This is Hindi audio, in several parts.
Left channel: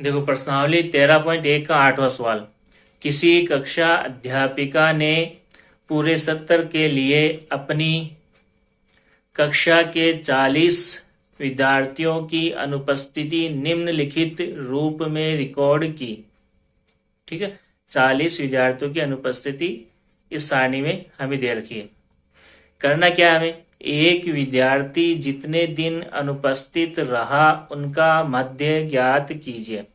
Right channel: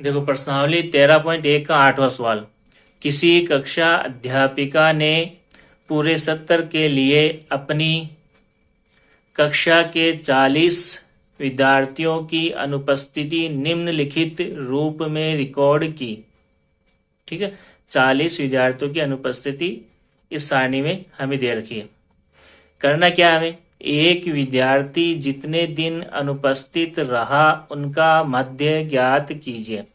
देखो प्रश्नावली 13.1 का 8वां सवाल। किसी कक्षा अध्यापिका ने पूरे सत्र के लिए अपनी कक्षा के 40 विद्यार्थियों की अनुपस्थिति निम्नलिखित रूप में रिकॉर्ड की। ठीक है, 40 विद्यार्थियों की अनुपस्थिति इस सारणी में हमें दे रखी है। करना क्या है हमें, एक विद्यार्थी जितने दिन अनुपस्थित रहा उनका मध्य ज्ञात कीजिए।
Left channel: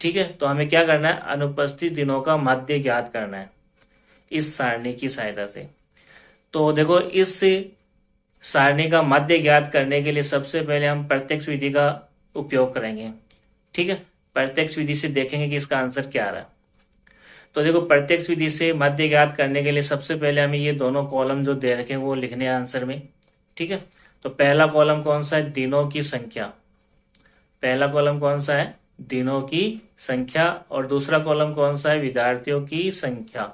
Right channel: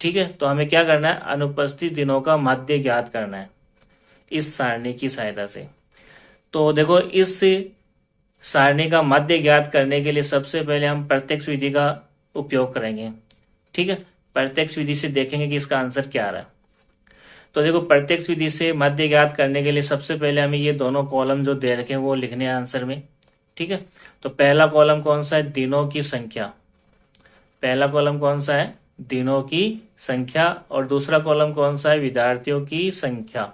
ठीक है, तो हमें क्या करना है, अनुपस्थित दिनों का मध्य ज्ञात करना है इस सारणी की सहायता से। तो देखो इस सारणी का मध्य ज्ञात करने के लिए सबसे पहले हम प्रत्यक्ष विधि का उपयोग करेंगे। ठीक है, प्रत्यक्ष विधि से देखेंगे कि इसका आंसर क्या आ रहा है। तो देखो प्रत्यक्ष विधि से मध्य ज्ञात करने के लिए सबसे पहले हमें ये दोनों कॉलम जो दे रखे हैं वो लिखने हैं आंसर में। ठीक है, तो पहला कॉलम कौन सा है, दिनों की संख्या। पहला कॉलम कौन सा है, दिनों की संख्या। और दूसरा कॉलम कौन सा है, विद्यार्थियों की संख्या।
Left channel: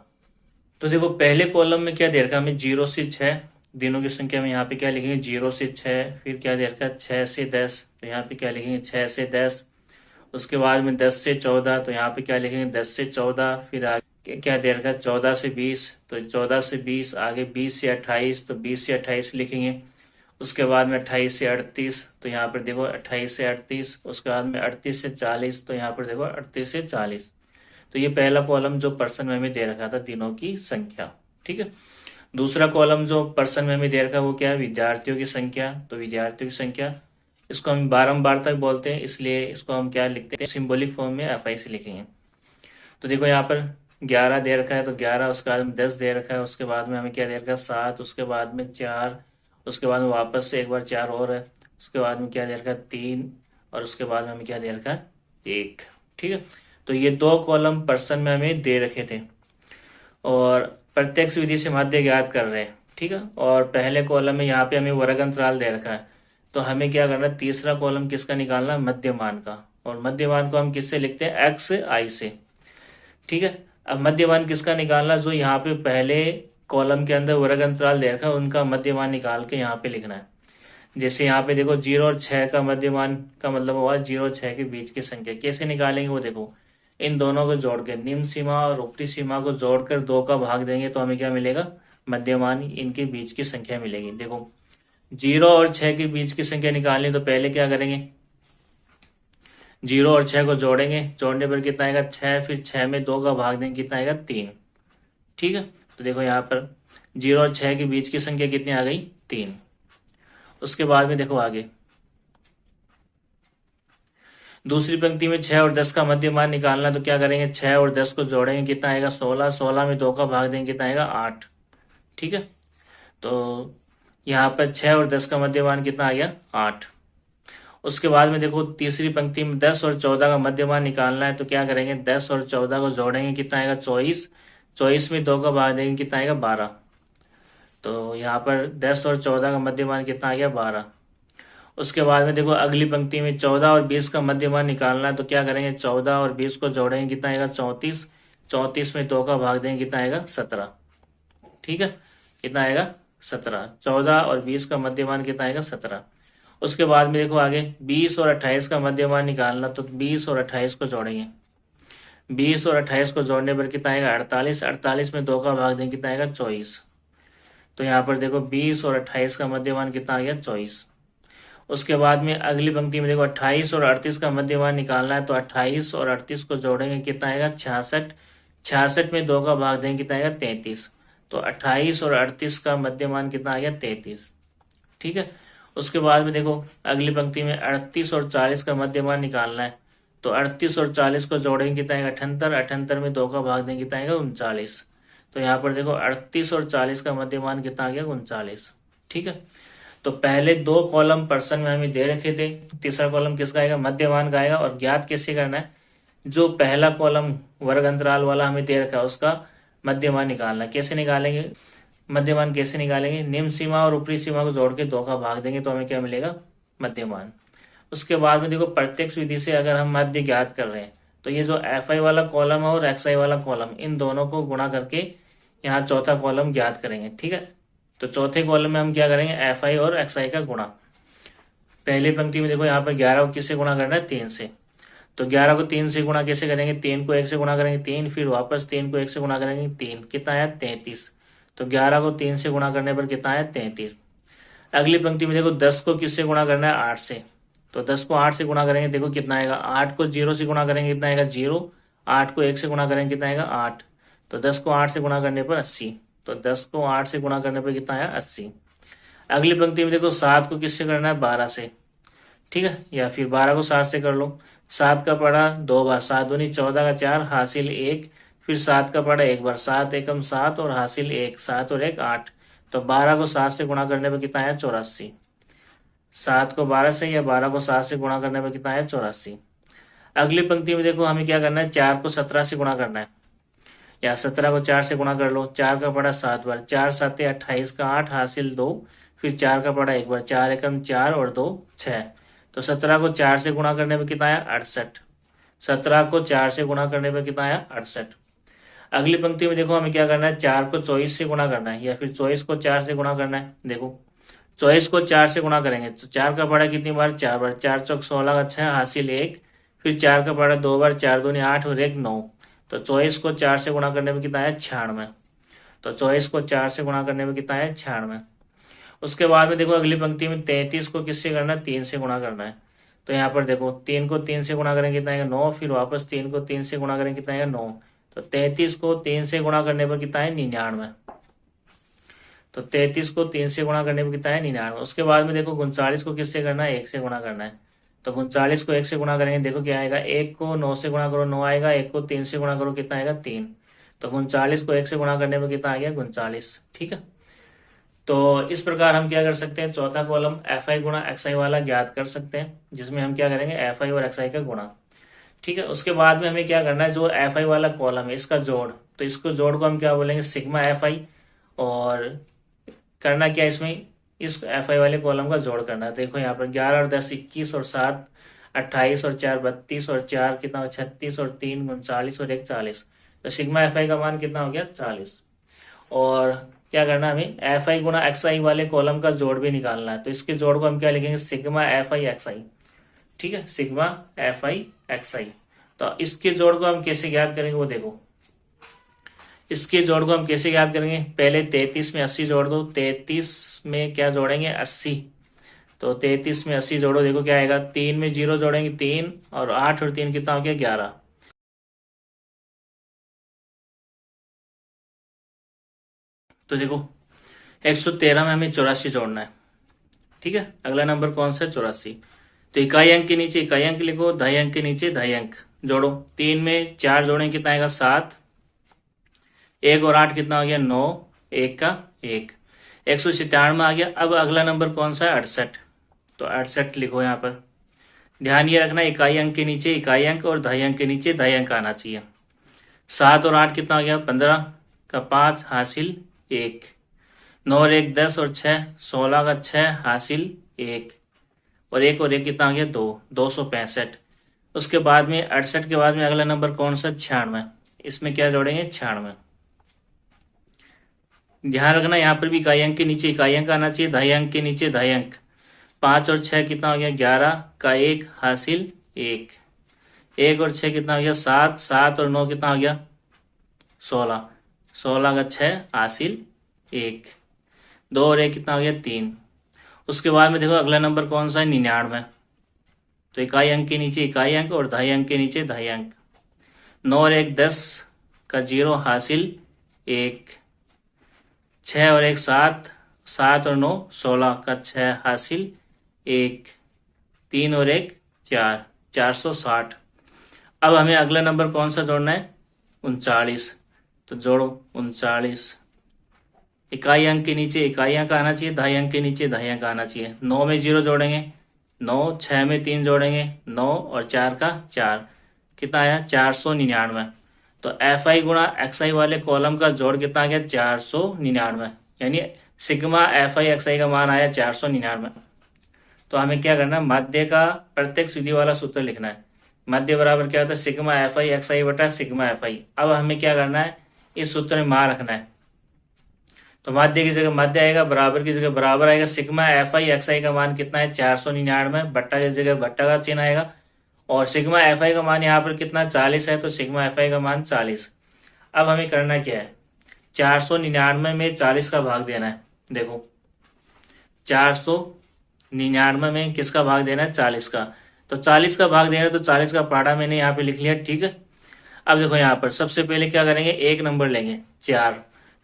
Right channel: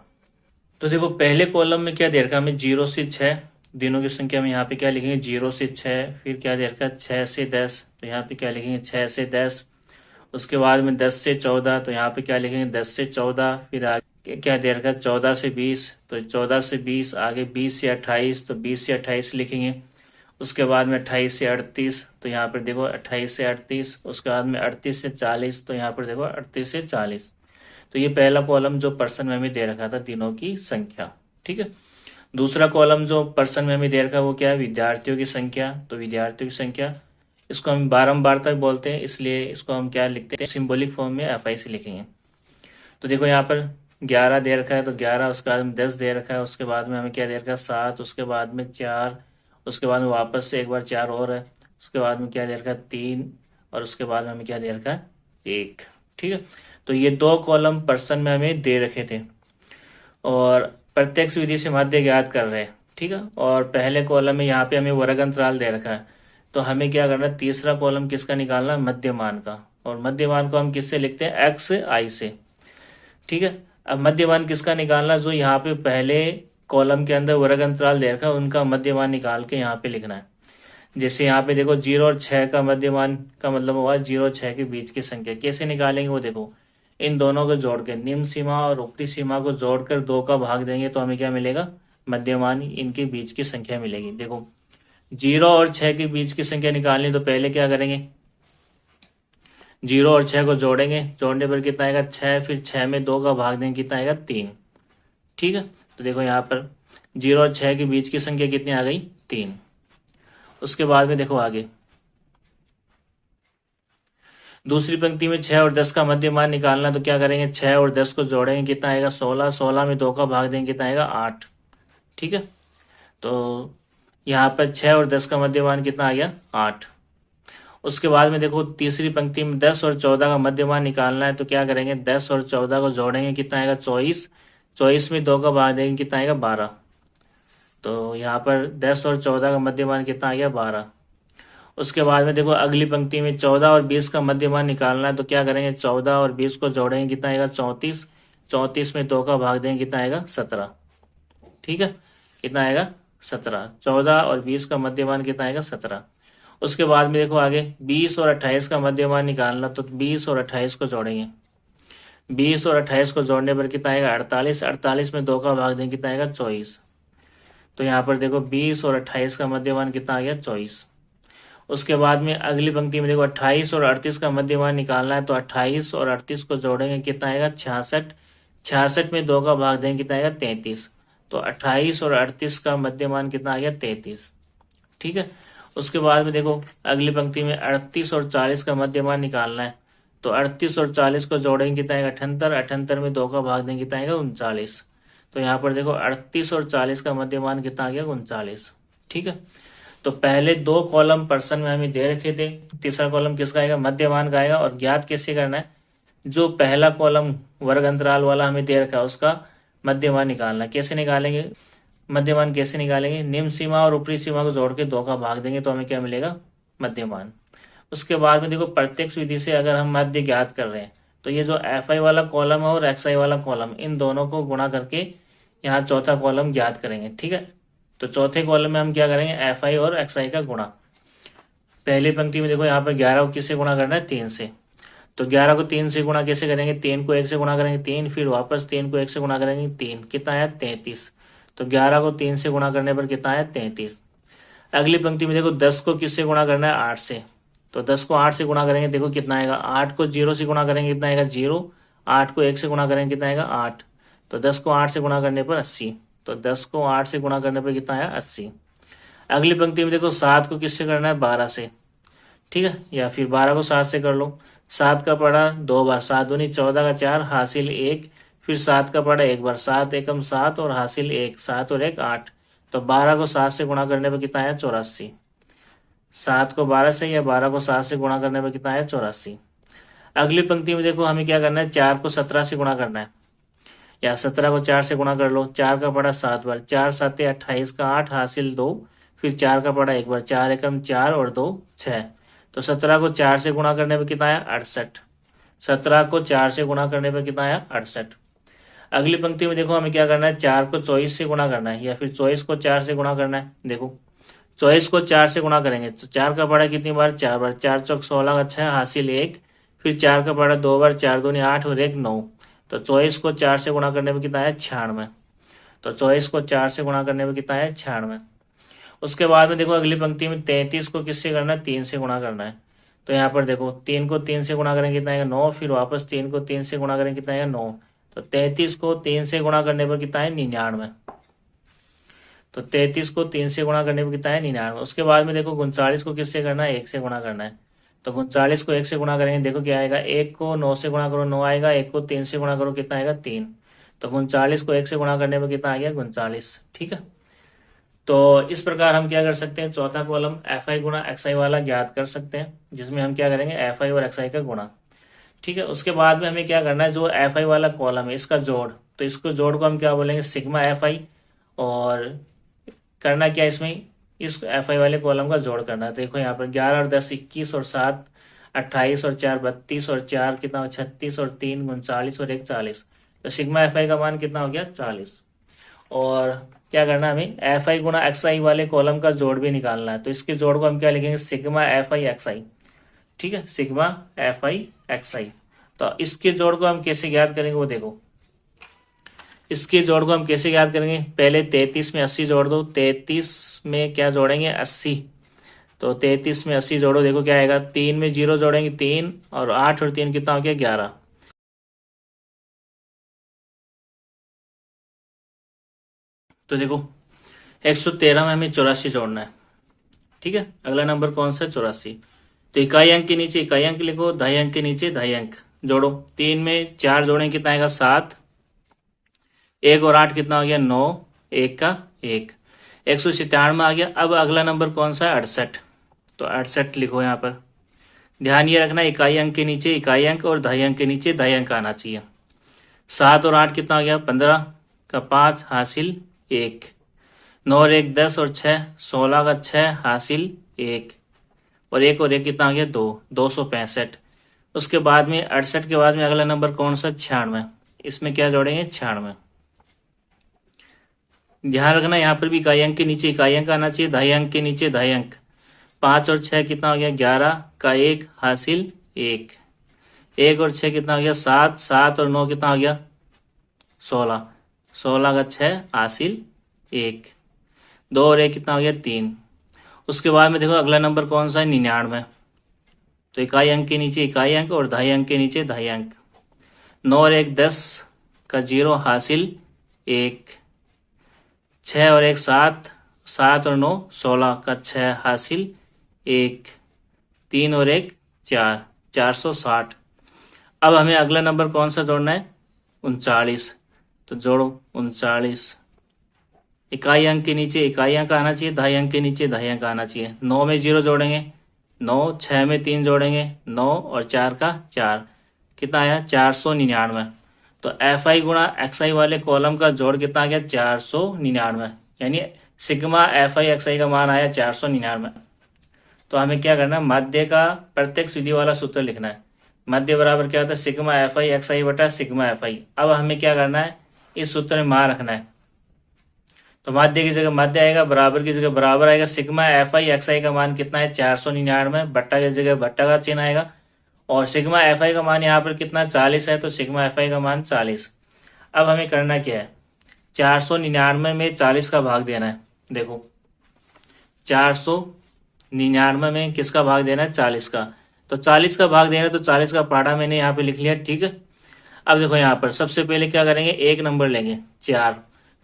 तो देखो पहले कॉलम में क्या दे रखा है हमें, 0 से 6 दिनों की संख्या में यहाँ पे क्या लिखेंगे, 0 से 6। फिर क्या दे रखा है, 6 से 10, तो यहाँ पे क्या लिखेंगे, 6 से 10। उसके बाद में 10 से 14, तो यहाँ पे क्या लिखेंगे, 10 से 14। फिर आगे क्या दे रखा है, 14 से 20, तो 14 से 20। आगे 20 से 28, तो 20 से 28 लिखेंगे। उसके बाद में 28 से 38, तो यहाँ पर देखो 28 से 38। उसके बाद में 38 से 40, तो यहाँ पर देखो 38 से 40। तो ये पहला कॉलम जो पर्सन में हमें दे रखा था, दिनों की संख्या। ठीक है, दूसरा कॉलम जो पर्सन में हमें दे रखा है वो क्या है, विद्यार्थियों की संख्या। तो विद्यार्थियों की संख्या इसको हम बारंबार तक बोलते हैं, इसलिए इसको हम क्या लिखते हैं, सिंबॉलिक फॉर्म में FI से लिखेंगे। तो देखो यहाँ पर 11 दे रखा है, तो 11। उसके बाद में 10 दे रखा है। उसके बाद में हमें क्या दे रखा है, 7। उसके बाद में 4। उसके बाद में वापस से एक बार 4 और है। उसके बाद में क्या दे रखा है, 3। और उसके बाद में हमें क्या दे रखा है, 1। ठीक है, तो ये दो कॉलम पर्सन में हमें दे रखे थे और प्रत्यक्ष विधि से मध्य ज्ञात कर रहे हैं। ठीक है, और पहले कॉलम में यहाँ पे हमें वर्ग अंतराल दे रखा है। तो हमें क्या करना है, तीसरा कॉलम किसका निकालना है, मध्यमान का। और मध्यमान को हम किससे लिखते हैं, XI से। ठीक है, अब मध्यमान किसका निकालना, जो यहाँ पे पहले कॉलम के अंदर वर्ग अंतराल दे रखा है उनका मध्यमान निकाल के यहाँ पे लिखना है। जैसे यहाँ पे देखो 0 और 6 का मध्यमान का मतलब हुआ 0 और 6 के बीच की संख्या। कैसे निकालेंगे वो देखो, इन दोनों को जोड़ के निम्न सीमा और ऊपरी सीमा को जोड़कर 2 का भाग देंगे तो हमें क्या मिलेगा, मध्यमान इनके बीच की संख्या मिलेगी। देखो 0 और 6 के बीच की संख्या निकालनी, तो पहले क्या करेंगे, 0 और 6 को जोड़ेंगे। जोड़ने पर कितना आएगा, 6। फिर 6 में 2 का भाग देंगे, कितना आएगा, 3। ठीक है, तो देखो यहाँ पर 0 और 6 के बीच की संख्या कितनी आ गई, 3। उसके बाद में देखो आगे दूसरी पंक्ति में 6 और 10 का मध्यमान निकालना, तो क्या करेंगे, 6 और 10 को जोड़ेंगे, कितना आएगा, 16। 16 में 2 का भाग देंगे, कितना आएगा, 8। ठीक है, तो यहाँ पर 6 और 10 का मध्यमान कितना आ गया, 8। उसके बाद में देखो तीसरी पंक्ति में 10 और 14 का मध्यमान निकालना है, तो क्या करेंगे, 10 और 14 को जोड़ेंगे, कितना आएगा, 24। 24 में 2 का भाग देंगे, कितना आएगा, 12। तो यहाँ पर 10 और 14 का मध्यमान कितना आ गया, 12। उसके बाद में देखो अगली पंक्ति में 14 और 20 का मध्यमान निकालना है, तो क्या करेंगे, 14 और 20 को जोड़ेंगे, कितना आएगा, 34। 34 में 2 का भाग देंगे, कितना आएगा, 17। ठीक है, कितना आएगा, 17। 14 और 20 का मध्यमान कितना आएगा, 17। उसके बाद में देखो आगे 20 और 28 का मध्यमान निकालना, तो 20 और 28 को जोड़ेंगे। 20 और 28 को जोड़ने पर कितना आएगा, 48। 48 में 2 का भाग देंगे, कितना आएगा, 24। तो यहाँ पर देखो 20 और 28 का मध्यमान कितना आ गया, 24। उसके बाद में अगली पंक्ति में देखो 28 और 38 का मध्यमान निकालना है, तो 28 और 38 को जोड़ेंगे, कितना आएगा, 66। 66 में 2 का भाग देंगे, कितना आएगा, 33। तो 28 और 38 का मध्यमान कितना आ गया, 33। ठीक है, उसके बाद में देखो अगली पंक्ति में 38 और 40 का मध्यमान निकालना है, तो 38 और 40 को जोड़ेंगे, कितना आएगा, 78। 78 में 2 का भाग देंगे, कितना आएगा, 39। तो यहाँ पर देखो 38 और 40 का मध्यमान कितना आ गया, 39। ठीक है, तो पहले दो कॉलम पर्सन में हमें दे रखे थे, तीसरा कॉलम किसका आएगा, मध्यमान का आएगा। और ज्ञात कैसे करना है, जो पहला कॉलम वर्ग अंतराल वाला हमें दे रखा है उसका मध्यमान निकालना है। कैसे निकालेंगे, मध्यमान कैसे निकालेंगे, निम्न सीमा और ऊपरी सीमा को जोड़ के 2 का भाग देंगे तो हमें क्या मिलेगा, मध्यमान। उसके बाद में देखो प्रत्यक्ष विधि से अगर हम मध्य ज्ञात कर रहे हैं, तो ये जो FI वाला कॉलम है और XI वाला कॉलम, इन दोनों को गुणा करके यहाँ चौथा कॉलम ज्ञात करेंगे। ठीक है, तो चौथे कॉलम में हम क्या करेंगे, FI और XI का गुणा। पहली पंक्ति में देखो यहाँ पर 11 को किससे गुणा करना है, 3 से। तो 11 को 3 से गुणा कैसे करेंगे, 3 को 1 से गुणा करेंगे 3, फिर वापस 3 को 1 से गुणा करेंगे 3, कितना आया 33। तो 11 को 3 से गुणा करने पर कितना आया 33। अगली पंक्ति में देखो 10 को किससे गुणा करना है, 8 से। तो 10 को 8 से गुणा करेंगे, देखो कितना आएगा, 8 को 0 से गुणा करेंगे कितना आएगा 0, 8 को 1 से गुणा करेंगे कितना आएगा 8। तो 10 को 8 से गुणा करने पर 80। तो 10 को 8 से गुणा करने पर कितना आया 80। अगली पंक्ति में देखो 7 को किससे करना है, 12 से, ठीक है, या फिर 12 को 7 से कर लो। 7 का पढ़ा 2 बार, 7 दूनी 14 का 4 हासिल 1, फिर 7 का पढ़ा 1 बार, 7 एकम 7 और हासिल 1, 7 और 1 8। तो 12 को 7 से गुणा करने पर कितना आया 84। 7 को 12 से या 12 को 7 से गुणा करने पर कितना आया 84। अगली पंक्ति में देखो हमें क्या करना है, 4 को 17 से गुणा करना है, या 17 को 4 से गुणा कर लो। 4 का पढ़ा 7 बार, 4 7 28 का 8 हासिल 2, फिर 4 का पढ़ा 1 बार, 4 एकम 4 और 2 6। तो 17 को 4 से गुणा करने पर कितना आया 68। 17 को 4 से गुणा करने पर कितना आया 68। अगली पंक्ति में देखो हमें क्या करना है, 4 को 24 से गुणा करना है, या फिर 24 को 4 से गुणा करना है। देखो 24 को 4 से गुणा करेंगे तो 4 का पढ़ा कितनी बार, 4 बार, 4 चौक 16 का 6 हासिल 1, फिर 4 का पढ़ा 2 बार, 4 दूनी 8 और 1 9। तो 24 को 4 से गुणा करने में कितना है 96। तो 24 को 4 से गुणा करने में कितना है 96। उसके बाद में देखो अगली पंक्ति में 33 को किससे करना है, 3 से गुणा करना है। तो यहाँ पर देखो 3 को 3 से गुणा करेंगे कितना आएगा 9, फिर वापस 3 को 3 से गुणा करेंगे कितना आएगा 9। तो 33 को 3 से गुणा करने पर कितना है 99। तो 33 को 3 से गुणा करने पर कितना है 99। उसके बाद में देखो 39 को किससे करना है, 1 से गुणा करना है। तो 39 को 1 से गुणा करेंगे, देखो क्या आएगा, 1 को 9 से गुणा करो 9 आएगा, 1 को 3 से गुणा करो कितना आएगा 3। तो 39 को 1 से गुणा करने पर कितना आ गया 39, ठीक है। तो इस प्रकार हम क्या कर सकते हैं, चौथा कॉलम एफ आई गुणा एक्स आई वाला ज्ञात कर सकते हैं, जिसमें हम क्या करेंगे एफ आई और एक्स आई का गुणा, ठीक है। उसके बाद में हमें क्या करना है, जो एफ आई वाला कॉलम है इसका जोड़, तो इसको जोड़ को हम क्या बोलेंगे सिग्मा एफ आई, और करना क्या इसमें, इस एफ आई वाले कॉलम का जोड़ करना है। देखो यहाँ पर 11 और 10 21 और 7 28 और 4 32 और 4 कितना 36 और 3 39 और 1 40। तो सिग्मा एफ आई का मान कितना हो गया 40। और क्या करना है हमें, एफ आई गुणा एक्स आई वाले कॉलम का जोड़ भी निकालना है। तो इसके जोड़ को हम क्या लिखेंगे, सिग्मा एफ आई एक्स आई, ठीक है, सिग्मा एफ आई एक्स आई। तो इसके जोड़ को हम कैसे ज्ञात करेंगे वो देखो, इसके जोड़ को हम कैसे ज्ञात करेंगे, पहले 33 में 80 जोड़ दो, 33 में क्या जोड़ेंगे 80। तो 33 में 80 जोड़ो, देखो क्या आएगा, 3 में 0 जोड़ेंगे 3, और 8 और 3 कितना हो गया 11। तो देखो 113 में हमें 84 जोड़ना है, ठीक है। अगला नंबर कौन सा है 84। तो इकाई अंक के नीचे इकाई अंक लिखो, दहाई अंक के नीचे दहाई अंक जोड़ो। 3 में 4 जोड़ें कितना आएगा 7, 1 और 8 कितना हो गया 9, 1 का 1, 197 आ गया। अब अगला नंबर कौन सा है 68। तो 68 लिखो यहाँ पर। ध्यान ये रखना इकाई अंक के नीचे इकाई अंक और दहाई अंक के नीचे दहाई अंक आना चाहिए। 7 और 8 कितना हो गया 15 का 5 हासिल 1, 9 और 1 10 और 6 16 का 6 हासिल 1, और 1 और 1 कितना हो गया 2, 265। उसके बाद में 68 के बाद में अगला नंबर कौन सा 96। इसमें क्या जोड़ेंगे 96। ध्यान रखना यहाँ पर भी इकाई अंक के नीचे इकाई अंक आना चाहिए, दहाई अंक के नीचे दहाई अंक। 5 और 6 कितना हो गया 11 का 1 हासिल 1, 1 और 6 कितना हो गया 7, 7 और 9 कितना हो गया 16, 16 का 6 हासिल 1, 2 और 1 कितना हो गया 3। उसके बाद में देखो अगला नंबर कौन सा है 99। तो इकाई अंक के नीचे इकाई अंक और दहाई अंक के नीचे दहाई अंक। 9 और 1 10 का 0 हासिल 1, 6 और 1 7, 7 और 9 16 का 6 हासिल 1, 3 और 1 4, 460। अब हमें अगला नंबर कौन सा जोड़ना है 39। तो जोड़ो 39। इकाई अंक के नीचे इकाई अंक आना चाहिए, दहाई अंक के नीचे दहाई अंक आना चाहिए। 9 में 0 जोड़ेंगे 9, 6 में 3 जोड़ेंगे 9 और 4 का 4 कितना आया 499। तो एफ आई गुणा एक्स आई वाले कॉलम का जोड़ कितना आ गया 499, यानी सिग्मा एफ आई एक्स आई का मान आया 499। तो हमें क्या करना है, मध्य का प्रत्यक्ष विधि वाला सूत्र लिखना है। मध्य बराबर क्या होता है सिग्मा एफ आई एक्स आई बटा सिग्मा एफ आई। अब हमें क्या करना है, इस सूत्र में मान रखना है। तो माध्य की जगह मध्य आएगा, बराबर की जगह बराबर आएगा। सिग्मा एफ आई एक्स आई का मान कितना है 499, बट्टा की जगह बट्टा का चिन्ह आएगा, और सिग्मा एफ आई का मान यहाँ पर कितना 40 है, तो सिग्मा एफ आई का मान 40। अब हमें करना क्या है, 499 में 40 का भाग देना है। देखो 499 में किसका भाग देना है, 40 का। तो 40 का भाग देना है, तो 40 का पहाड़ा मैंने यहाँ पे लिख लिया, ठीक है। अब देखो यहाँ पर सबसे पहले क्या करेंगे, एक नंबर लेंगे 4।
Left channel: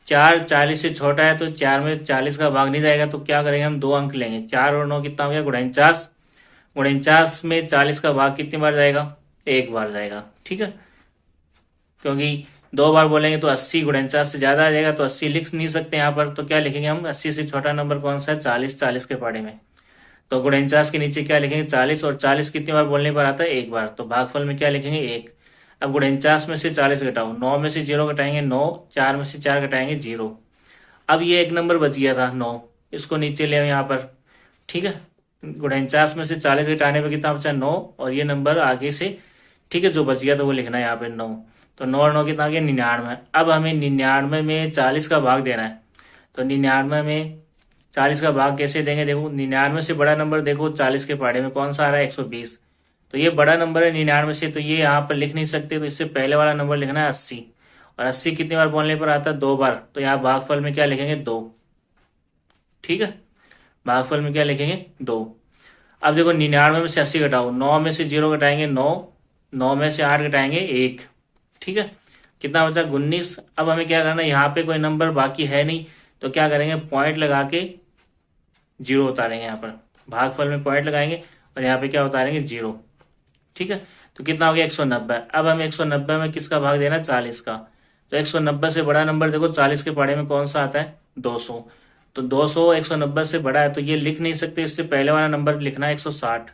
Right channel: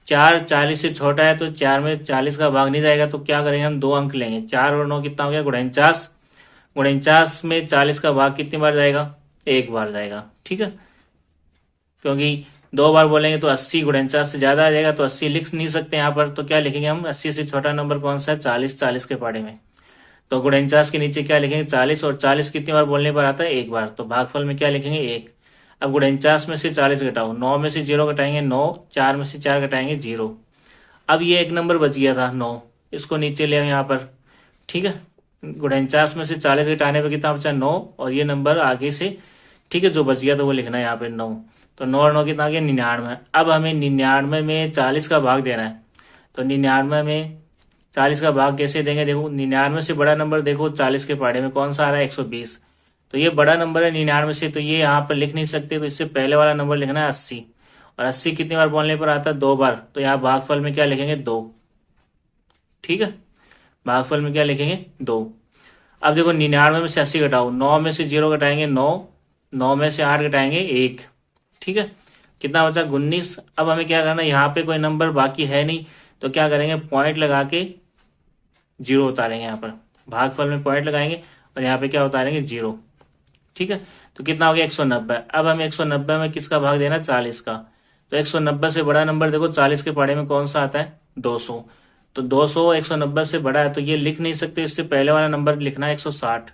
4 40 से छोटा है, तो 4 में 40 का भाग नहीं जाएगा, तो क्या करेंगे हम 2 अंक लेंगे। 4 और 9 कितना हो गया, 49। 49 में 40 का भाग कितनी बार जाएगा, एक बार जाएगा, ठीक है। क्योंकि 2 बार बोलेंगे तो 80, 49 से ज्यादा आ जाएगा, तो 80 लिख नहीं सकते यहाँ पर। तो क्या लिखेंगे हम, 80 से छोटा नंबर कौन सा है, 40। 40 के पहाड़े में तो 49 के नीचे क्या लिखेंगे, 40। और 40 कितनी बार बोलने पर आता है, एक बार। तो भागफल में क्या लिखेंगे, 1। अब 49 में से 40 घटाओ, 9 में से 0 घटाएंगे 9, 4 में से 4 घटाएंगे 0। अब ये एक नंबर बच गया था 9, इसको नीचे ले यहाँ पर, ठीक है। 49 में से 40 घटाने पर कितना बचा, 9। और ये नंबर आगे से, ठीक है, जो बच गया तो वो लिखना है यहाँ पे 9। तो 9 और 9 कितना आ गया, 99। अब हमें 99 में 40 का भाग देना है। तो 99 में 40 का भाग कैसे देंगे, देखो 99 से बड़ा नंबर देखो 40 के पहाड़े में कौन सा आ रहा है, 120। तो ये बड़ा नंबर है 99 से, तो ये यहाँ पर लिख नहीं सकते, तो इससे पहले वाला नंबर लिखना है 80। और 80 कितनी बार बोलने पर आता है, 2 बार। तो यहाँ भागफल में क्या लिखेंगे, 2, ठीक है। भागफल में क्या लिखेंगे, 2। अब देखो 99 में से 80 घटाओ, 9 में से 0 घटाएंगे 9, 9 में से 8 घटाएंगे 1, ठीक है। कितना बचा, 19। अब हमें क्या करना है, यहाँ पे कोई नंबर बाकी है नहीं, तो क्या करेंगे, पॉइंट लगा के 0 उतारेंगे। यहाँ पर भागफल में पॉइंट लगाएंगे और यहाँ पे क्या उतारेंगे, 0, ठीक है। तो कितना हो गया, 190। अब हमें 190 में किसका भाग देना, 40 का। तो 190 से बड़ा नंबर देखो 40 के पहाड़े में कौन सा आता है, 200। तो 200 190 से बड़ा है, तो ये लिख नहीं सकते, इससे पहले वाला नंबर लिखना है 160।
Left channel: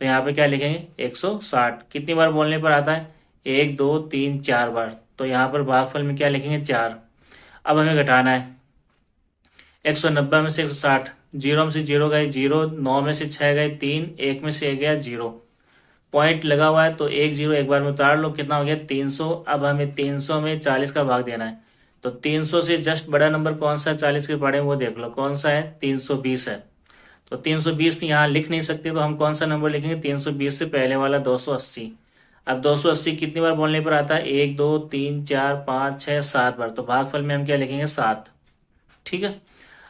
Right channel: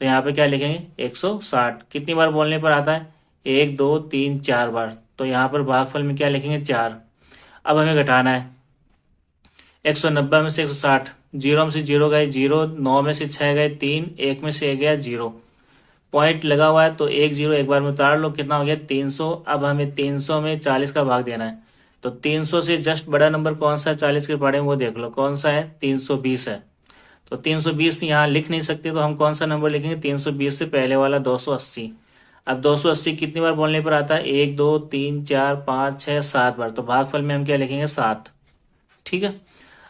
तो यहाँ पे क्या लिखेंगे, 160। कितनी बार बोलने पर आता है, 1 2 3 4 बार। तो यहाँ पर भागफल में क्या लिखेंगे, 4। अब हमें घटाना है 190 में से 160, 0 में से 0 गए 0, 9 में से 6 गए 3, 1 में से 1 गया 0। पॉइंट लगा हुआ है तो 1 0 एक बार में उतार लो, कितना हो गया, 300। अब हमें 300 में 40 का भाग देना है। तो 300 से जस्ट बड़ा नंबर कौन सा है 40 के पहाड़े में, वो देख लो कौन सा है, 320 है। तो 320 यहाँ लिख नहीं सकते, तो हम कौन सा नंबर लिखेंगे, 320 से पहले वाला 280। अब 280 कितनी बार बोलने पर आता है, 1 2 3 4 5 6 7 बार। तो भागफल में हम क्या लिखेंगे, 7, ठीक है।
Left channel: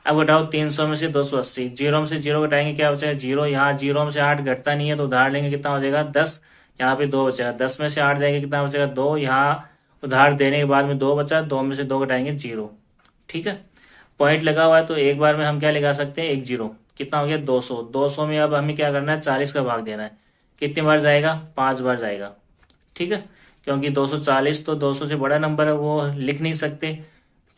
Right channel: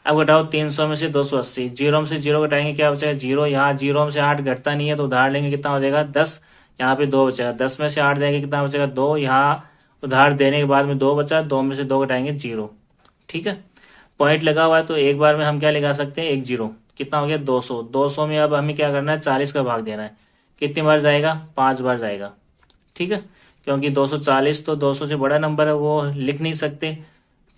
अब घटाओ 300 में से 280, 0 में से 0 घटाएंगे क्या बचेगा, 0। यहाँ 0 में से 8 घटता नहीं है, तो उधार लेंगे कितना हो जाएगा, 10। यहाँ पे 2 बचेगा, 10 में से 8 जाएगा कितना बचेगा, 2। यहाँ उधार देने के बाद में 2 बचा, 2 में से 2 घटाएंगे 0, ठीक है। पॉइंट लगा हुआ है तो एक बार में हम क्या लगा सकते हैं, 1 0। कितना हो गया, 200। 200 में अब हमें क्या करना है, 40 का भाग देना है। कितनी बार जाएगा, 5 बार जाएगा, ठीक है। क्योंकि 240 तो 200 से बड़ा नंबर है, वो लिख नहीं सकते,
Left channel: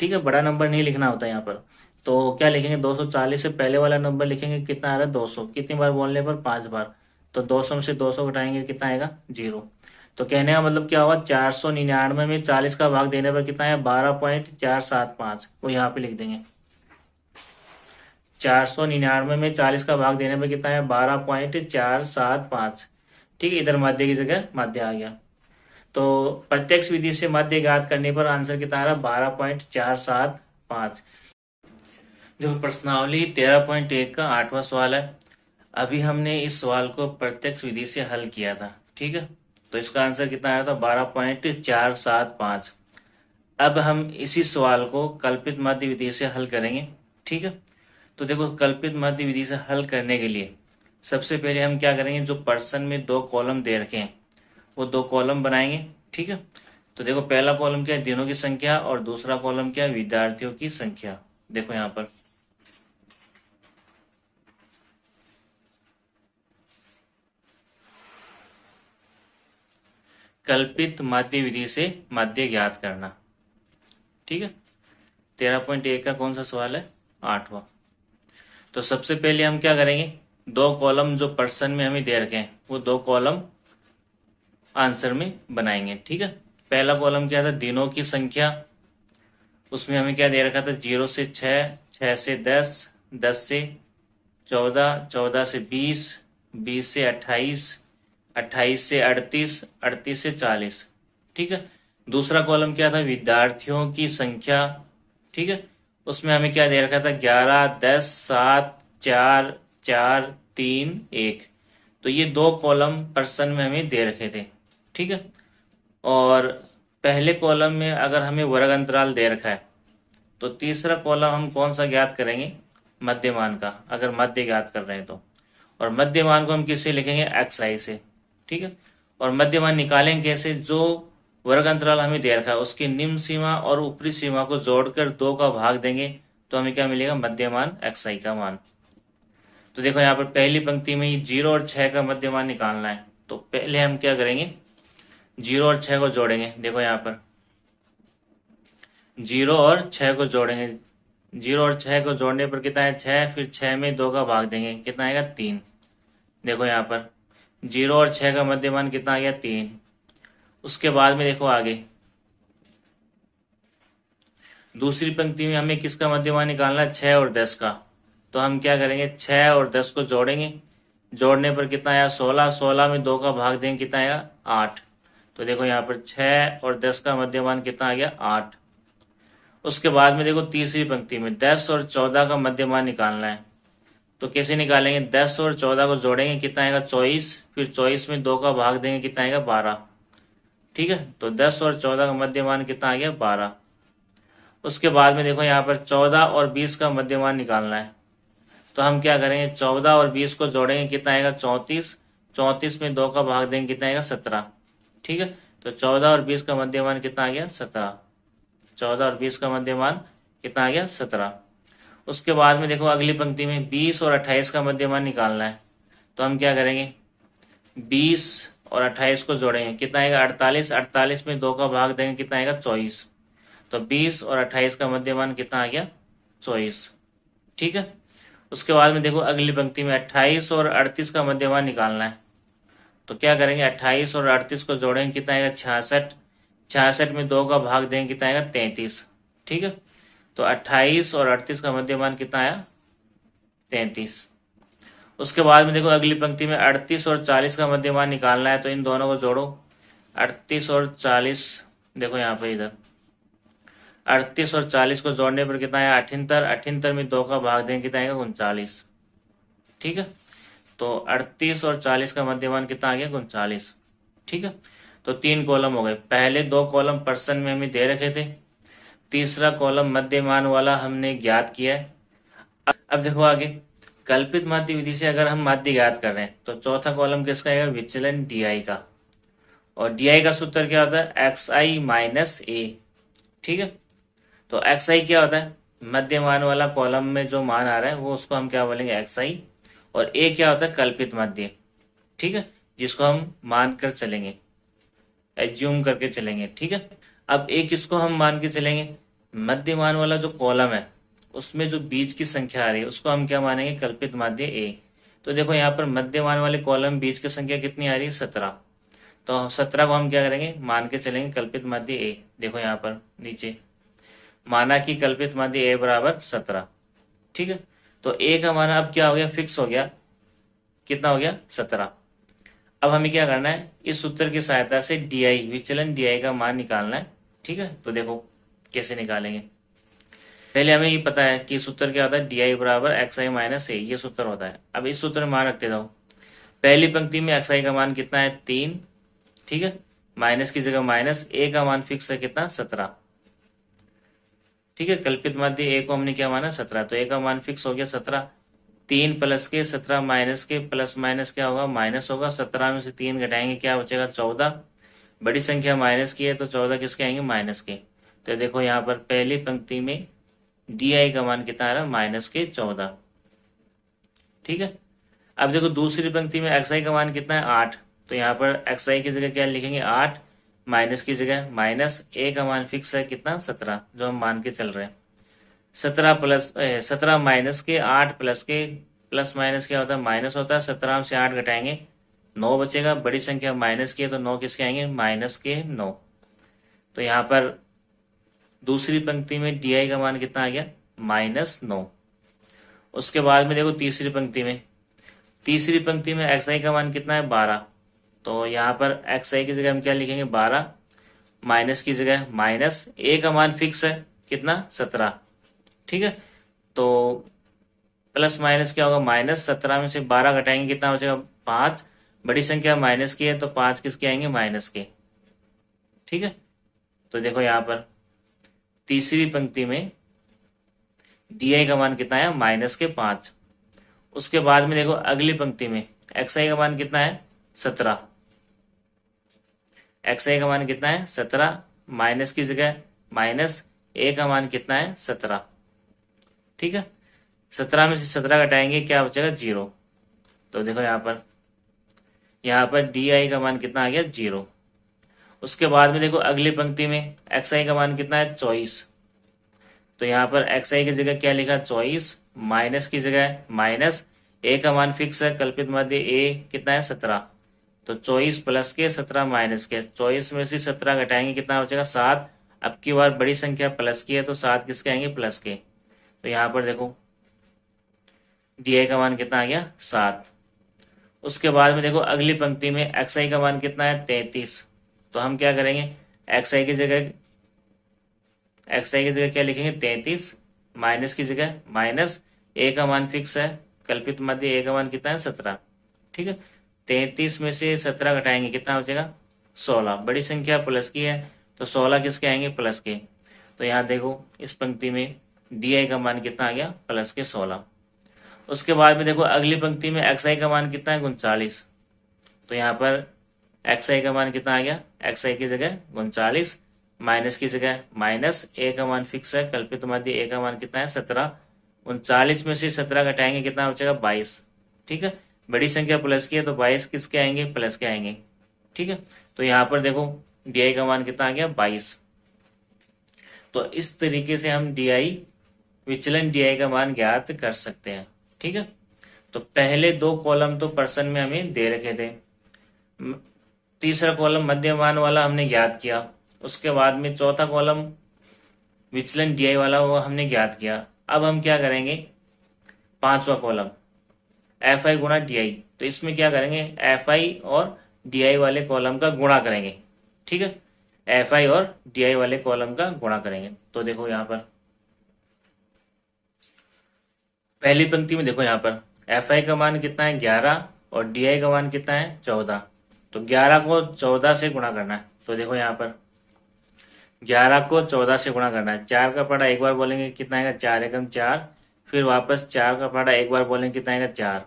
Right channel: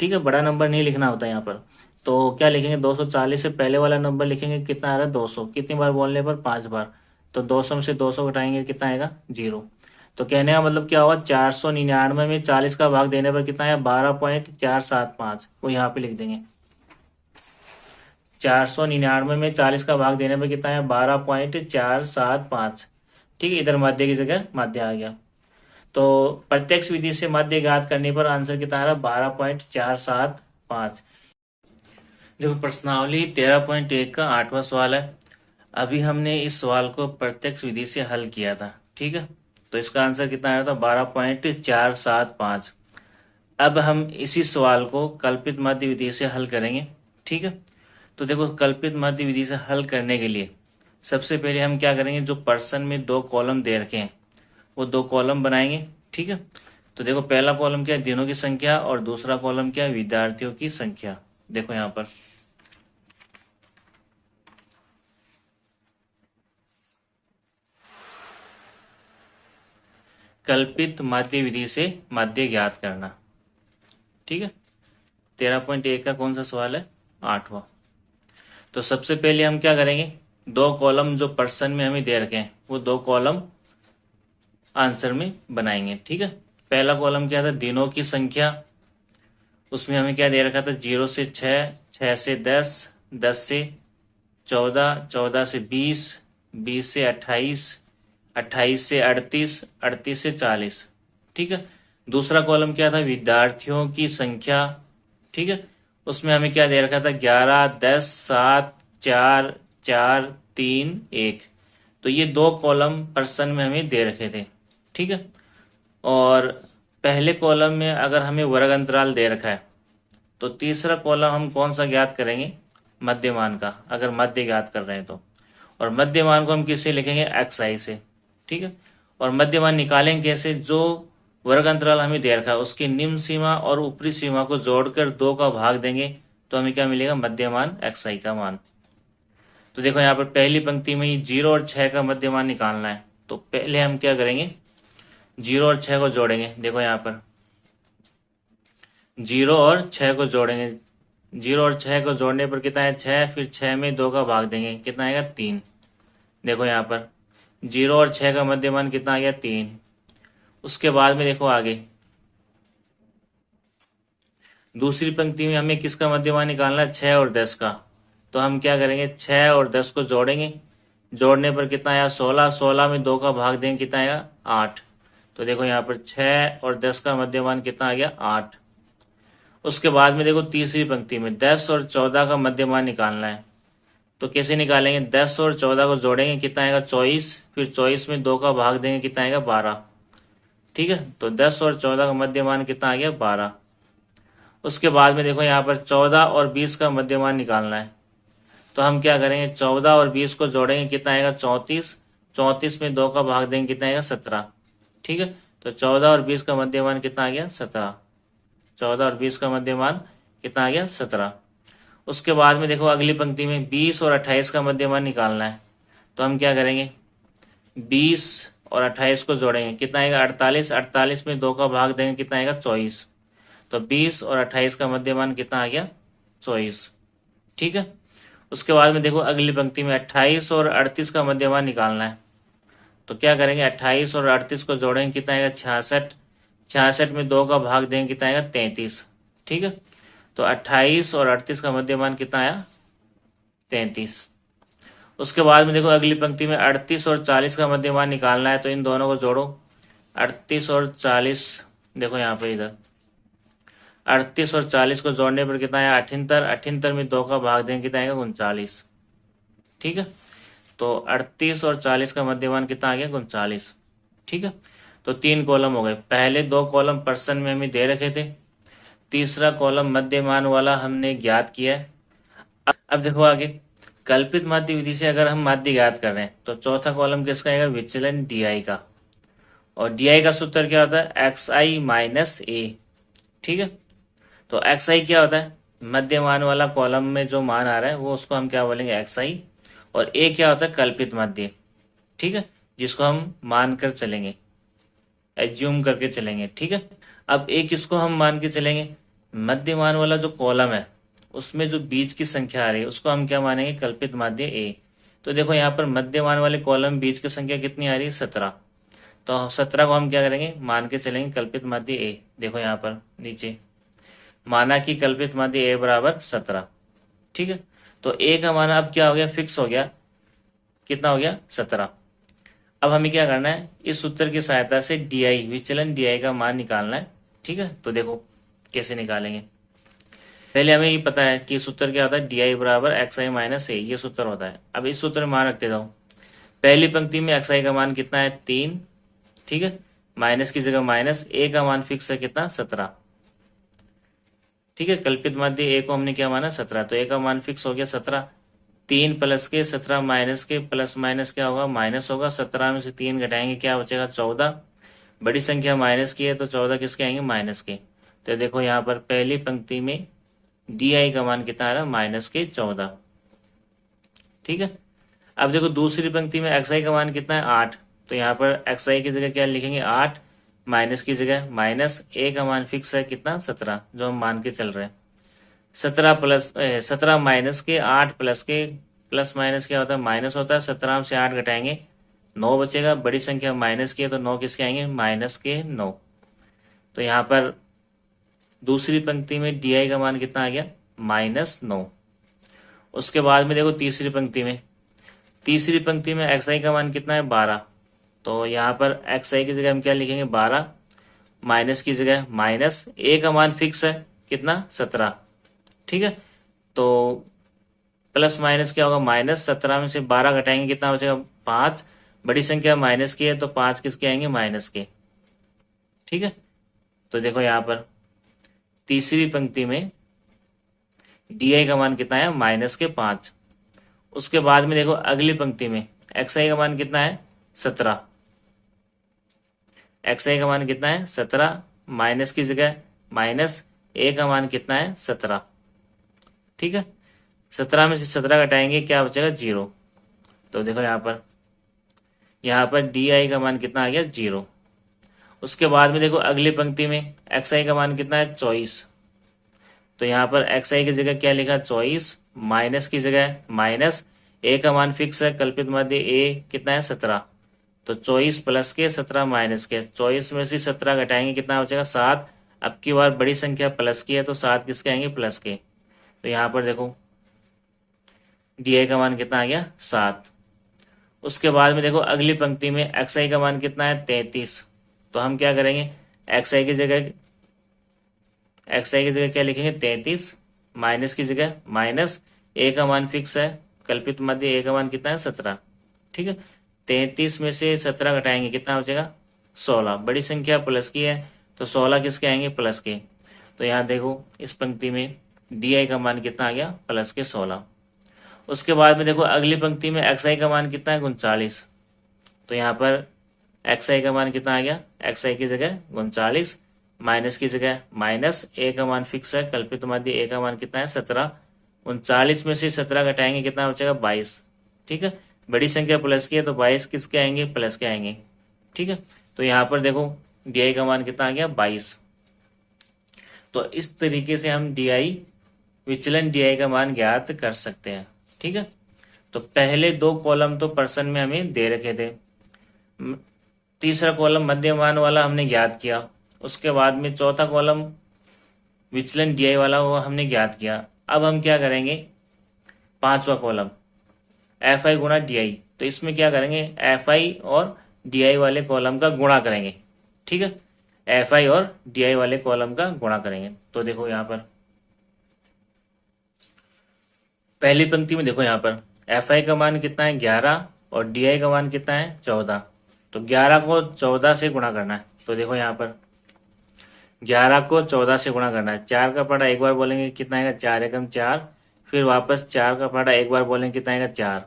ठीक है। बड़ा नंबर नहीं लिखना होता यहाँ पर। तो क्या लिखेंगे, 240 से पहले वाला नंबर लिखेंगे, कितना आ रहा है, 200। कितनी बार बोलने पर, 5 बार। तो 200 में से 200 घटाएंगे कितना आएगा, 0। तो कहने का मतलब क्या हुआ, 499 में 40 का भाग देने पर कितना है, 12.475। वो यहाँ पे लिख देंगे, 499 में 40 का भाग देने पर कितना है, 12.475, ठीक है। इधर माध्य की जगह माध्य आ गया। तो प्रत्यक्ष विधि से माध्य ज्ञात करने पर आंसर कितना आ रहा है, 12.475। जो प्रश्नावली 13.1 का 8वां सवाल है। अभी हमने इस सवाल को प्रत्यक्ष विधि से हल किया था, ठीक है। तो इसका आंसर कितना आया था, 12.475। अब हम इसी सवाल को कल्पित माध्य विधि से हल करेंगे, ठीक है। तो देखो कल्पित माध्य विधि से हल करने के लिए सबसे पहले हम क्या करेंगे, जो प्रश्न में 2 कॉलम दे रखे हैं वो 2 कॉलम बनाएंगे, ठीक है। तो देखो पहला कॉलम क्या है, दिनों की संख्या, और दूसरा कॉलम क्या है, विद्यार्थियों की संख्या। देखो यहाँ पर कल्पित माध्य विधि से माध्य ज्ञात करना, ठीक है। 13.1 का कौन सा सवाल है, 8वां। तो सबसे पहले हम क्या करेंगे, 2 कॉलम जो प्रश्न में हमें दे रखे हैं वो 2 कॉलम आंसर में बनाएंगे, ठीक है। पहला कॉलम क्या था, दिनों की संख्या। उसमें हमें क्या दे रखा था, 0 से 6, 6 से 10, 10 से 14, 14 से 20, 20 से 28, 28 से 38, 38 से 40, ठीक है। दूसरा कॉलम क्या था, विद्यार्थियों की संख्या, ठीक है। उसमें हमें क्या दे रखा था, 11, 10, 7, 4, 4, 3, 1। तो ये 2 कॉलम पर्सन में हमें दे रखे थे, ठीक है। और पहले कॉलम में अगर हमें वर्ग अंतराल दे रखा है तो तीसरा कॉलम हम कौन सा ज्ञात करेंगे, मध्यमान का, अगर मध्य ज्ञात कर रहे हैं तो। और मध्यमान को हम किससे लिखेंगे, xi से, ठीक है। और मध्यमान निकालेंगे कैसे, जो वर्ग अंतराल हमें दे रखा है उसकी निम्न सीमा और ऊपरी सीमा को जोड़कर 2 का भाग देंगे तो हमें क्या मिलेगा, मध्यमान xi का मान। तो देखो यहाँ पर पहली पंक्ति में 0 और 6 का मध्यमान निकालना है, तो पहले हम क्या करेंगे, 0 और 6 को जोड़ेंगे। देखो यहाँ पर 0 और 6 को जोड़ेंगे, 0 और 6 को जोड़ने पर कितना है 6, फिर 6 में 2 का भाग देंगे, कितना आएगा 3। देखो यहाँ पर 0 और 6 का मध्यमान कितना आ गया 3। उसके बाद में देखो आगे दूसरी पंक्ति में हमें किसका मध्यमान निकालना है, 6 और 10 का। तो हम क्या करेंगे, 6 और 10 को जोड़ेंगे, जोड़ने पर कितना आया 16, 16 में 2 का भाग देंगे, कितना आएगा 8। तो देखो यहाँ पर 6 और 10 का मध्यमान कितना आ गया 8। उसके बाद में देखो तीसरी पंक्ति में 10 और 14 का मध्यमान निकालना है, तो कैसे निकालेंगे, 10 और 14 को जोड़ेंगे, कितना आएगा 24, फिर 24 में 2 का भाग देंगे, कितना आएगा 12, ठीक है। तो 10 और 14 का मध्यमान कितना आ गया 12। उसके बाद में देखो यहाँ पर 14 और 20 का मध्यमान निकालना है, तो हम क्या करेंगे, 14 और 20 को जोड़ेंगे, कितना आएगा 34, 34 में 2 का भाग देंगे, कितना आएगा 17, ठीक है। तो 14 और 20 का मध्यमान कितना आ गया 17, 14 और 20 का मध्यमान कितना आ गया 17। उसके बाद में देखो अगली पंक्ति में 20 और 28 का मध्यमान निकालना है, तो हम क्या करेंगे, 20 और 28 को जोड़ेंगे, कितना आएगा 48, 48 में 2 का भाग देंगे, कितना आएगा 24। तो 20 और 28 का मध्यमान कितना आ गया 24, ठीक है। उसके बाद में देखो अगली पंक्ति में 28 और 38 का मध्यमान निकालना है, तो क्या करेंगे, 28 और 38 को जोड़ेंगे, कितना आएगा 66, 66 में 2 का भाग देंगे, कितना आएगा 33, ठीक है। तो 28 और 38 का मध्यमान कितना आया 33। उसके बाद में देखो अगली पंक्ति में 38 और 40 का मध्यमान निकालना है, तो इन दोनों को जोड़ो, 38 और 40, देखो यहाँ पे इधर 38 और 40 को जोड़ने पर कितना आया 78, 78 में 2 का भाग देंगे, कितना आएगा 39, ठीक है। तो 38 और 40 का मध्यमान कितना आ गया 39, ठीक है। तो 3 कॉलम हो गए, पहले 2 कॉलम पर्सन में हमें दे रखे थे, तीसरा कॉलम मध्यमान वाला हमने ज्ञात किया है। अब देखो आगे कल्पित माध्य विधि से अगर हम माध्य ज्ञात कर रहे हैं तो चौथा कॉलम किसका आएगा, विचलन डी का। और डी का सूत्र क्या होता है, एक्स आई माइनस ए, ठीक है। तो एक्स आई क्या होता है, मध्यमान वाला कॉलम में जो मान आ रहा है वो उसको हम क्या बोलेंगे एक्स आई। और ए क्या होता है, कल्पित माध्य, ठीक है, जिसको हम मान कर चलेंगे, एज्यूम करके चलेंगे, ठीक है। अब ए किसको हम मान के चलेंगे, मध्यमान वाला जो कॉलम है उसमें जो बीच की संख्या आ रही है उसको हम क्या मानेंगे, कल्पित माध्य ए। तो देखो यहाँ पर मध्यमान वाले कॉलम बीच की संख्या कितनी आ रही है 17, तो 17 को हम क्या करेंगे, मान के चलेंगे कल्पित माध्य ए। देखो यहाँ पर नीचे माना कि कल्पित माध्य ए बराबर 17, ठीक है। तो ए का मान अब क्या हो गया, फिक्स हो गया, कितना हो गया 17। अब हमें क्या करना है, इस सूत्र की सहायता से डी विचलन डी का मान निकालना है, ठीक है। तो देखो कैसे निकालेंगे, पहले हमें ये पता है कि सूत्र क्या होता है, डी बराबर एक्स आई माइनस ए, ये सूत्र होता है। अब इस सूत्र में मान रखते जाओ, पहली पंक्ति में एक्स आई का मान कितना है 3, ठीक है, माइनस की जगह माइनस, ए का मान फिक्स है कितना 17, ठीक है। कल्पित माध्य ए को हमने क्या माना 17, तो ए का मान फिक्स हो गया 17। 3 प्लस के 17 माइनस के, प्लस माइनस क्या होगा माइनस होगा, 17 में से 3 घटाएंगे क्या बचेगा 14, बड़ी संख्या माइनस की है तो 14 किसके आएंगे माइनस के। तो देखो यहाँ पर पहली पंक्ति में डी आई का मान कितना आ रहा है माइनस के 14, ठीक है। अब देखो दूसरी पंक्ति में एक्स आई का मान कितना है 8, तो यहाँ पर एक्स आई की जगह क्या लिखेंगे 8, माइनस की जगह माइनस, ए का मान फिक्स है कितना 17 जो हम मान के चल रहे हैं। 17 माइनस के 8 प्लस के, प्लस माइनस क्या होता है माइनस होता है, 17 से 8 घटाएंगे 9 बचेगा, बड़ी संख्या माइनस की है तो 9 किसके आएंगे माइनस के 9। तो यहाँ पर दूसरी पंक्ति में डी आई का मान कितना आ गया -9। उसके बाद में देखो तीसरी पंक्ति में एक्स आई का मान कितना है 12, तो यहाँ पर एक्स आई की जगह हम क्या लिखेंगे 12, माइनस की जगह माइनस, ए का मान फिक्स है कितना 17, ठीक है। तो प्लस माइनस क्या होगा माइनस, 17 में से 12 घटाएंगे कितना बचेगा 5, बड़ी संख्या माइनस की है तो 5 किसके आएंगे, माइनस के। ठीक है, तो देखो यहाँ पर तीसरी पंक्ति में डी का मान कितना है, -5। उसके बाद में देखो अगली पंक्ति में एक्स आई का मान कितना है, 17। एक्स आई का मान कितना है, 17, माइनस की जगह माइनस, ए का मान कितना है, 17। ठीक है, 17 में से 17 घटाएंगे, क्या बचेगा, 0। तो देखो यहाँ पर डी आई का मान कितना आ गया, 0। उसके बाद में देखो अगली पंक्ति में एक्स आई का मान कितना है, 24। तो यहाँ पर एक्स आई की जगह क्या लिखा, 24, माइनस की जगह माइनस, ए का मान फिक्स है, कल्पित माध्य ए कितना है, 17। तो 24 प्लस के 17 माइनस के, 24 में से 17 घटाएंगे, कितना बचेगा, 7। अब की बार बड़ी संख्या प्लस की है तो 7 किसके आएंगे, प्लस के। तो यहाँ पर देखो डी आई का मान कितना आ गया, 7। उसके बाद में देखो अगली पंक्ति में एक्स आई का मान कितना है, 33। तो हम क्या करेंगे, एक्स आई की जगह क्या लिखेंगे, 33, माइनस की जगह माइनस, ए का मान फिक्स है, कल्पित मध्य ए का मान कितना है, 17। ठीक है, 33 में से 17 घटाएंगे, कितना बचेगा, 16। बड़ी संख्या प्लस की है तो 16 किसके आएंगे, प्लस के। तो यहाँ देखो इस पंक्ति में डी आई का मान कितना आ गया, प्लस के 16। उसके बाद में देखो अगली पंक्ति में एक्स आई का मान कितना है, 39। तो यहाँ पर एक्स आई का मान कितना आ गया, एक्स आई की जगह 39, माइनस की जगह माइनस, ए का मान फिक्स है, कल्पित माध्य ए का मान कितना है, 17। 39 में से 17 घटाएंगे, कितना बचेगा, 22। ठीक है, बड़ी संख्या प्लस की है तो 22 किसके आएंगे, प्लस के आएंगे। ठीक है, तो यहाँ पर देखो डी आई का मान कितना आ गया, 22। तो इस तरीके से हम डी आई, विचलन डी आई का मान ज्ञात कर सकते हैं। ठीक है, तो पहले 2 कॉलम तो प्रश्न में हमें दे रखे थे, तीसरा कॉलम मध्यमान वाला हमने ज्ञात किया। उसके बाद में चौथा कॉलम विचलन डी आई वाला वो हमने ज्ञात किया। अब हम क्या करेंगे, 5वां कॉलम एफ आई गुणा डी आई। तो इसमें क्या करेंगे, एफ आई और डी आई वाले कॉलम का गुणा करेंगे। ठीक है, एफ आई और डी आई वाले कॉलम का गुणा करेंगे। तो देखो यहाँ पर पहली पंक्ति में देखो, यहाँ पर एफ आई का मान कितना है, 11, और डी आई का मान कितना है, 14। तो 11 को 14 से गुणा करना है। तो देखो यहाँ पर 11 को 14 से गुणा करना है। 4 का पढ़ा एक बार बोलेंगे, कितना आएगा, 4 एकम 4। फिर वापस 4 का पढ़ा एक बार बोलेंगे, कितना आएगा, 4।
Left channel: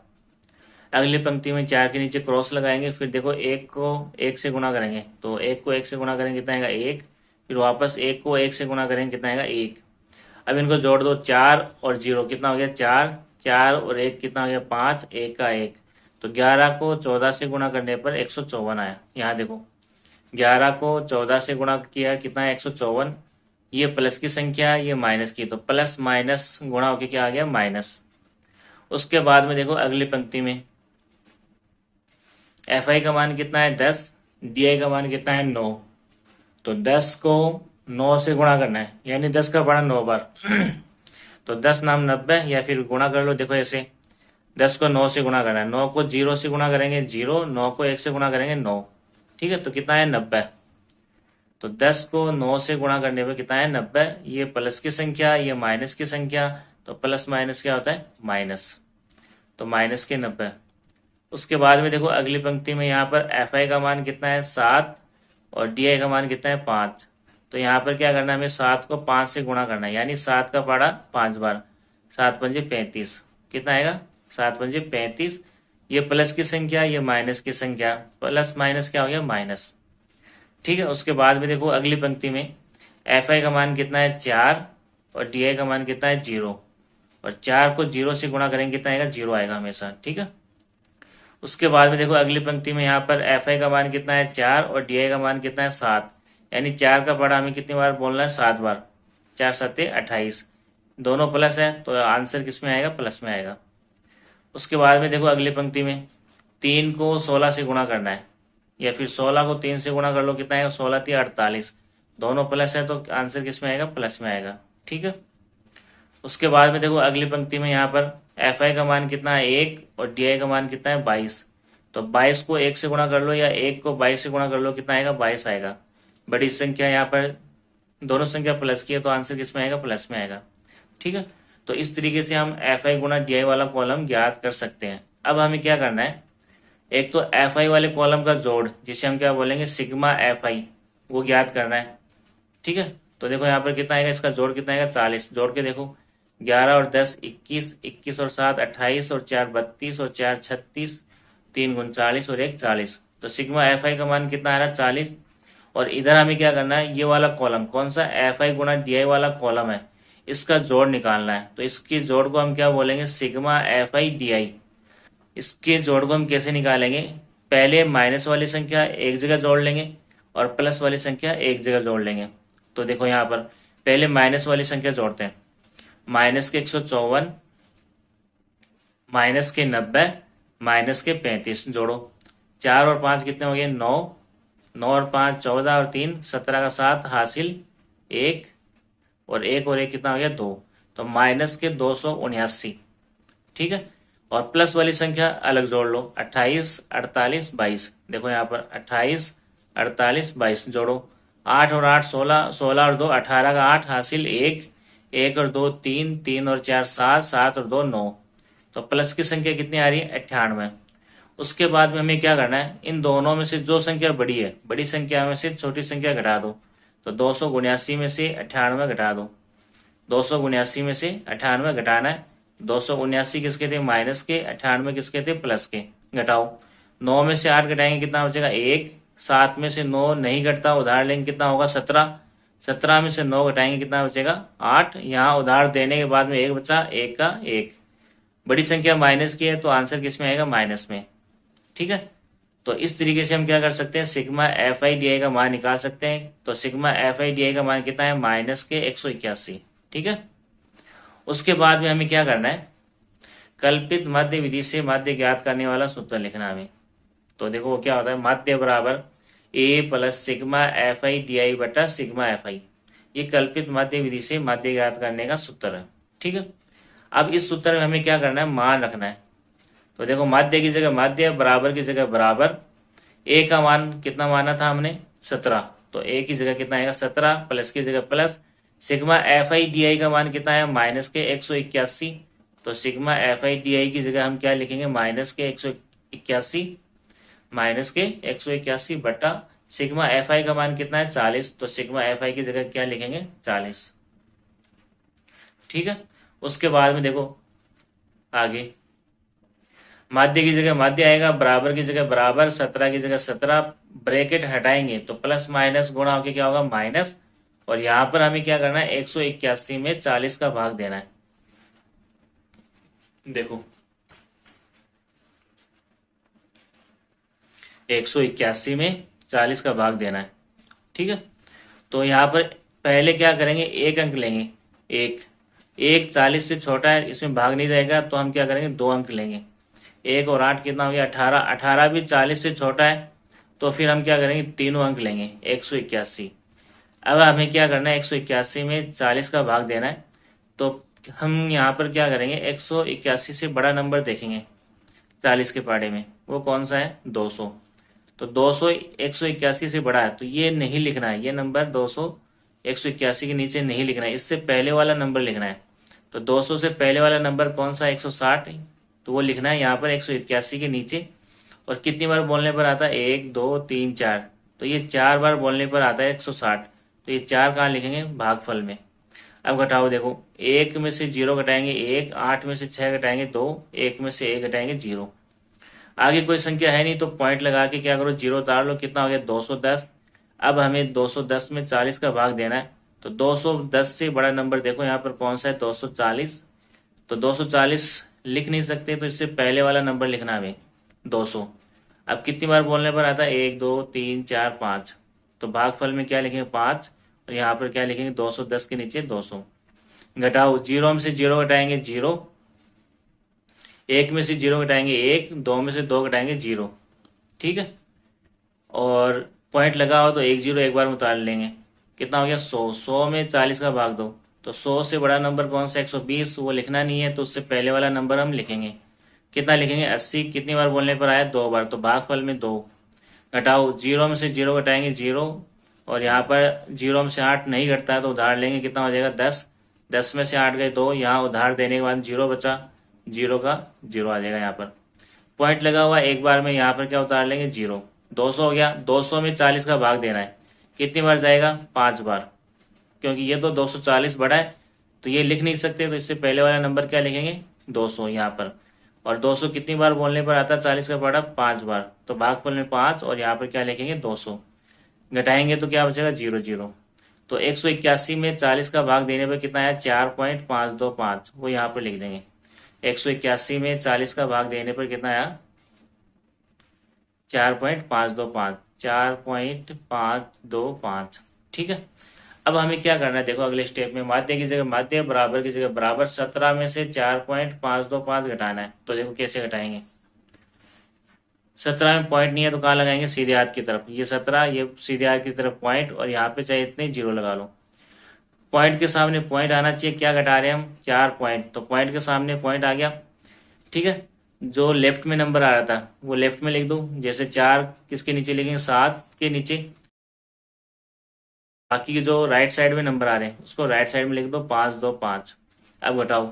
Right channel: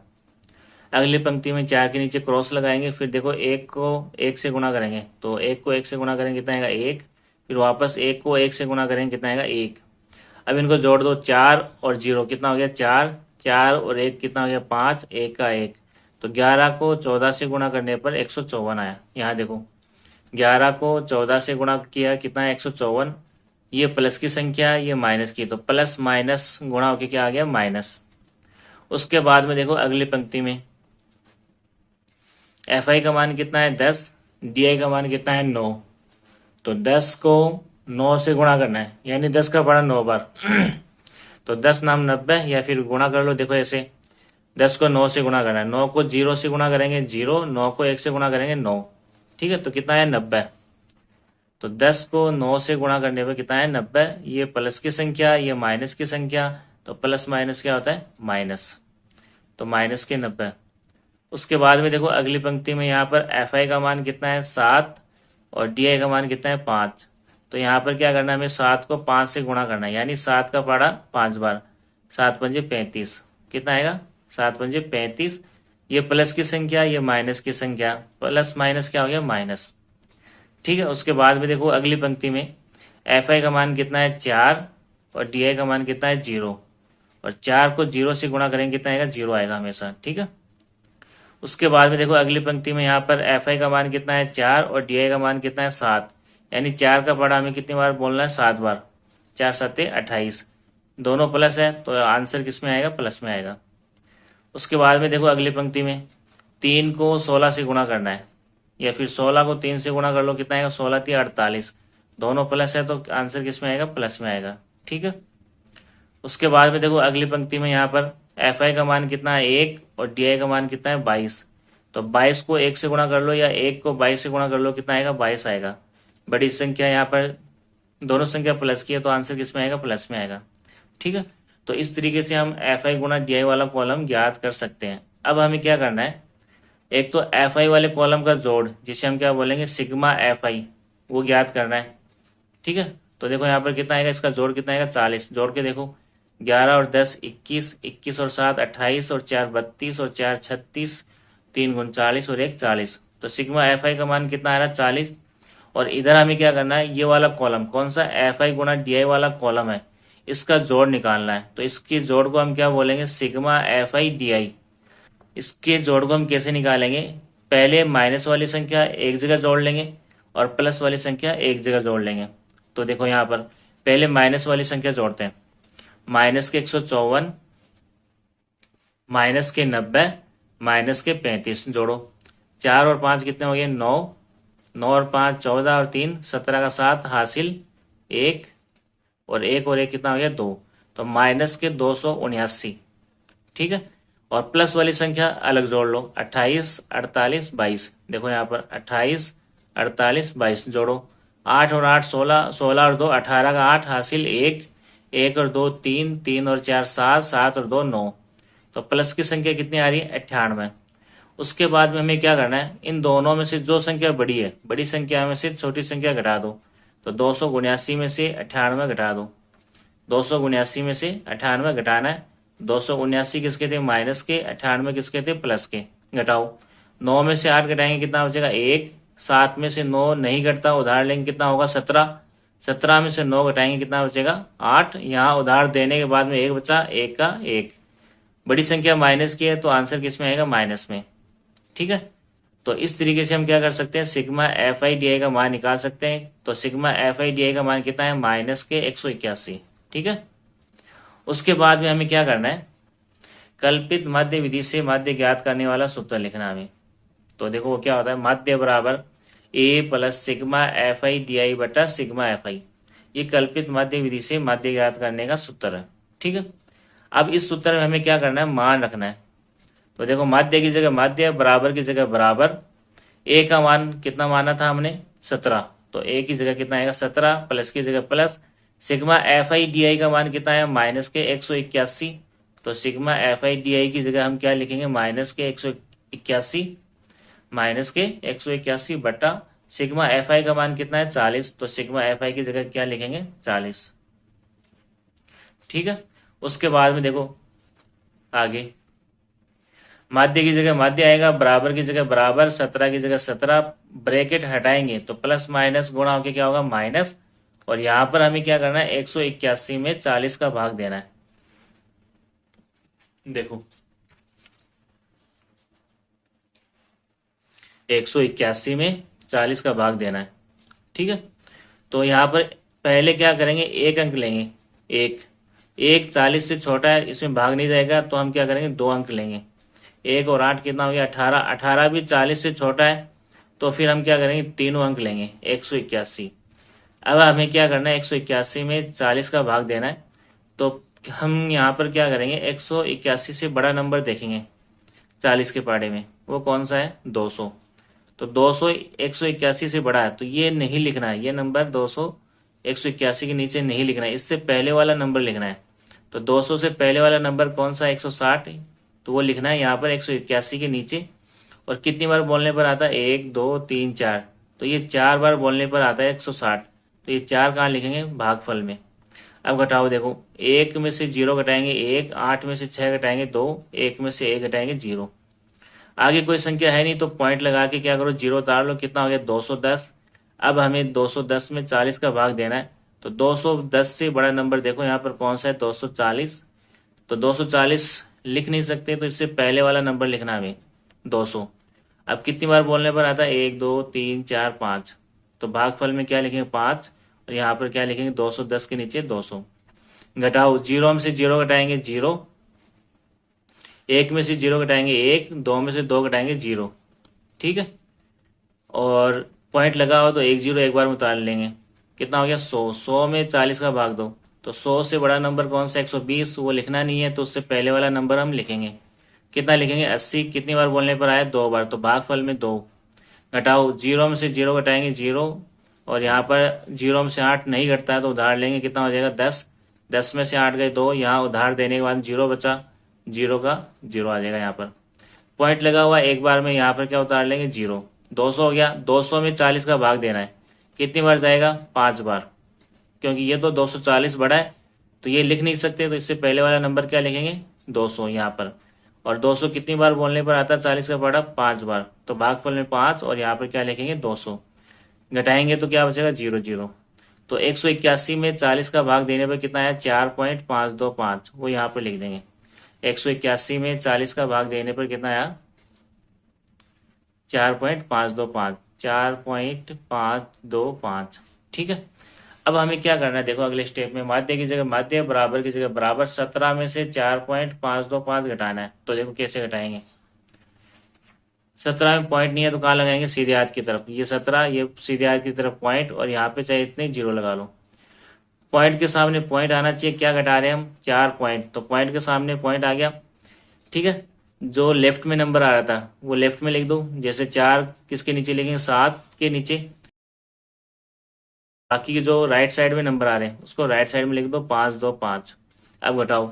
अगली पंक्ति में 4 के नीचे क्रॉस लगाएंगे। फिर देखो 1 को 1 से गुणा करेंगे, तो 1 को 1 से गुणा करेंगे, कितना आएगा, 1। फिर वापस 1 को 1 से गुणा करेंगे, कितना आएगा, 1। अब इनको जोड़ दो, 4 और 0 कितना हो गया, 4। 4 और 1 कितना हो गया, 5, 1 का 1। तो 11 को 14 से गुणा करने पर 154 आया। यहाँ देखो 11 को 14 से गुणा किया, कितना है, 154। ये प्लस की संख्या है, ये माइनस की, तो प्लस माइनस गुणा होकर क्या आ गया, माइनस। उसके बाद में देखो अगली पंक्ति में एफ आई का मान कितना है, 10, डी आई का मान कितना है, 9। तो 10 को 9 से गुणा करना है, यानी 10 का पढ़ा 9 बार। तो 10 नाम 90, या फिर गुणा कर लो, देखो ऐसे 10 को 9 से गुणा करना है। 9 को 0 से गुणा करेंगे 0, 9 को 1 से गुणा करेंगे 9। ठीक है, तो कितना है, 90। तो 10 को 9 से गुणा करने पर कितना है, 90। ये प्लस की संख्या, ये माइनस की संख्या, तो प्लस माइनस क्या होता है, माइनस। तो माइनस के 90। उसके बाद में देखो अगली पंक्ति में यहाँ पर एफ आई का मान कितना है, 7, और डी आई का मान कितना है, 5। तो यहाँ पर क्या करना है, हमें 7 को 5 से गुणा करना है, यानी 7 का पढ़ा 5 बार। 7 पंजे 35, कितना आएगा, 7 पंजे 35। ये प्लस की संख्या, ये माइनस की संख्या, प्लस माइनस क्या हो गया, माइनस। ठीक है, उसके बाद में देखो अगली पंक्ति में एफ आई का मान कितना है, 4, और डी आई का मान कितना है, 0। और 4 को 0 से गुणा करेंगे, कितना आएगा, 0 आएगा हमेशा। ठीक है, उसके बाद में देखो अगली पंक्ति में यहाँ पर एफ आई का मान कितना है, 4, और डी आई का मान कितना है, 7। यानी 4 का पढ़ा हमें कितनी बार बोलना है, 7 बार। 4 सत्ते 28, दोनों प्लस है, तो आंसर किस में आएगा, प्लस में आएगा। उसके बाद में देखो अगली पंक्ति में 3 को 16 से गुणा करना है, या फिर 16 को 3 से गुणा कर लो, कितना आएगा, 16 3 48, दोनों प्लस है, तो आंसर किस में आएगा, प्लस में आएगा। ठीक है, उसके बाद में देखो अगली पंक्ति में यहाँ पर एफ आई का मान कितना है, 1, और डी आई का मान कितना है, 22। तो 22 को 1 से गुणा कर लो, या 1 को 22 से गुणा कर लो, कितना आएगा, 22 आएगा। बड़ी संख्या यहाँ पर दोनों संख्या प्लस की है, तो आंसर किस में आएगा, प्लस में आएगा। ठीक है, तो इस तरीके से हम एफ आई गुणा डी आई वाला कॉलम ज्ञात कर सकते हैं। अब हमें क्या करना है, एक तो एफ आई वाले कॉलम का जोड़, जिसे हम क्या बोलेंगे सिग्मा एफ आई, वो ज्ञात करना है। ठीक है, तो देखो यहाँ पर कितना आएगा, इसका जोड़ कितना आएगा 40। जोड़ के देखो 11 और 10 21, 21 और 7 28 और 4 32 और 4 36, 3 39 और 1 40। तो सिग्मा एफ आई का मान कितना आ रहा है 40। और इधर हमें क्या करना है, ये वाला कॉलम कौन सा एफ आई गुणा डी आई वाला कॉलम है, इसका जोड़ निकालना है। तो इसकी जोड़ को हम क्या बोलेंगे सिग्मा एफ आई डी आई। इसके जोड़ को हम कैसे निकालेंगे, पहले माइनस वाली संख्या एक जगह जोड़ लेंगे और प्लस वाली संख्या एक जगह जोड़ लेंगे। तो देखो यहाँ पर पहले माइनस वाली संख्या जोड़ते हैं। माइनस के 154, माइनस के 90, माइनस के 35 जोड़ो। 4 और 5 कितने हो गए 9, 9 और 5 14 और 3 17 का 7 हासिल 1, और एक कितना हो गया 2। तो माइनस के 279। ठीक है, और प्लस वाली संख्या अलग जोड़ लो 28 48 22। देखो यहाँ पर 28 48 22 जोड़ो। 8 और 8 16, 16 और 2 18 का 8 हासिल 1, 1 और 2 3, 3 और 4 7, 7 और 2 9। तो प्लस की संख्या कितनी आ रही है 98। उसके बाद में हमें क्या करना है, इन दोनों में से जो संख्या बड़ी है, बड़ी संख्या में से छोटी संख्या घटा दो। तो 279 में से 98 घटा दो। 279 में से 98 घटाना है। 279 किसके थे माइनस के, 98 किसके थे प्लस के। घटाओ, 9 में से 8 घटाएंगे कितना बचेगा 1। 7 में से 9 नहीं घटता, उधार लेंगे कितना होगा 17। 17 में से 9 घटाएंगे कितना बचेगा 8। यहाँ उधार देने के बाद में 1 बचा, 1 का 1। बड़ी संख्या माइनस की है तो आंसर किस में आएगा माइनस में। ठीक है, तो इस तरीके से हम क्या कर सकते हैं सिग्मा एफ आई डी आई का मान निकाल सकते हैं। तो सिग्मा एफ आई डी आई का मान कितना है माइनस के 181। ठीक है, उसके बाद में हमें क्या करना है, कल्पित माध्य विधि से माध्य ज्ञात करने वाला सूत्र लिखना हमें। तो देखो वो क्या होता है, माध्य बराबर A plus sigma F I D I बटा सिग्मा एफ आई। ये कल्पित माध्य विधि से माध्य ज्ञात करने का सूत्र है। ठीक है, अब इस सूत्र में हमें क्या करना है मान रखना है। तो देखो माध्य की जगह माध्य, बराबर की जगह बराबर। ए का मान कितना माना था हमने 17, तो ए की जगह कितना आएगा 17, प्लस की जगह plus. Sigma F I D आई का मान कितना है माइनस के 181। तो सिग्मा एफ आई डी आई की जगह हम क्या लिखेंगे माइनस के 181, माइनस के 181 बटा सिग्मा एफ आई का मान कितना है 40। तो सिग्मा एफ आई की जगह क्या लिखेंगे 40। ठीक है, उसके बाद में देखो आगे माध्य की जगह माध्य आएगा, बराबर की जगह बराबर, 17 की जगह 17। ब्रैकेट हटाएंगे तो प्लस माइनस गुणा होकर क्या होगा माइनस। और यहां पर हमें क्या करना है 181 में 40 का भाग देना है। देखो 181 में 40 का भाग देना है। ठीक है, तो यहाँ पर पहले क्या करेंगे एक अंक लेंगे। एक 40 से छोटा है, इसमें भाग नहीं रहेगा, तो हम क्या करेंगे 2 अंक लेंगे। 1 और 8 कितना हो गया 18। 18 भी 40 से छोटा है, तो फिर हम क्या करेंगे तीनों अंक लेंगे 181। अब हमें क्या करना है 181 में 40 का भाग देना है। तो हम यहाँ पर क्या करेंगे 181 से बड़ा नंबर देखेंगे 40 के पाड़े में, वो कौन सा है 200। तो 200 181 से बड़ा है, तो ये नहीं लिखना है, ये नंबर 200 181 के नीचे नहीं लिखना है, इससे पहले वाला नंबर लिखना है। तो 200 से पहले वाला नंबर कौन सा 160, तो वो लिखना है यहाँ पर 181 के नीचे। और कितनी बार बोलने पर आता है 1 2 3 4, तो ये 4 बार बोलने पर आता है 160। तो ये 4 कहाँ लिखेंगे भागफल में। अब घटाओ, देखो 1 में से 0 घटाएंगे 1, 8 में से 6 घटाएंगे 2, 1 में से 1 घटाएंगे 0। आगे कोई संख्या है नहीं तो पॉइंट लगा के क्या करो 0 उतार लो, कितना हो गया 210। अब हमें 210 में 40 का भाग देना है। तो 210 से बड़ा नंबर देखो यहाँ पर कौन सा है 240। तो 240 लिख नहीं सकते, तो इससे पहले वाला नंबर लिखना हमें 200। अब कितनी बार बोलने पर आता है 1 2 3 4 5, तो भागफल में क्या लिखेंगे 5, और यहाँ पर क्या लिखेंगे 210 के नीचे 200। घटाओ, 0 में से 0 घटाएंगे 0, 1 में से 0 घटाएंगे 1, 2 में से 2 घटाएंगे 0। ठीक है, और पॉइंट लगाओ तो 1 0 एक बार में उतार लेंगे, कितना हो गया 100। 100 में 40 का भाग दो, तो 100 से बड़ा नंबर कौन सा 120, वो लिखना नहीं है, तो उससे पहले वाला नंबर हम लिखेंगे। कितना लिखेंगे 80। कितनी बार बोलने पर आया 2 बार, तो भागफल में 2। घटाओ, 0 में से 0 घटाएंगे 0, और यहाँ पर 0 में से 8 नहीं घटता है तो उधार लेंगे, कितना हो जाएगा 10। 10 में से 8 गए 2, यहाँ उधार देने के बाद 0 बचा, 0 का 0 आ जाएगा यहाँ पर। पॉइंट लगा हुआ एक बार में, यहाँ पर क्या उतार लेंगे 0। 200 हो गया, 200 में 40 का भाग देना है, कितनी बार जाएगा 5 बार, क्योंकि ये तो 240 बड़ा है तो ये लिख नहीं सकते, तो इससे पहले वाला नंबर क्या लिखेंगे 200 यहाँ पर। और 200 कितनी बार बोलने पर आता है 40 का बड़ा 5 बार, तो भागफल में 5 और यहाँ पर क्या लिखेंगे 200, घटाएंगे तो क्या बचेगा 0 0। तो 181 में 40 का भाग देने पर कितना है 4.525, वो यहाँ पर लिख देंगे। 181 में 40 का भाग देने पर कितना आया 4.525, 4.525। ठीक है, अब हमें क्या करना है, देखो अगले स्टेप में माध्य की जगह माध्य, बराबर की जगह बराबर, 17 में से 4.525 घटाना है। तो देखो कैसे घटाएंगे, 17 में पॉइंट नहीं है तो कहाँ लगाएंगे सीधे हाथ की तरफ, ये 17, ये सीधे हाथ की तरफ पॉइंट, और यहाँ पे चाहे इतने 0 लगा लो। पॉइंट के सामने पॉइंट आना चाहिए, क्या घटा रहे हैं हम 4 पॉइंट, तो पॉइंट के सामने पॉइंट आ गया। ठीक है, जो लेफ्ट में नंबर आ रहा था वो लेफ्ट में लिख दो, जैसे 4 किसके नीचे लिखेंगे 7 के नीचे, बाकी के जो राइट साइड में नंबर आ रहे हैं उसको राइट साइड में लिख दो 525। अब घटाओ,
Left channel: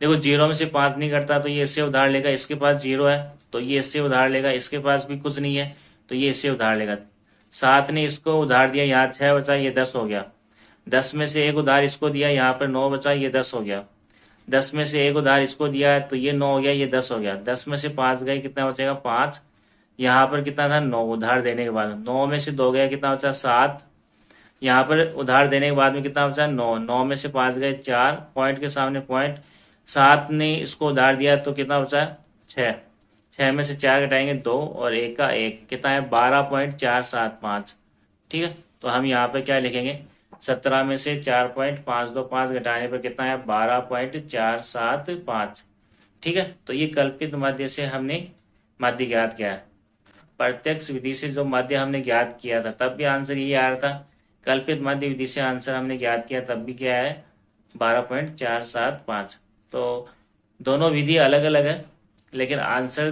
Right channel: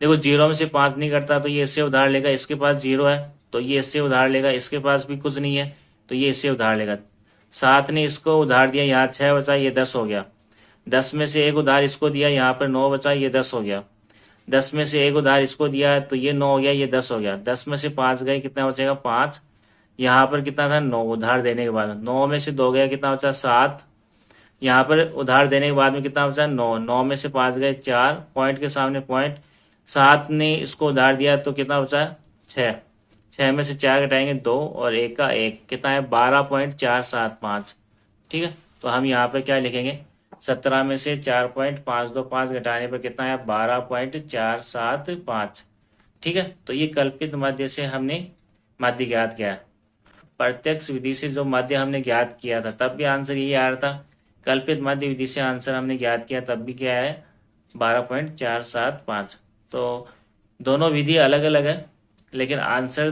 देखो 0 में से 5 नहीं कटता तो ये इससे उधार लेगा, इसके पास 0 है तो ये इससे उधार लेगा, इसके पास भी कुछ नहीं है तो ये इससे उधार लेगा। 7 ने इसको उधार दिया, यहाँ 6 बचा, ये 10 हो गया। 10 में से एक उधार इसको दिया, यहाँ पर 9 बचा, ये 10 हो गया। 10 में से एक उधार इसको दिया है तो ये 9 हो गया, ये 10 हो गया। 10 में से 5 गए, कितना बचेगा 5। यहाँ पर कितना था 9 उधार देने के बाद, 9 में से 2 गया, कितना बचा 7। यहाँ पर उधार देने के बाद में कितना बचा 9, 9 में से 5 गए 4, पॉइंट के सामने पॉइंट, 7 ने इसको उधार दिया तो कितना बचा 6। 6 में से 4 घटाएंगे 2 और 1 का 1, कितना है 12.475। ठीक है, तो हम यहाँ पर क्या लिखेंगे 17 में से 4.525 घटाने पर कितना है 12.475। ठीक है, तो ये कल्पित माध्य से हमने माध्य ज्ञात किया है। प्रत्यक्ष विधि से जो माध्य हमने ज्ञात किया था तब भी आंसर यही आ रहा था, कल्पित माध्य विधि से आंसर हमने ज्ञात किया तब भी क्या है 12.475। तो दोनों विधि अलग अलग है लेकिन आंसर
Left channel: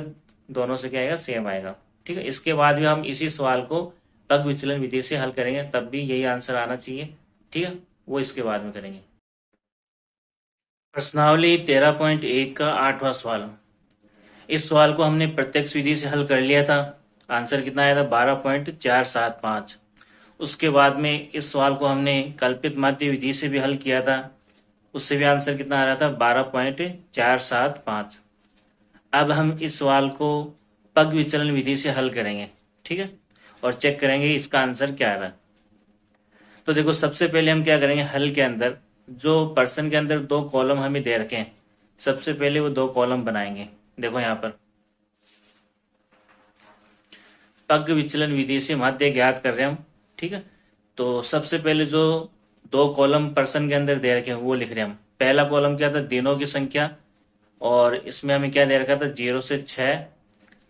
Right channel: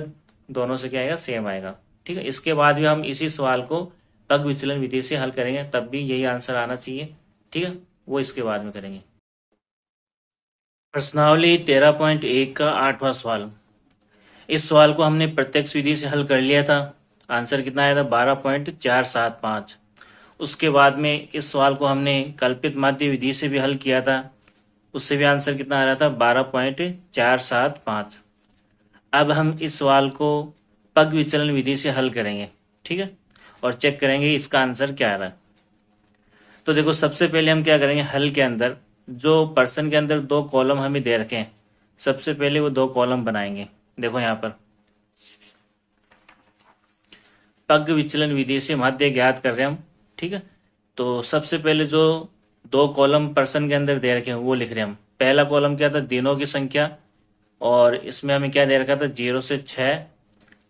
दोनों से क्या आएगा सेम आएगा। ठीक है, इसके बाद भी हम इसी सवाल को पग विचलन विधि से हल करेंगे, तब भी यही आंसर आना चाहिए। ठीक है, वो इसके बाद में करेंगे। प्रश्नावली 13.1 का 8वां सवाल। इस सवाल को हमने प्रत्यक्ष विधि से हल कर लिया था, आंसर कितना आया था 12.475। उसके बाद में इस सवाल को हमने कल्पित माध्य विधि से भी हल किया था, उससे भी आंसर कितना आ रहा था 12.475। अब हम इस सवाल को पग विचलन विधि से हल करेंगे। ठीक है, और चेक करेंगे इसका आंसर क्या आ रहा है। तो देखो सबसे पहले हम क्या करेंगे, हल के अंदर जो पर्सन के अंदर 2 कॉलम हमें दे रखे हैं, सबसे पहले वो 2 कॉलम बनाएंगे। देखो यहाँ पर पग विचलन विधि से माध्य ज्ञात कर रहे हैं हम। ठीक है, तो सबसे पहले जो 2 कॉलम पर्सन के अंदर दे रखे हैं वो लिख रहे हैं हम। पहला कॉलम क्या था दिनों की संख्या, और इसमें हमें क्या दे रखा था 0 से 6,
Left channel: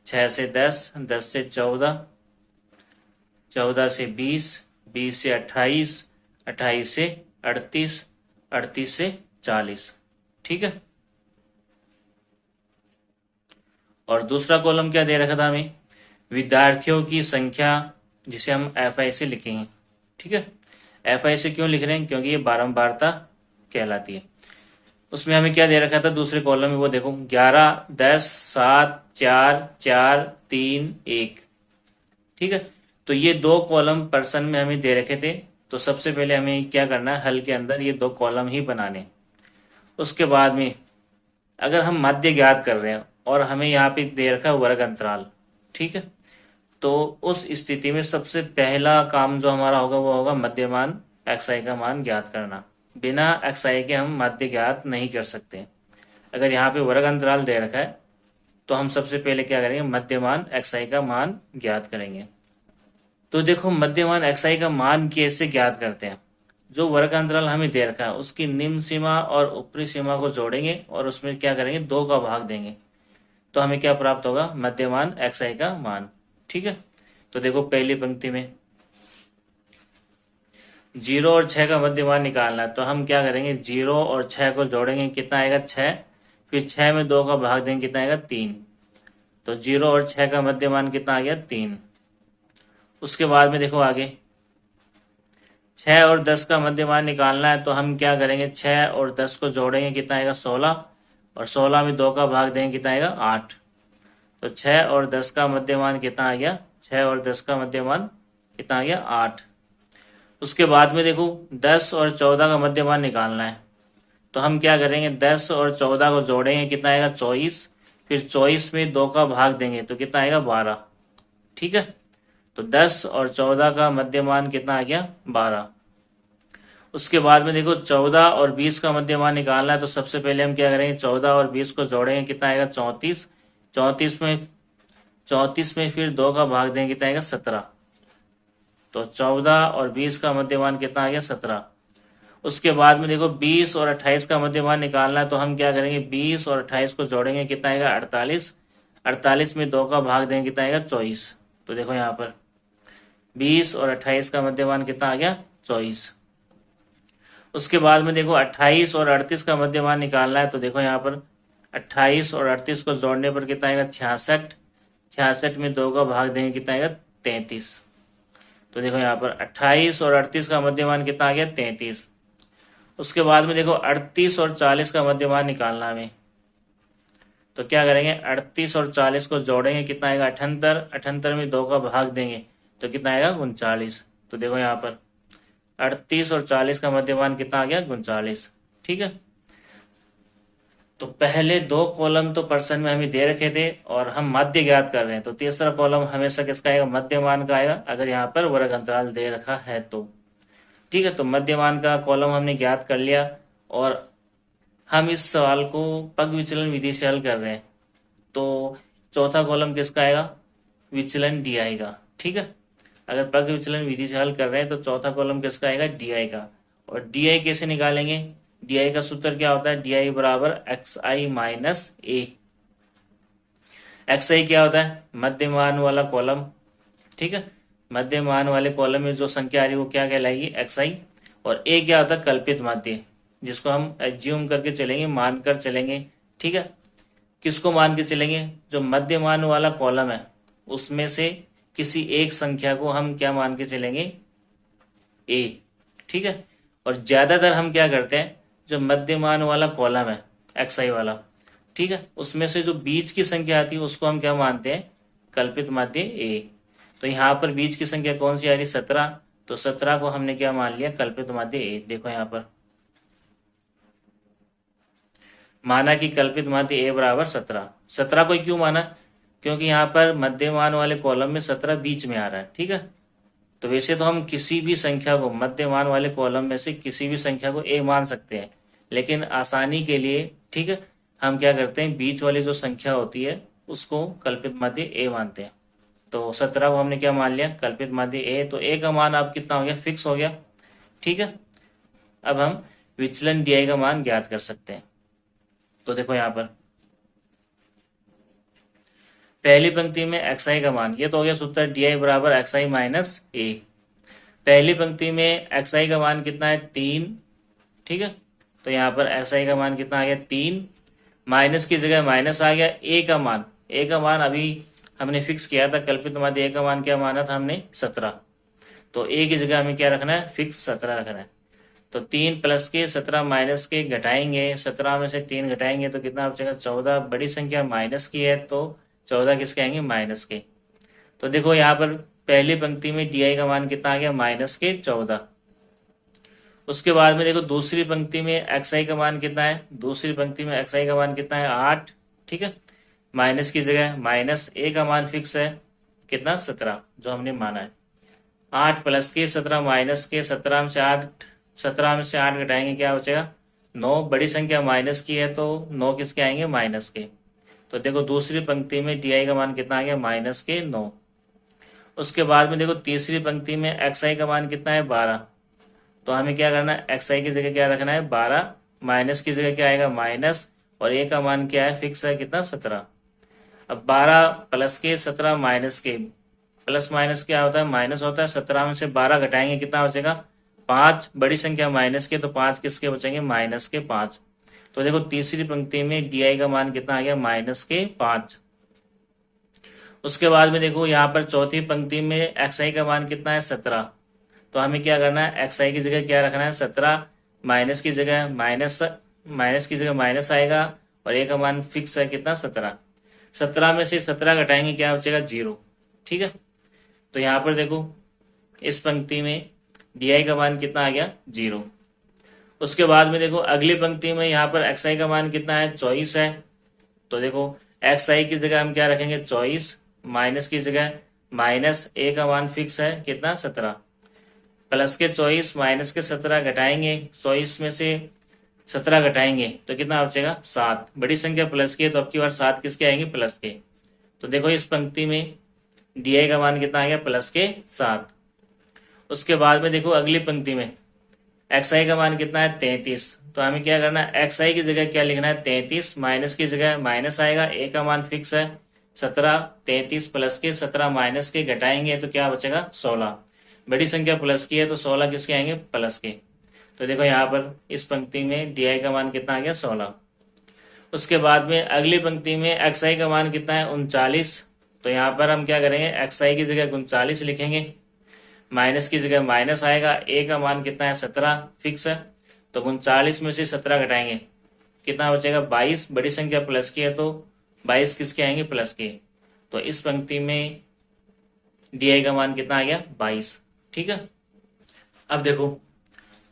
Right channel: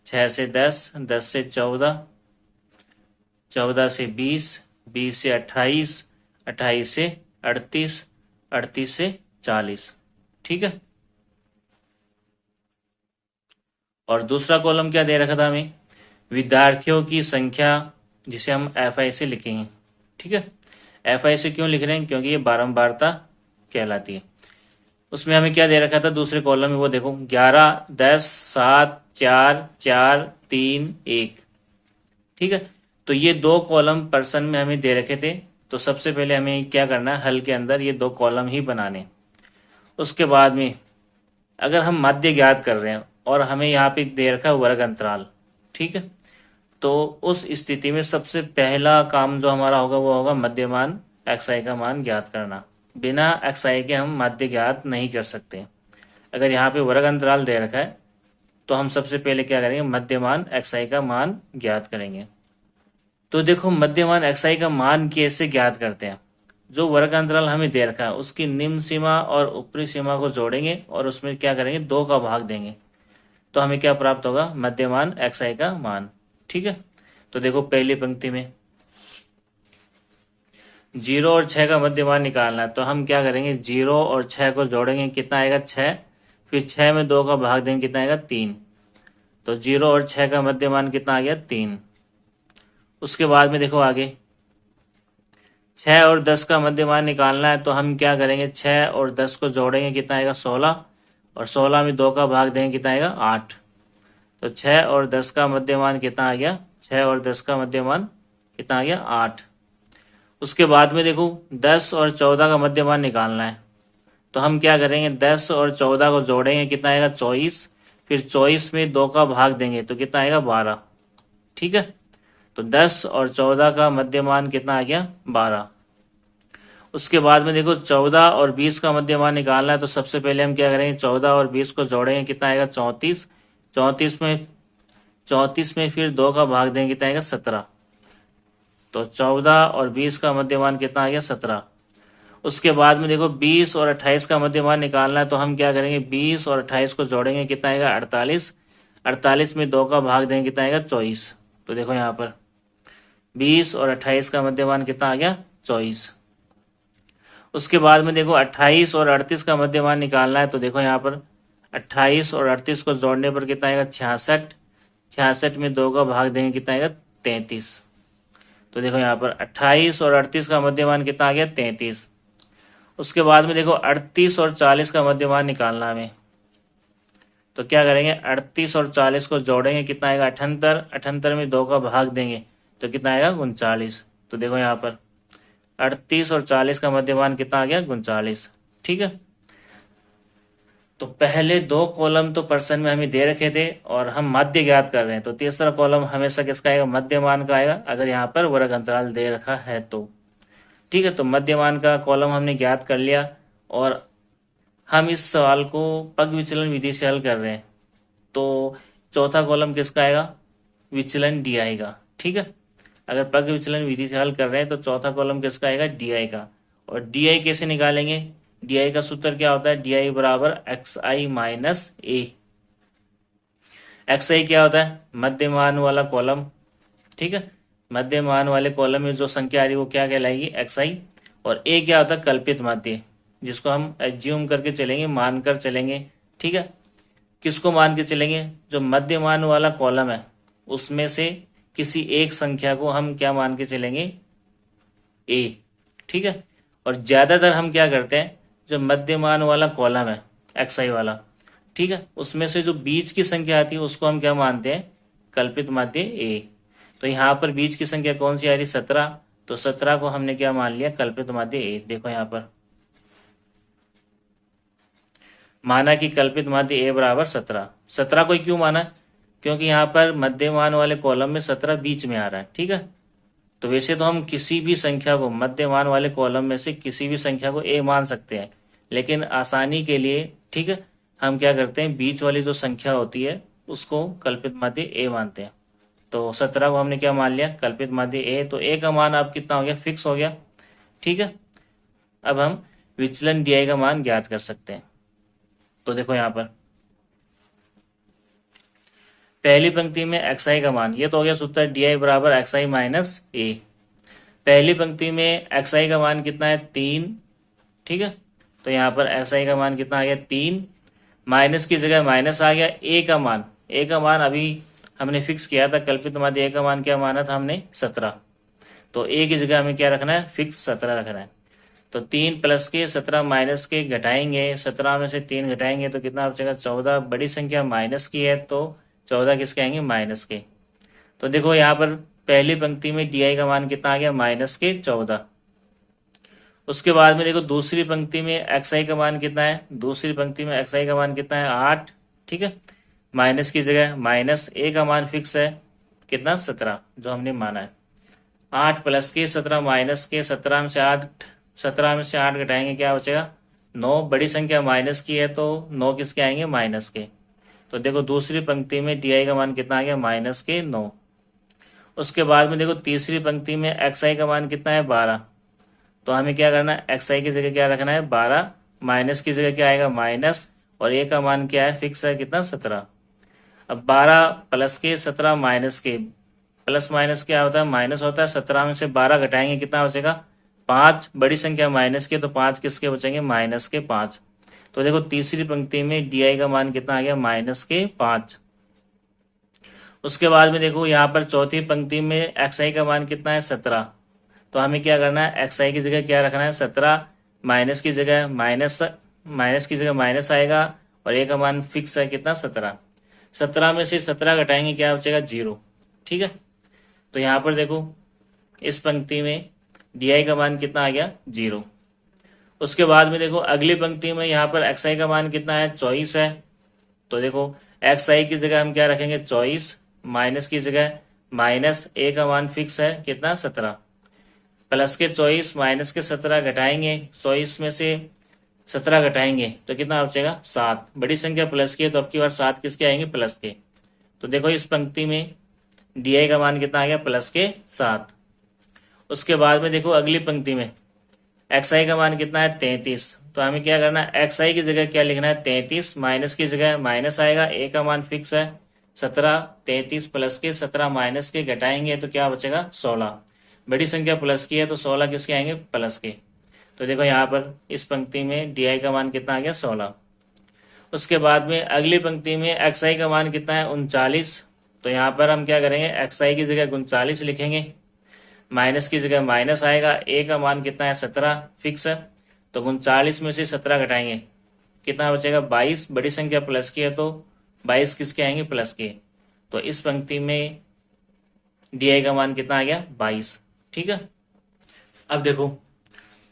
6 से 10, 10 से 14, 14 से 20, 20 से 28, 28 से 38, 38 से 40। ठीक है, और दूसरा कॉलम क्या दे रखा था हमें विद्यार्थियों की संख्या, जिसे हम FI से लिखेंगे। ठीक है, FI से क्यों लिख रहे हैं, क्योंकि ये बारंबारता कहलाती है। उसमें हमें क्या दे रखा था दूसरे कॉलम में, वो देखो 11, 10, 7, 4, 4, 3, 1। ठीक है, तो ये 2 कॉलम पर्सन में हमें दे रखे थे, तो सबसे पहले हमें क्या करना है हल के अंदर ये 2 कॉलम ही बनाने। उसके बाद में अगर हम माध्य ज्ञात कर रहे हैं और हमें यहाँ पे दे रखा है वर्ग अंतराल, ठीक है, तो उस स्थिति में सबसे पहला काम जो हमारा होगा वो होगा मध्यमान xi का मान ज्ञात करना। बिना xi के हम माध्य ज्ञात नहीं कर सकते। अगर यहाँ पे वर्ग अंतराल दे रखा है तो हम सबसे पहले क्या करेंगे मध्यमान xi का मान ज्ञात करेंगे। तो देखो मध्यमान xi का मान कैसे ज्ञात करते हैं, जो वर्ग अंतराल हमें दे रखा है उसकी निम्न सीमा और ऊपरी सीमा को जोड़ेंगे और उसमें क्या करेंगे 2 का भाग देंगे, तो हमें क्या प्राप्त होगा मध्यमान xi का मान। ठीक है, तो देखो पहली पंक्ति में 0 और 6 का मध्यमान निकालना है, तो हम क्या करेंगे 0 और 6 को जोड़ेंगे, कितना आएगा 6, फिर 6 में 2 का भाग देंगे, कितना आएगा 3। तो 0 और 6 का मध्यमान कितना आ गया 3। उसके बाद में देखो आगे 6 और 10 का मध्यमान निकालना है, तो हम क्या करेंगे 6 और 10 को जोड़ेंगे, कितना आएगा 16, और 16 में 2 का भाग देंगे, कितना आएगा 8। तो 6 और 10 का मध्यमान कितना आ गया, 6 और 10 का मध्यमान कितना आ गया, 8। उसके बाद में देखो 10 और 14 का मध्यमान निकालना है, तो हम क्या करेंगे, 10 और 14 को जोड़ेंगे, कितना आएगा 24। फिर 24 में 2 का भाग देंगे तो कितना आएगा 12। ठीक है, तो 10 और 14 का मध्यमान कितना आ गया 12। उसके बाद में देखो 14 और 20 का मध्यमान निकालना है, तो सबसे पहले हम क्या करेंगे, 14 और 20 को जोड़ेंगे, कितना आएगा 34। 34 में फिर 2 का भाग देंगे, कितना आएगा 17। तो 14 और 20 का मध्यमान कितना आ गया 17। उसके बाद में देखो 20 और 28 का मध्यमान निकालना है, तो हम क्या करेंगे, 20 और 28 को जोड़ेंगे, कितना आएगा 48। 48 में 2 का भाग देंगे, कितना आएगा 24। तो देखो यहाँ पर 20 और 28 का मध्यमान कितना आ गया 24। उसके बाद में देखो 28 और 38 का मध्यमान निकालना है, तो देखो यहाँ पर 28 और 38 को जोड़ने पर कितना आएगा 66। 66 में 2 का भाग देंगे, कितना आएगा 33। तो देखो यहाँ पर 28 और 38 का मध्यमान कितना आ गया 33। उसके बाद में देखो 38 और 40 का मध्यमान निकालना हमें, तो क्या करेंगे, 38 और 40 को जोड़ेंगे, कितना आएगा 78। 78 में 2 का भाग देंगे तो कितना आएगा 39। तो देखो यहाँ पर 38 और 40 का मध्यमान कितना आ गया 39। ठीक है, तो पहले 2 कॉलम तो प्रश्न में हमें दे रखे थे और हम मध्य ज्ञात कर रहे हैं, तो तीसरा कॉलम हमेशा किसका आएगा, मध्यमान का आएगा, अगर यहाँ पर वर्ग अंतराल दे रखा है तो। ठीक है, तो मध्यमान का कॉलम हमने ज्ञात कर लिया और हम इस सवाल को पग विचलन विधि से हल कर रहे हैं, तो चौथा कॉलम किसका आएगा, विचलन डी आई का। ठीक है, अगर पग विचलन विधि से हल कर रहे हैं तो चौथा कॉलम किसका आएगा, डी आई का। और डी आई कैसे निकालेंगे, डी आई का सूत्र क्या होता है, डी आई बराबर एक्स आई माइनस ए। एक्स आई क्या होता है, मध्यमान वाला कॉलम। ठीक है, मध्यमान वाले कॉलम में जो संख्या आ रही है वो क्या कहलाएगी, एक्स आई। और ए क्या होता है, कल्पित माध्य, जिसको हम एज्यूम करके चलेंगे, मानकर चलेंगे। ठीक है, किसको मान के चलेंगे, जो मध्यमान वाला कॉलम है उसमें से किसी एक संख्या को हम क्या मान के चलेंगे, ए। ठीक है, और ज्यादातर हम क्या करते हैं, जो मध्यमान वाला कॉलम है एक्स आई वाला, ठीक है, उसमें से जो बीच की संख्या आती है उसको हम क्या मानते हैं, कल्पित माध्य ए। तो यहाँ पर बीच की संख्या कौन सी आ रही, 17। तो 17 को हमने क्या मान लिया, कल्पित माध्य ए। देखो यहाँ पर माना कि कल्पित माध्य ए बराबर 17। 17 को क्यों माना, क्योंकि यहाँ पर मध्यमान वाले कॉलम में 17 बीच में आ रहा है। ठीक है, तो वैसे तो हम किसी भी संख्या को मध्यमान वाले कॉलम में से किसी भी संख्या को ए मान सकते हैं, लेकिन आसानी के लिए, ठीक है, हम क्या करते हैं, बीच वाली जो संख्या होती है उसको कल्पित माध्य ए मानते हैं। तो 17 को हमने क्या मान लिया, कल्पित माध्य ए। तो ए का मान अब कितना हो गया, फिक्स हो गया। ठीक है, अब हम विचलन डी आई का मान ज्ञात कर सकते हैं। तो देखो यहाँ पर पहली पंक्ति में एक्स आई का मान, ये तो हो गया सूत्र डी आई बराबर एक्स आई माइनस ए। पहली पंक्ति में एक्स आई का मान कितना है, 3। ठीक है, तो यहाँ पर एक्स आई का मान कितना आ गया 3, माइनस की जगह माइनस आ गया। ए का मान, ए का मान अभी हमने फिक्स किया था, कल्पित माध्य ए का मान क्या माना था हमने, 17। तो ए की जगह हमें क्या रखना है, फिक्स 17 रखना है। तो 3 प्लस के 17 माइनस के घटाएंगे, 17 में से 3 घटाएंगे तो कितना बचेगा 14। बड़ी संख्या माइनस की है तो 14 किसके आएंगे, माइनस के। तो देखो यहाँ पर पहली पंक्ति में डी आई का मान कितना आ गया, माइनस के 14। उसके बाद में देखो दूसरी पंक्ति में एक्स आई का मान कितना है, दूसरी पंक्ति में एक्स आई का मान कितना है, 8। ठीक है, माइनस की जगह माइनस, ए का मान फिक्स है कितना, 17 जो हमने माना है। 8 प्लस के 17 माइनस के, 17 में से 8 घटाएंगे क्या बचेगा, 9। बड़ी संख्या माइनस की है तो 9 किसके आएंगे, माइनस के। तो देखो दूसरी पंक्ति में डी आई का मान कितना आ गया, माइनस के 9। उसके बाद में देखो तीसरी पंक्ति में एक्स आई का मान कितना है, 12। तो हमें क्या करना है, एक्स आई की जगह क्या रखना है, 12। माइनस की जगह क्या आएगा, माइनस, और ए का मान क्या है, फिक्स है कितना, 17। अब 12 प्लस के 17 माइनस के, प्लस माइनस क्या होता है, माइनस होता है। 17 में से 12 घटाएंगे कितना बचेगा, 5। बड़ी संख्या माइनस के तो 5 किसके बचेंगे, माइनस के 5। तो देखो तीसरी पंक्ति में डी आई का मान कितना आ गया, माइनस के 5। उसके बाद में देखो यहाँ पर चौथी पंक्ति में एक्स आई का मान कितना है, 17। तो हमें क्या करना है, एक्स आई की जगह क्या रखना है, 17। माइनस की जगह माइनस, माइनस की जगह माइनस आएगा और ए का मान फिक्स है कितना, 17। 17 में से 17 घटाएंगे क्या बचेगा 0। ठीक है, तो यहाँ पर देखो इस पंक्ति में डी का मान कितना आ गया 0। उसके बाद में देखो अगली पंक्ति में यहाँ पर एक्स आई का मान कितना है 24 है। तो देखो एक्स आई की जगह हम क्या रखेंगे 24, माइनस की जगह माइनस ए का मान फिक्स है कितना 17, प्लस के 24 माइनस के 17 घटाएंगे, 24 में से 17 घटाएंगे तो कितना बचेगा 7। बड़ी संख्या प्लस की है तो अब की बार 7 किसके आएंगे प्लस के। तो देखो इस पंक्ति में डी का मान कितना आ गया प्लस के 7। उसके बाद में देखो अगली पंक्ति में एक्स आई का मान कितना है 33। तो हमें क्या करना है एक्स आई की जगह क्या लिखना है 33, माइनस की जगह माइनस आएगा, ए का मान फिक्स है 17, 33 प्लस के 17 माइनस के घटाएंगे तो क्या बचेगा 16। बड़ी संख्या प्लस की है तो 16 किसके आएंगे प्लस के। तो देखो यहाँ पर इस पंक्ति में डी आई का मान कितना आ गया 16। उसके बाद में अगली पंक्ति में एक्स आई का मान कितना है 39। तो यहाँ पर हम क्या करेंगे एक्स आई की जगह 39 लिखेंगे, माइनस की जगह माइनस आएगा, ए का मान कितना है 17 फिक्स है। तो 39 में से 17 घटाएंगे कितना बचेगा 22। बड़ी संख्या प्लस की है तो 22 किसके आएंगे प्लस के। तो इस पंक्ति में डी का मान कितना आ गया 22। ठीक है, अब देखो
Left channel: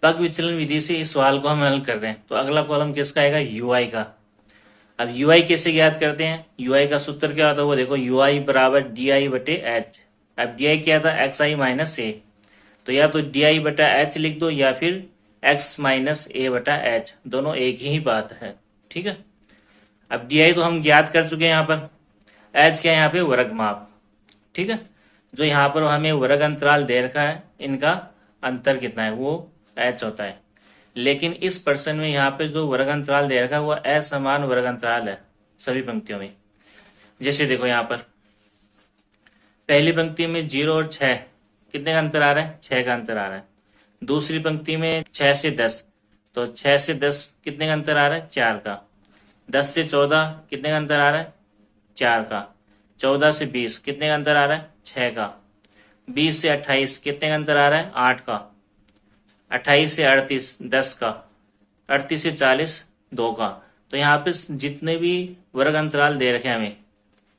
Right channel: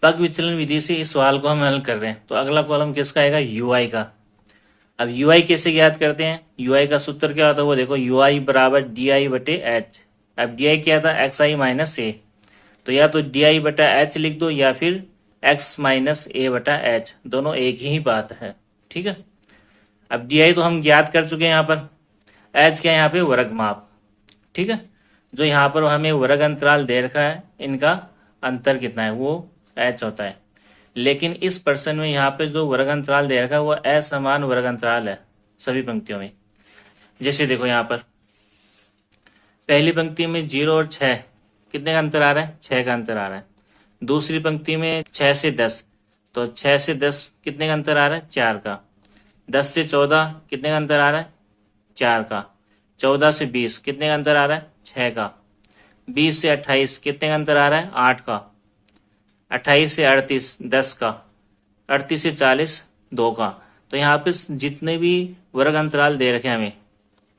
पग विचलन विधि से इस सवाल को हम हल कर रहे हैं। तो अगला कॉलम किसका आएगा यूआई का। अब यूआई कैसे ज्ञात करते हैं, यूआई का सूत्र क्या होता है वो देखो, यूआई बराबर डी आई बटे एच। अब डी आई क्या था एक्स आई माइनस ए, तो या तो डी आई बटा एच लिख दो या फिर एक्स माइनस ए बटा एच, दोनों एक ही बात है। ठीक है, अब डी आई तो हम ज्ञात कर चुके हैं, यहाँ पर एच क्या है यहाँ पे वर्ग माप। ठीक है, जो यहाँ पर हमें वर्ग अंतराल दे रखा है इनका अंतर कितना है वो एच होता है। लेकिन इस प्रश्न में यहाँ पे जो वर्ग अंतराल दे रखा है वो असमान वर्ग अंतराल है सभी पंक्तियों में। जैसे देखो यहाँ पर पहली पंक्ति में 0 और 6 कितने का अंतर आ रहा है 6 का अंतर आ रहा है। दूसरी पंक्ति में 6 से 10, तो 6 से 10 कितने का अंतर आ रहा है 4 का। 10 से 14 कितने का अंतर आ रहा है 4 का। 14 से 20 कितने का अंतर आ रहा है 6 का। 20 से 28 कितने का अंतर आ रहा है 8 का। 28 से 38 10 का। 38 से 40 2 का। तो यहाँ पे जितने भी वर्ग अंतराल दे रखे हैं हमें,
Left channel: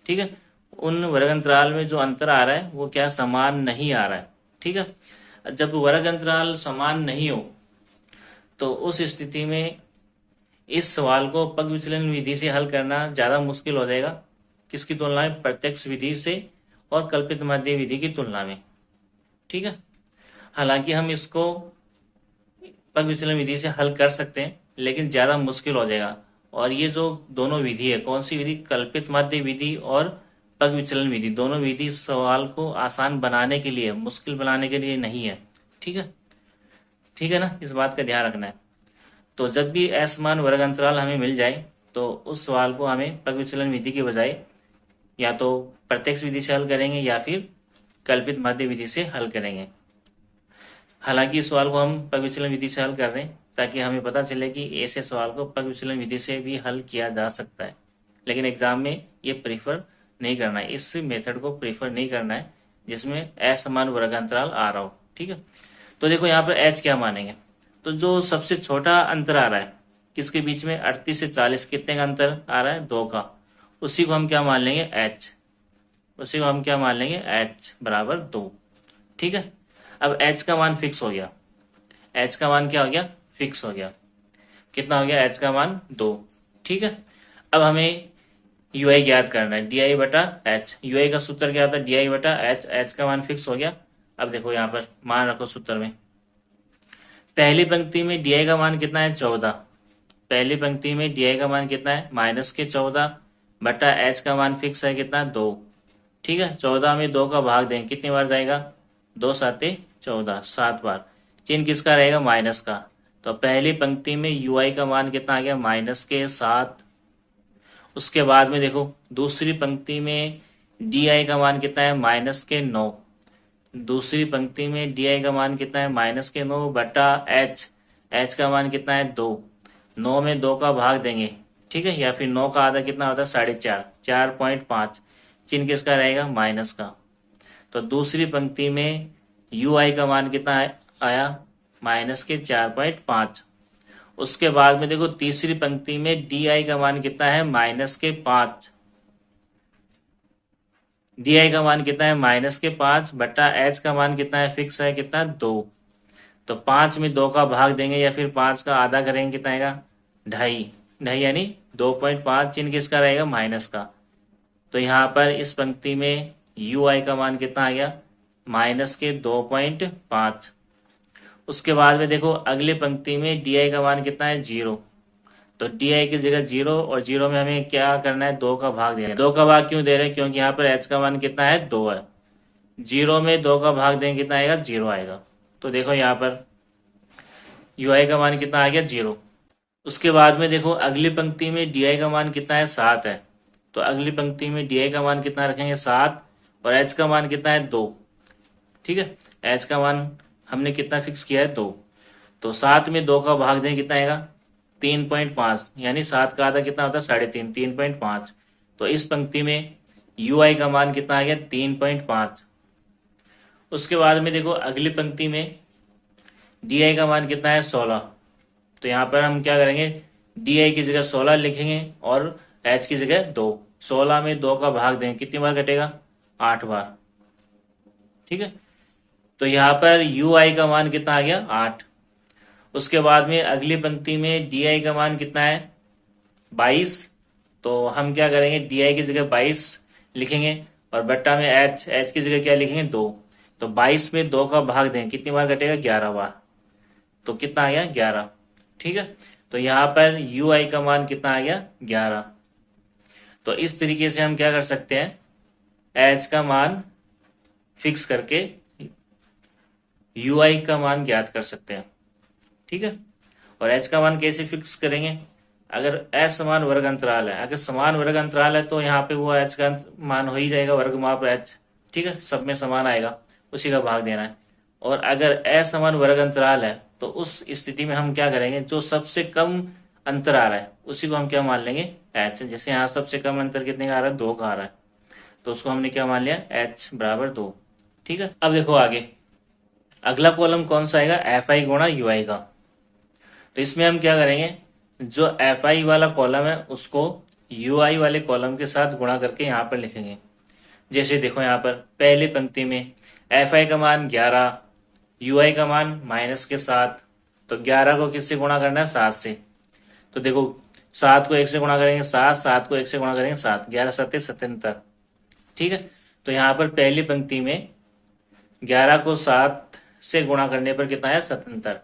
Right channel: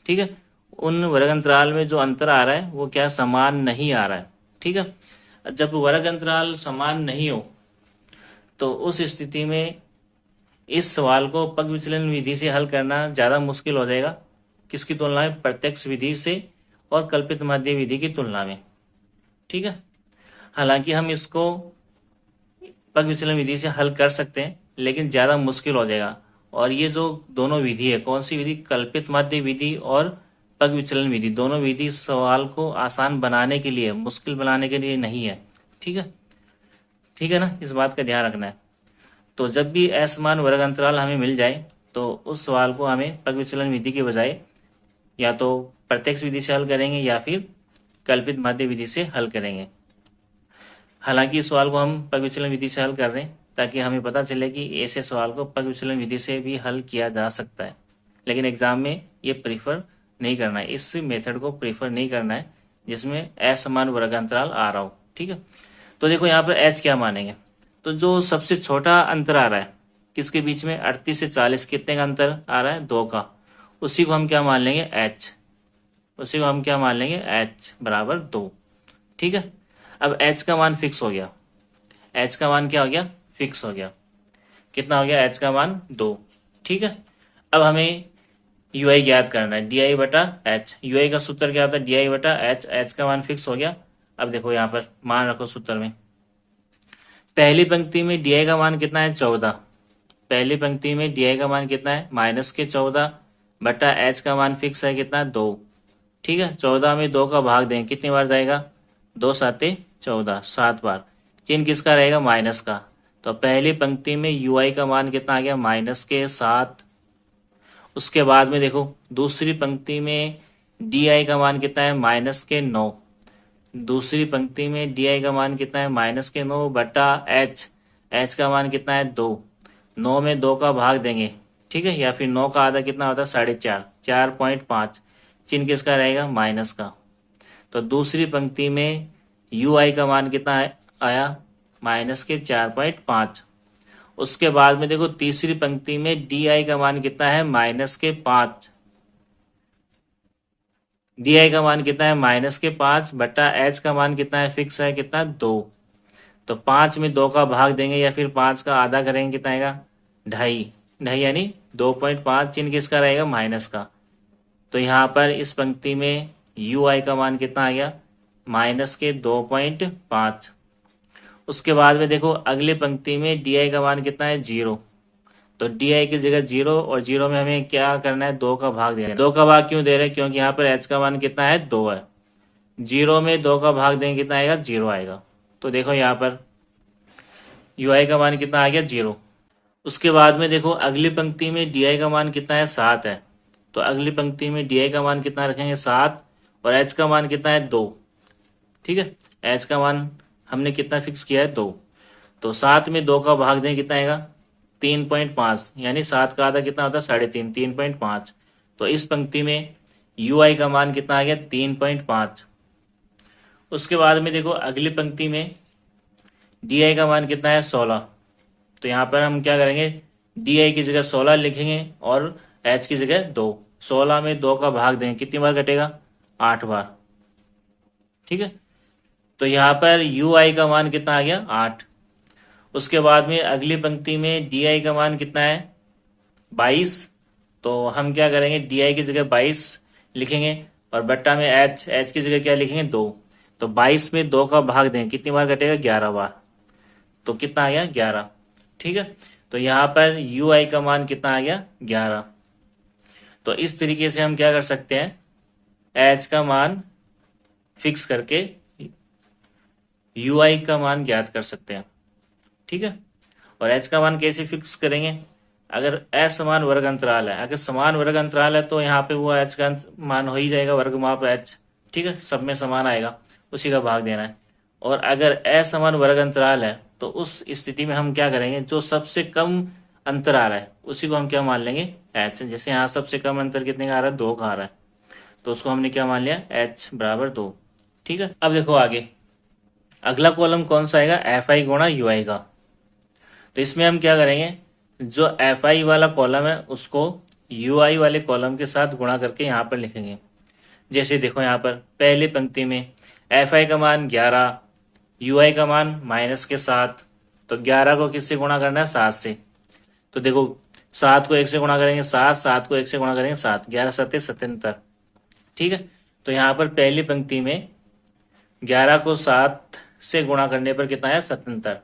ठीक है, उन वर्ग अंतराल में जो अंतर आ रहा है वो क्या समान नहीं आ रहा है। ठीक है, जब वर्ग अंतराल समान नहीं हो तो उस स्थिति में इस सवाल को पग विचलन विधि से हल करना ज्यादा मुश्किल हो जाएगा, किसकी तुलना में प्रत्यक्ष विधि से और कल्पित माध्य विधि की तुलना में। ठीक है, हालांकि हम इसको पग विचलन विधि से हल कर सकते हैं लेकिन ज्यादा मुश्किल हो जाएगा। और ये जो दोनों विधि है, कौन सी विधि, कल्पित माध्य विधि और पग विचलन विधि, दोनों विधि सवाल को आसान बनाने के लिए, मुश्किल बनाने के लिए नहीं है। ठीक है, ठीक है ना, इस बात का ध्यान रखना है। तो जब भी असमान वर्ग अंतराल हमें मिल जाए तो उस सवाल को हमें पग विचलन विधि के बजाय या तो प्रत्यक्ष विधि से हल करेंगे या फिर कल्पित माध्य विधि से हल करेंगे। हालांकि इस सवाल को हम पग विचलन विधि से हल कर रहे हैं ताकि हमें पता चले कि ऐसे सवाल को पग विचलन विधि से भी हल किया जा सकता है, लेकिन एग्जाम में ये प्रीफर नहीं करना है, इस मेथड को प्रीफर नहीं करना है जिसमें असमान वर्ग अंतराल आ रहा हो। ठीक है, तो देखो यहाँ पर एच क्या मानेंगे, तो जो सबसे छोटा अंतर आ रहा है किसके बीच में 38 से 40 कितने का अंतर आ रहा है 2 का, उसी को हम क्या मान लेंगे एच, उसी को हम क्या मान लेंगे एच बराबर 2। ठीक है, अब एच का मान फिक्स हो गया, एच का मान क्या हो गया फिक्स हो गया, कितना हो गया एच का मान 2। ठीक है, अब हमें यू आई ज्ञात करना है, डी आई बटा एच। यू आई का सूत्र क्या होता है डी आई बटा एच, एच का मान फिक्स हो गया। अब देखो यहाँ पर मान रखो सूत्र में, पहली पंक्ति में डी आई का मान कितना है 14, पहली पंक्ति में डी आई का मान कितना है माइनस के 14 बटा एच का मान फिक्स है कितना 2। ठीक है, 14 में 2 का भाग दें कितनी बार जाएगा 2 साते 14, 7 बार। चिन्ह किसका रहेगा माइनस का, तो पहली पंक्ति में यू आई का मान कितना आ गया माइनस के 7। उसके बाद में देखो दूसरी पंक्ति में डी आई का मान कितना है माइनस के 9, दूसरी पंक्ति में डी आई का मान कितना है माइनस के 9 बटा एच, एच का मान कितना है 2। 9 में 2 का भाग देंगे, ठीक है, या फिर 9 का आधा कितना होता है 4.5, 4.5। चिन्ह किसका रहेगा माइनस का। तो दूसरी पंक्ति में यू आई का मान कितना आया माइनस के 4.5। उसके बाद में देखो तीसरी पंक्ति में डी आई का मान कितना है माइनस के 5। डी आई का मान कितना है -5 बटा एच का मान कितना है, फिक्स है कितना, 2। तो 5 में 2 का भाग देंगे या फिर 5 का आधा करेंगे, कितना आएगा, 2.5। 2.5 यानी 2.5, चिन्ह किसका रहेगा, माइनस का। तो यहाँ पर इस पंक्ति में यू आई का मान कितना आ गया, -2.5। उसके बाद में देखो अगली पंक्ति में डी आई का मान कितना है, 0। तो डी आई की जगह 0, और 0 में हमें क्या करना है, 2 का भाग देना है। 2 का भाग क्यों दे रहे हैं, क्योंकि यहाँ पर एच का मान कितना है, 2 है। 0 में 2 का भाग देंगे कितना आएगा, 0 आएगा। तो देखो यहाँ पर यू आई का मान कितना आ गया, 0। उसके बाद में देखो अगली पंक्ति में डी आई का मान कितना है, 7 है। तो अगली पंक्ति में डी आई का मान कितना रखेंगे, 7, और एच का मान कितना है, 2। ठीक है, एच का मान हमने कितना फिक्स किया है, 2। तो 7 में 2 का भाग दें, कितना आएगा, 3.5, यानी 7 का आधा कितना होता है, 3.5, 3.5। तो इस पंक्ति में यू आई का मान कितना आ गया, 3.5। उसके बाद में देखो अगली पंक्ति में डी आई का मान कितना है, 16। तो यहाँ पर हम क्या करेंगे, डी आई की जगह 16 लिखेंगे और एच की जगह 2। 16 में 2 का भाग देंगे, कितनी बार कटेगा, 8 बार। ठीक है, तो यहाँ पर यू आई का मान कितना आ गया, 8। उसके बाद में अगली पंक्ति में डी आई का मान कितना है, 22। तो हम क्या करेंगे, डी आई की जगह 22 लिखेंगे और बट्टा में एच, एच की जगह क्या लिखेंगे, 2। तो 22 में 2 का भाग दें, कितनी बार कटेगा, 11 बार। तो कितना आ गया, 11। ठीक है, तो यहाँ पर यू आई का मान कितना आ गया, 11। तो इस तरीके से हम क्या कर सकते हैं, एच का मान फिक्स करके यू आई का मान ज्ञात कर सकते हैं। ठीक है, और एच का मान कैसे फिक्स करेंगे, अगर असमान वर्ग अंतराल है, अगर समान वर्ग अंतराल है तो यहाँ पे वो एच का मान हो ही जाएगा, वर्ग माप एच। ठीक है, सब में समान आएगा, उसी का भाग देना है। और अगर असमान वर्ग अंतराल है तो उस स्थिति में हम क्या करेंगे, जो सबसे कम अंतर आ रहा है उसी को हम क्या मान लेंगे, एच। जैसे यहाँ सबसे कम अंतर कितने का आ रहा है, 2 का आ रहा है, तो उसको हमने क्या मान लिया, एच बराबर 2। ठीक है, अब देखो आगे अगला कॉलम कौन सा आएगा, एफ आई गुणा यू आई का। तो इसमें हम क्या करेंगे, जो एफ आई वाला कॉलम है उसको यू आई वाले कॉलम के साथ गुणा करके यहाँ पर लिखेंगे। जैसे देखो यहाँ पर पहली पंक्ति में एफ आई का मान 11, यू आई का मान -7। तो 11 को किससे गुणा करना है, 7 से। तो देखो 7 को 1 से गुणा करेंगे 7, 7 को 1 से गुणा करेंगे 7, 11 7 77। ठीक है, तो यहाँ पर पहली पंक्ति में 11 को 7 से गुणा करने पर कितना है, 77।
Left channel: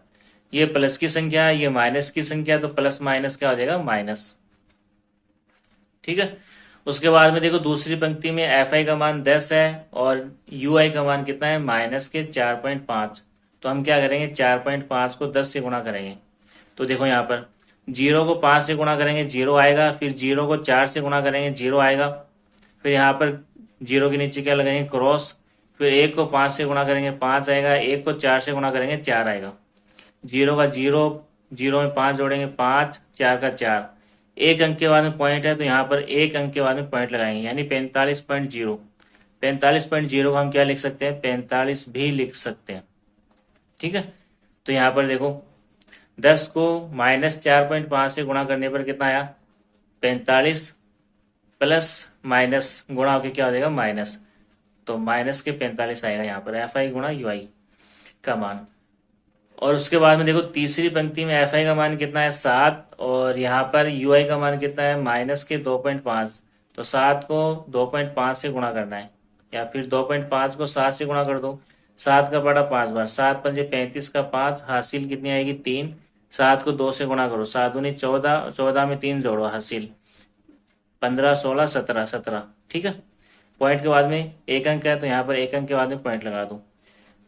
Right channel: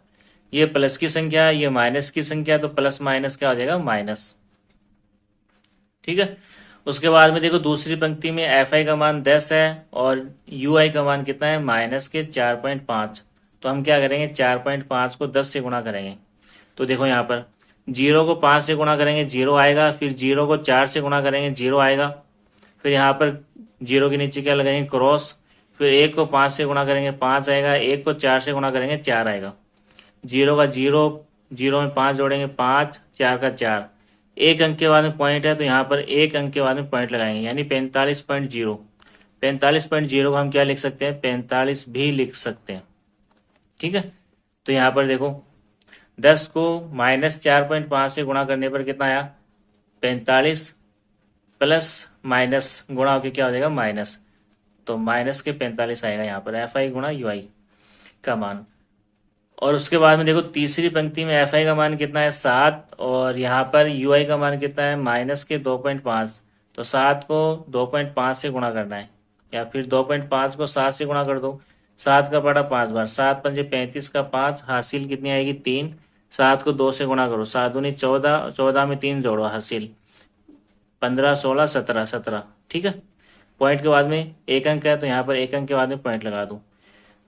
ये प्लस की संख्या है, ये माइनस की संख्या है, तो प्लस माइनस क्या हो जाएगा, माइनस। ठीक है, उसके बाद में देखो दूसरी पंक्ति में एफ आई का मान 10 है और यू आई का मान कितना है, -4.5। तो हम क्या करेंगे, 4.5 को 10 से गुणा करेंगे। तो देखो यहाँ पर 0 को 5 से गुणा करेंगे 0 आएगा, फिर 0 को 4 से गुणा करेंगे 0 आएगा, फिर यहाँ पर 0 के नीचे क्या लगाएंगे, क्रॉस। फिर 1 को 5 से गुणा करेंगे 5 आएगा, 1 को 4 से गुणा करेंगे 4 आएगा। 0 का 0, 0 में 5 जोड़ेंगे 5, 4 का 4। एक अंक के बाद में पॉइंट है तो यहाँ पर एक अंक के बाद में पॉइंट लगाएंगे, यानी 45.0। 45.0 को हम क्या लिख सकते हैं, 45 भी लिख सकते हैं। ठीक है, तो यहाँ पर देखो 10 को -4.5 से गुणा करने पर कितना आया, 45, प्लस माइनस गुणा होकर क्या हो जाएगा, माइनस। तो माइनस के 45 आएगा यहाँ पर एफ आई गुणा यू आई का मान। और उसके बाद में देखो तीसरी पंक्ति में एफ आई का मान कितना है, 7, और यहाँ पर यू आई का मान कितना है, -2.5। तो 7 को 2.5 से गुणा करना है, या फिर 2.5 को 7 से गुणा कर दो। 7 का बड़ा 5 बार, 7 पंजे 35 का 5, हासिल कितनी आएगी, 3। 7 को 2 से गुणा करो, 7 दूनी 14, 14 में 3 जोड़ो, हासिल 15, 16, 17, 17। ठीक है, पॉइंट के बाद में एक अंक है तो यहाँ पर एक अंक के बाद में पॉइंट लगा दूं।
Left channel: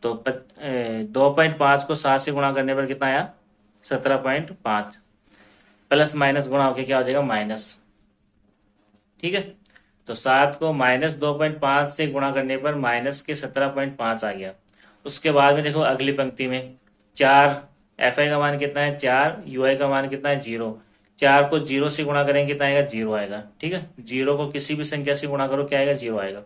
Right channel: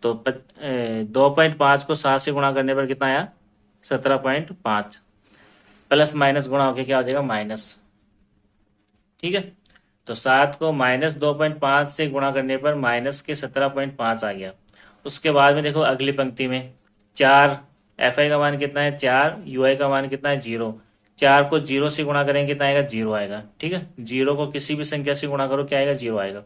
तो 2.5 को 7 से गुणा करने पर कितना आया, 17.5। प्लस माइनस गुणा होकर क्या हो जाएगा, माइनस। ठीक है, तो 7 को -2.5 से गुणा करने पर माइनस के 17.5 आ गया। उसके बाद में देखो अगली पंक्ति में 4, एफ आई का मान कितना है, 4, यू आई का मान कितना है, 0। 4 को 0 से गुणा करेंगे कितना आएगा, 0 आएगा। ठीक है, 0 को किसी भी संख्या से गुणा करो क्या आएगा, 0 आएगा।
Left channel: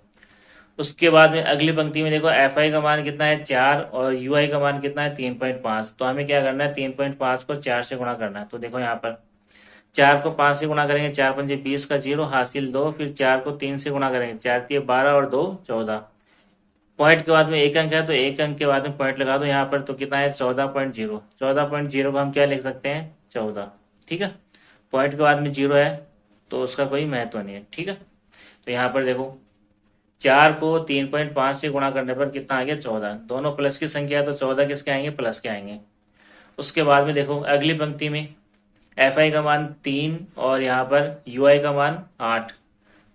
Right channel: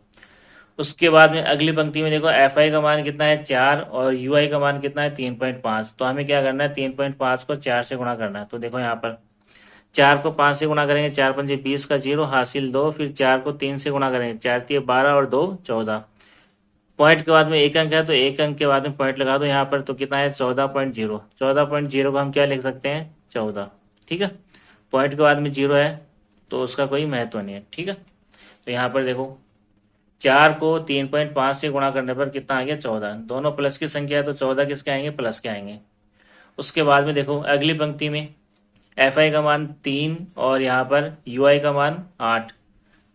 उसके बाद में अगली पंक्ति में देखो एफ आई का मान कितना है, 4, और यू आई का मान कितना है, 3.5। तो हमें क्या करना है, 3.5 को 4 से गुणा करना है। तो देखो यहाँ पर 4 को 5 से गुणा करेंगे, 4 पंजे 20 का 0 हासिल 2, फिर 4 को 3 से गुणा करेंगे, 4 तिये 12 और 2 14। पॉइंट के बाद में एक अंक है तो एक अंक के बाद में पॉइंट लगा दो यहाँ पर, तो कितना है 14.0। 14.0 को हम क्या लिख सकते हैं 14। ठीक है, पॉइंट के बाद में 0 है तो उसका कोई महत्व नहीं है। ठीक है, तो यहाँ पर देखो 4 को 3.5 से गुणा करने पर कितना आ गया 14। दोनों प्लस की संख्या है तो 14 किसके आएंगे प्लस के आएंगे। उसके बाद में देखो अगली पंक्ति में एफ आई का मान 3 और यहाँ पर यू आई का मान 8,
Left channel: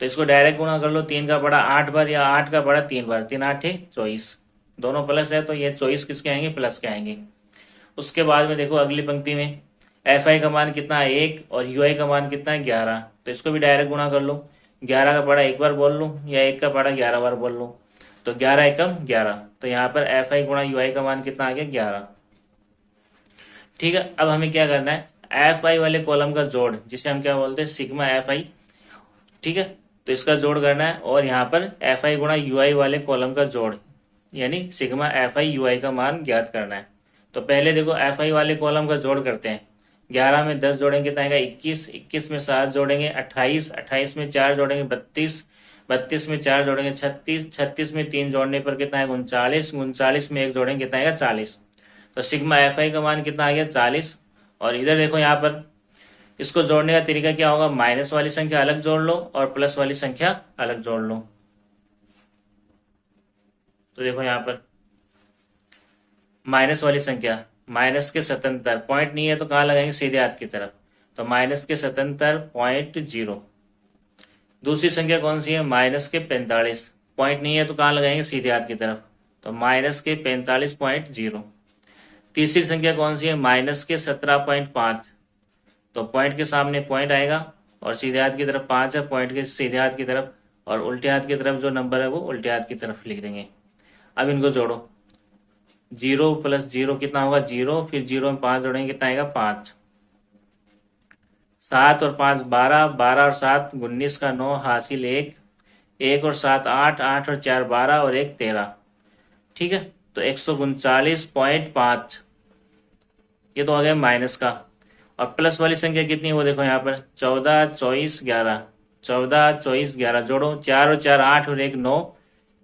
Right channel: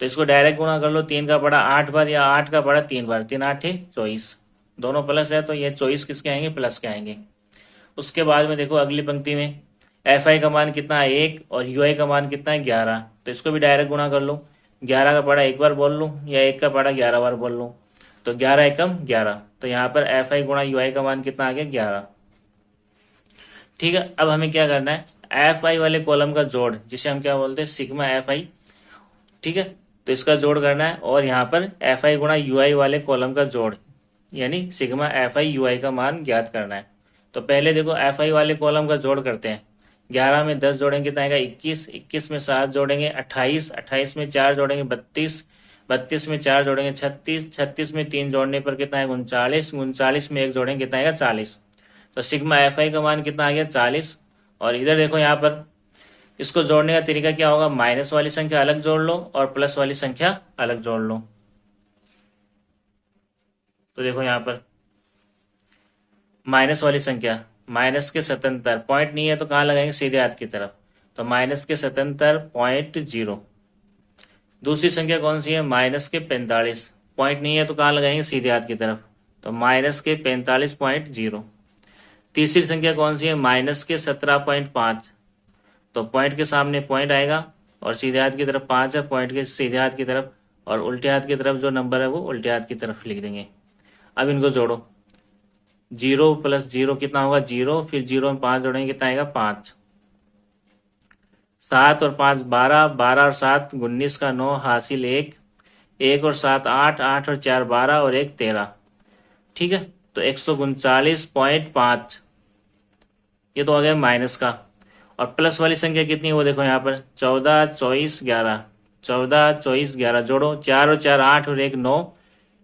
तो इसको डायरेक्ट गुणा कर लो। 3 का बड़ा 8 बार या 8 का बड़ा 3 बार, 3 8 24, दोनों प्लस है तो ये 24 किसके आएंगे प्लस के आएंगे। उसके बाद में देखो अगली पंक्ति में एफ आई का मान कितना है 1 और यू आई का मान कितना है 11, तो इसको भी डायरेक्ट गुणा कर लो। 11 का बड़ा एक बार बोल लूँ या 1 का बड़ा 11 बार बोल लूँ, तो 11 एकम 11, तो यहाँ पर एफ आई गुणा यू आई का मान कितना आ गया 11। ठीक है, अब हमें क्या करना है एफ आई वाले कॉलम का जोड़, जिसे हम क्या बोलते हैं सिग्मा एफ आई। ठीक है, तो इसका जोड़ करना है और यहाँ पर एफ आई गुणा यू आई वाले कॉलम का जोड़ यानी सिग्मा एफ आई यू आई का मान ज्ञात करना है। तो पहले देखो एफ आई वाले कॉलम का जोड़ करते हैं। 11 में 10 जोड़ेंगे कितना आएगा 21, 21 में 7 जोड़ेंगे 28, 28 में 4 जोड़ेंगे 32, 32 में 4 जोड़ेंगे 36, 36 में 3 जोड़ने पर कितना है 39, 39 में 1 जोड़ेंगे कितना आएगा 40। तो सिग्मा एफ आई का मान कितना आ गया 40। और इधर देखो यहाँ पर इसको जोड़ने का तरीका क्या होगा, माइनस वाली संख्या अलग जोड़ लो और प्लस वाली संख्या अलग जोड़ लो। तो देखो यहाँ पर माइनस वाली संख्या माइनस के 77, पॉइंट नहीं है तो कहाँ लगाएंगे सीधे हाथ की तरफ, तो माइनस के 77.0। दूसरी संख्या कौन सी है माइनस के 45, पॉइंट नहीं है तो कहाँ लगाएंगे सीधे हाथ की तरफ, तो माइनस के 45.0। तीसरी संख्या कौन सी है माइनस के 17.5, तो पॉइंट के सामने पॉइंट आएगा और सीधे हाथ की तरफ 5 है, पॉइंट के सीधे हाथ की तरफ, और उल्टे हाथ की तरफ जो नंबर है वो उल्टे हाथ की तरफ लिख देंगे। अब इनको जोड़ो, 0 प्लस 0 कितना होगा 0, फिर 0 में 5 जोड़ेंगे कितना आएगा 5, 7 और 5 12, 12 और 7 19 का 9 हासिल 1, 1 और 7 8, 8 और 4 12 और 1 13। ठीक है, तो 139.5 ये तो आ गया माइनस का। और प्लस वाली संख्या कितनी है वो देखो यहाँ पर 14 24 11, 14 24 11 जोड़ो, 4 और 4 8 और 1 9,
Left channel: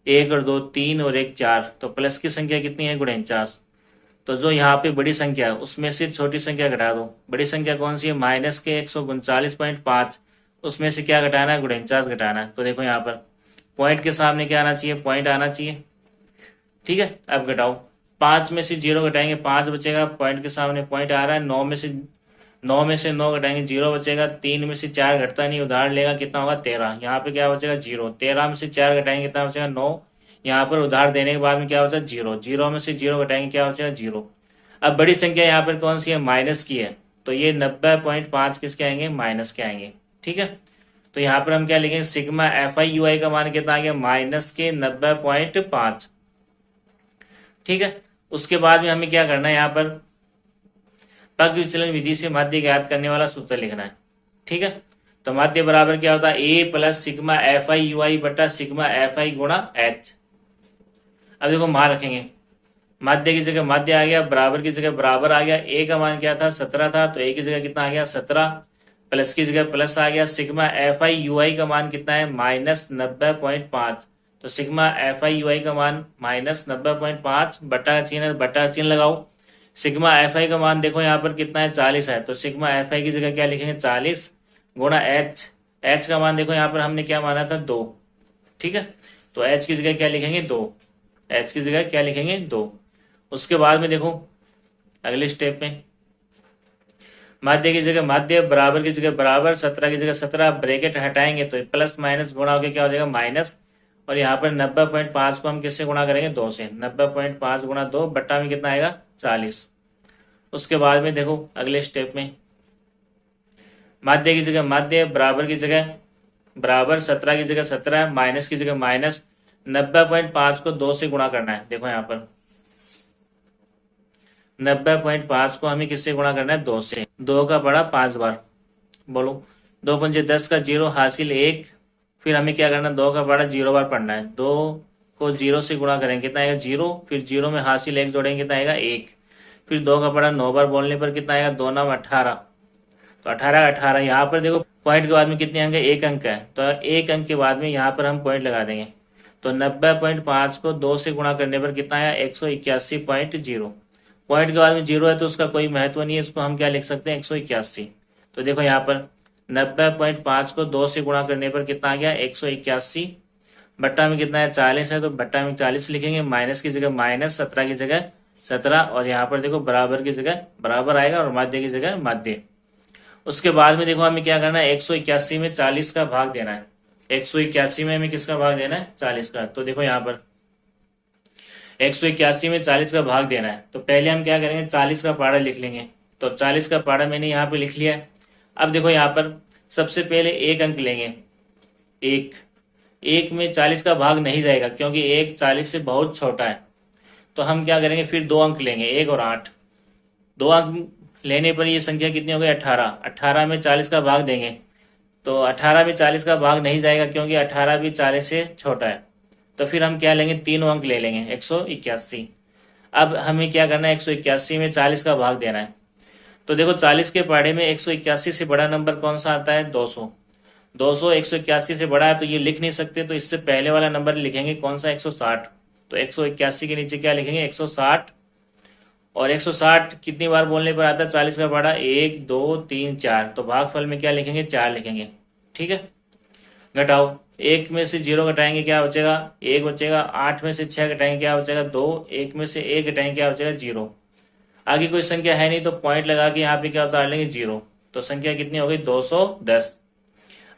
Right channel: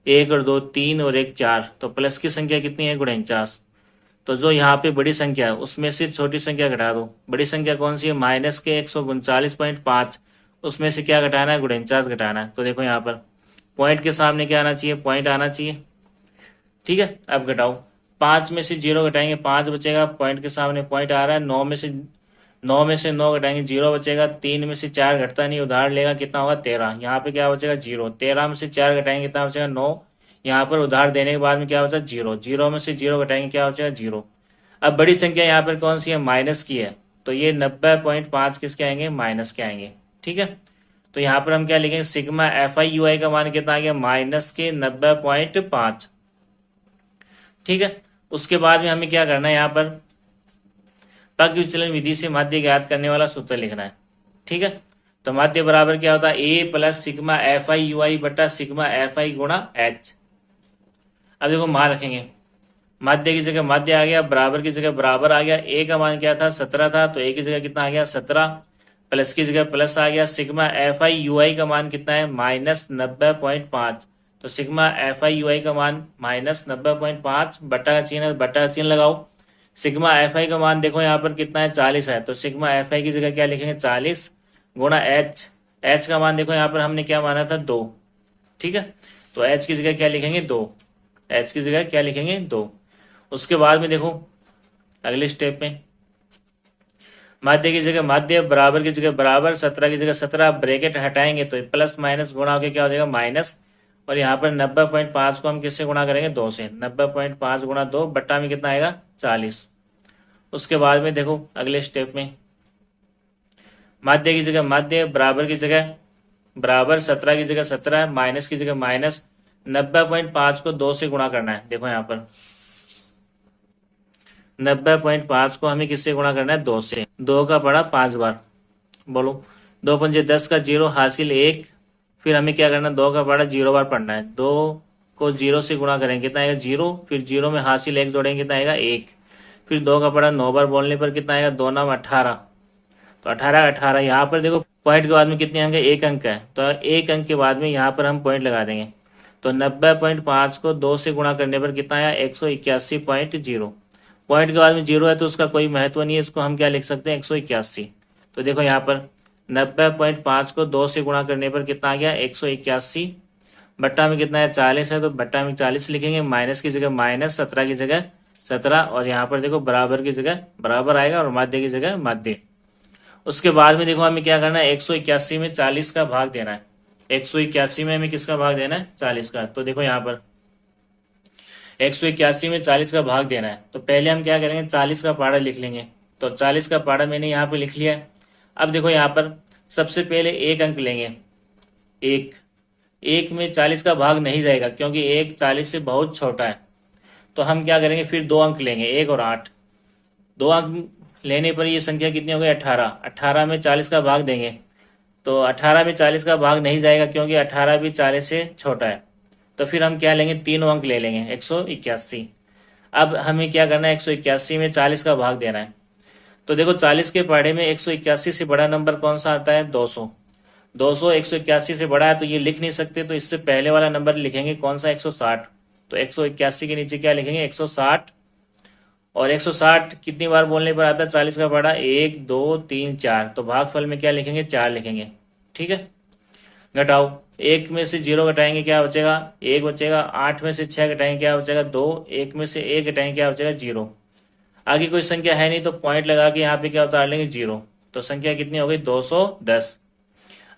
1 और 2 3 और 1 4, तो प्लस की संख्या कितनी है 49। तो जो यहाँ पे बड़ी संख्या है उसमें से छोटी संख्या घटा दो। बड़ी संख्या कौन सी है माइनस के 139.5, उसमें से क्या घटाना है 49 घटाना है। तो देखो यहाँ पर पॉइंट के सामने क्या आना चाहिए पॉइंट आना चाहिए। ठीक है, अब घटाओ, 5 में से 0 घटाएंगे 5 बचेगा, पॉइंट के सामने पॉइंट आ रहा है। 9 में से 9 घटाएंगे 0 बचेगा, 3 में से 4 घटता नहीं उधार लेगा कितना होगा 13, यहाँ पे क्या बचेगा 0, 13 में से 4 घटाएंगे कितना बचेगा 9, यहाँ पर उधार देने के बाद में क्या बचा 0, 0 में से 0 घटाएंगे क्या बचेगा 0। अब बड़ी संख्या यहाँ पर कौन सी है माइनस की है, तो ये 90.5 किसके आएंगे माइनस के आएंगे। ठीक है, तो यहाँ पर हम क्या लिखेंगे सिग्मा एफ आई यू आई का मान कितना आ गया माइनस के 90.5। ठीक है, उसके बाद में हमें क्या करना है यहाँ पर पग विचलन विधि से माध्य ज्ञात करने वाला सूत्र लिखना है। ठीक है, तो माध्य बराबर क्या होता है A plus sigma F I U I बटा सिग्मा एफ आई गुणा एच। अब देखो मान रखेंगे, माध्य की जगह माध्य आ गया, बराबर की जगह बराबर आ गया। ए का मान क्या था 17 था, तो ए की जगह कितना आ गया 17, प्लस की जगह प्लस आ गया। सिग्मा एफ आई यू आई का मान कितना है माइनस 90.5, तो सिग्मा एफ आई यू आई का मान माइनस 90.5 बटा चिन्ह लगाओ। सिग्मा एफ आई का मान देखो यहाँ पर कितना है 40 है, तो सिग्मा एफ आई की जगह क्या लिखेंगे 40 गुणा एच। एच का मान देखो यहाँ पर हमने क्या माना था 2। ठीक है, तो एच की जगह क्या लिखेंगे 2, एच की जगह क्या लिखेंगे 2। उसके बाद में देखो अगले स्टेप में माध्य की जगह माध्य, बराबर की जगह बराबर, 17 की जगह 17, ब्रैकेट हटाएंगे तो प्लस माइनस गुणा होकर क्या हो जाएगा माइनस। और यहाँ पर 90.5 को हम किससे गुणा करेंगे 2 से, 90.5 गुणा 2 बट्टा में कितना आएगा 40। उसके बाद में देखो अगले स्टेप में माध्य की जगह माध्य, बराबर की जगह बराबर, 17 की जगह 17, माइनस की जगह माइनस, 90.5 को 2 से गुणा करना है। देखो यहाँ पर 90.5 को हमें किससे गुणा करना है 2 से, 2 का बड़ा 5 बार बोलो, 2 पंजे 10 का 0 हासिल 1, फिर हमें क्या करना है 2 का बड़ा 0 बार पढ़ना है। 2 को 0 से गुणा करेंगे कितना आएगा 0, फिर 0 में हासिल 1 जोड़ेंगे कितना आएगा 1, फिर 2 का बड़ा 9 बार बोलने पर कितना आएगा 2 9 18, तो 18 यहाँ पर देखो पॉइंट के बाद में कितने अंक है, 1 अंक है, तो 1 अंक के बाद में यहाँ पर हम पॉइंट लगा देंगे। तो 90.5 को 2 से गुणा करने पर कितना आया, 181.0। पॉइंट के बाद में 0 है तो उसका कोई महत्व नहीं है, इसको हम क्या लिख सकते हैं, 181। तो देखो यहाँ पर 90.5 को 2 से गुणा करने पर कितना आ गया, 181। बट्टा में कितना है, 40 है, तो बट्टा में 40 लिखेंगे, माइनस की जगह माइनस, 17 की जगह 17, और यहाँ पर देखो बराबर की जगह बराबर आएगा और माध्य की जगह माध्य। उसके बाद में देखो हमें क्या करना है, 181 में 40 का भाग देना है। 181 में हमें किसका भाग देना है, 40 का। तो देखो यहाँ पर 181 में 40 का भाग देना है, तो पहले हम क्या करेंगे, 40 का पाड़ा लिख लेंगे। तो 40 का पाड़ा मैंने यहाँ पे लिख लिया है। अब देखो यहाँ पर सबसे पहले 1 अंक लेंगे। एक में 40 का भाग नहीं जाएगा क्योंकि 1 40 से बहुत छोटा है। तो हम क्या करेंगे, फिर 2 अंक लेंगे, 1 और 8। 2 अंक लेने पर ये संख्या कितनी हो गई, 18। 18 में 40 का भाग देंगे, तो 18 में 40 का भाग नहीं जाएगा क्योंकि 18 भी 40 से छोटा है। तो फिर हम क्या लेंगे, 3 अंक ले लेंगे, 181। अब हमें क्या करना है, 181 में 40 का भाग देना है। तो देखो 40 के पहाड़े में 181 से बड़ा नंबर कौन सा आता है, 200। 200 181 से बड़ा है तो ये लिख नहीं सकते, तो इससे पहले वाला नंबर लिखेंगे कौन सा, 160। तो 181 के नीचे क्या लिखेंगे, 160। और 160 कितनी बार बोलने पर आता है 40 का पहाड़ा, 1 2 3 4। तो भागफल में क्या लिखेंगे, 4 लिखेंगे। ठीक है, घटाओ, 1 में से 0 घटाएंगे क्या बचेगा, 1 बचेगा। 8 में से 6 घटाएंगे क्या बचेगा, 2। 1 में से 1 घटाएंगे क्या बचेगा, 0। आगे कोई संख्या है नहीं तो पॉइंट लगा के यहाँ पे क्या उतार लेंगे, 0। तो संख्या कितनी हो गई, 210।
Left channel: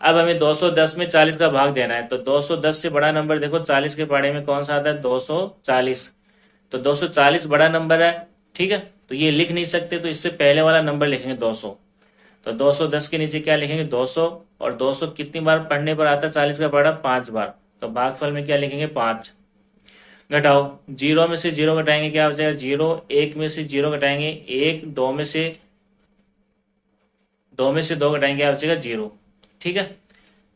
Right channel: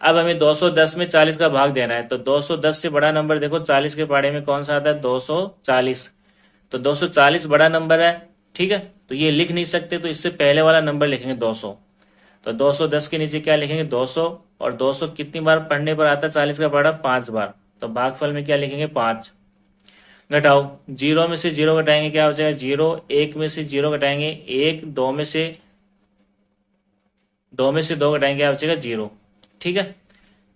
अब हमें 210 में 40 का भाग देना है। तो 210 से बड़ा नंबर देखो 40 के पहाड़े में कौन सा आता है, 240। तो 240 बड़ा नंबर है। ठीक है, तो ये लिख नहीं सकते, तो इससे पहले वाला नंबर लिखेंगे 200। तो 210 के नीचे क्या लिखेंगे, 200। और 200 कितनी बार पढ़ने पर आता है 40 का पहाड़ा, 5 बार। तो भागफल में क्या लिखेंगे, 5। घटाओ, 0 में से 0 घटाएंगे क्या बचेगा, 0। 1 में से 0 घटाएंगे 1। 2 में से 2 घटाएंगे क्या बचेगा, 0। ठीक है,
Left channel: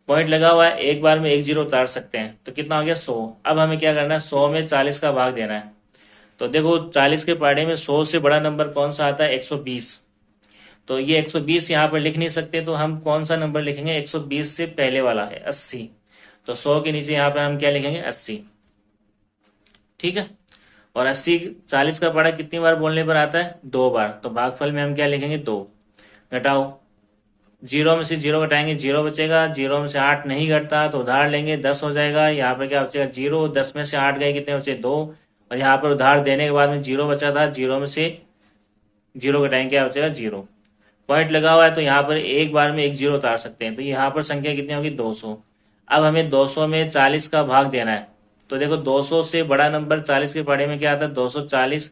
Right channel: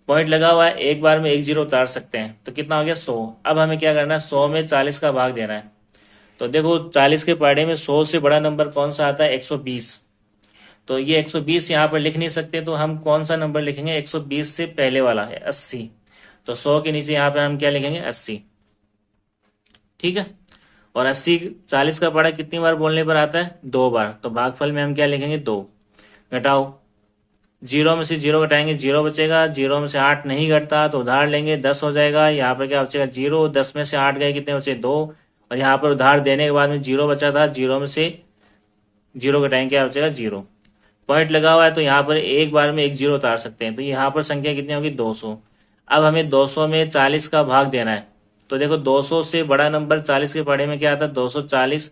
पॉइंट लगा हुआ है, एक बार में 1 0 उतार सकते हैं। तो कितना हो गया, 100। अब हमें क्या करना है, 100 में 40 का भाग देना है। तो देखो 40 के पहाड़े में 100 से बड़ा नंबर कौन सा आता है, 120। तो ये 120 यहाँ पर लिख नहीं सकते, तो हम कौन सा नंबर लिखेंगे, 120 से पहले वाला है 80। तो 100 के नीचे यहाँ पे हम क्या लिखेंगे, 80। ठीक है, और 80 40 का पहाड़ा कितनी बार बोलने पर आता है, 2 बार। तो भागफल में हम क्या लिखेंगे, 2। घटाओ, 0 में से 0 घटाएंगे 0 बचेगा। 0 में से 8 नहीं घटता तो उधार लेंगे, 10 हो जाएगा। यहाँ पर क्या बचेगा, 0। 10 में से 8 गए कितने बचे, 2। और यहाँ पर उधार देने के बाद में 0 बचा था, 0 में से 0 घटाएंगे क्या बचेगा, 0। पॉइंट लगा हुआ है तो यहाँ पर एक बार में 1 0 उतार सकते हैं। तो यहाँ पर संख्या कितनी होगी, 200। अब हमें 200 में 40 का भाग देना है। तो देखो 200 से बड़ा नंबर 40 के पहाड़े में क्या आता है, 240।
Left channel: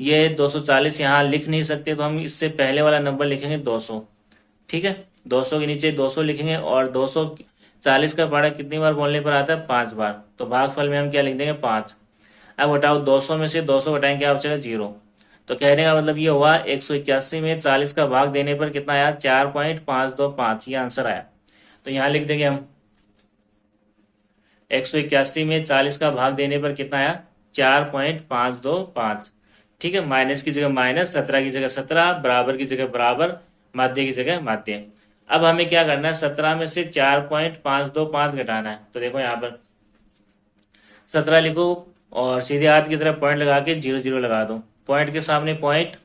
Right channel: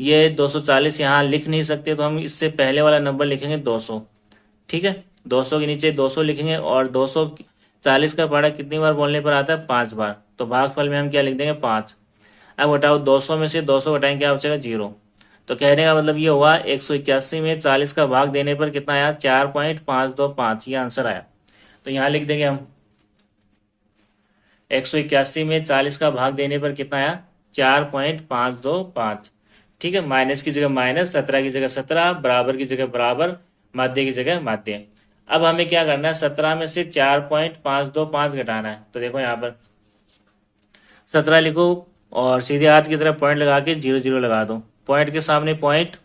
ये 240 यहाँ लिख नहीं सकते, तो हम इससे पहले वाला नंबर लिखेंगे 200। ठीक है, 200 के नीचे 200 लिखेंगे। और 240 का पहाड़ा कितनी बार बोलने पर आता है, 5 बार। तो भागफल में हम क्या लिख देंगे, 5। अब घटाओ, 200 में से 200 घटाएंगे क्या बचेगा, 0। तो कहने का मतलब ये हुआ 181 में 40 का भाग देने पर कितना आया, 4.525। ये आंसर आया। तो यहाँ लिख देंगे हम 181 में 40 का भाग देने पर कितना आया, 4.525। ठीक है, माइनस की जगह माइनस, 17 की जगह 17, बराबर की जगह बराबर, माध्य की जगह माध्य। अब हमें क्या करना है, 17 में से 4.525 घटाना है। तो देखो यहाँ पर 17 लिखो और सीधे हाथ की तरफ पॉइंट लगा के 0 0 लगा दो। पॉइंट के सामने पॉइंट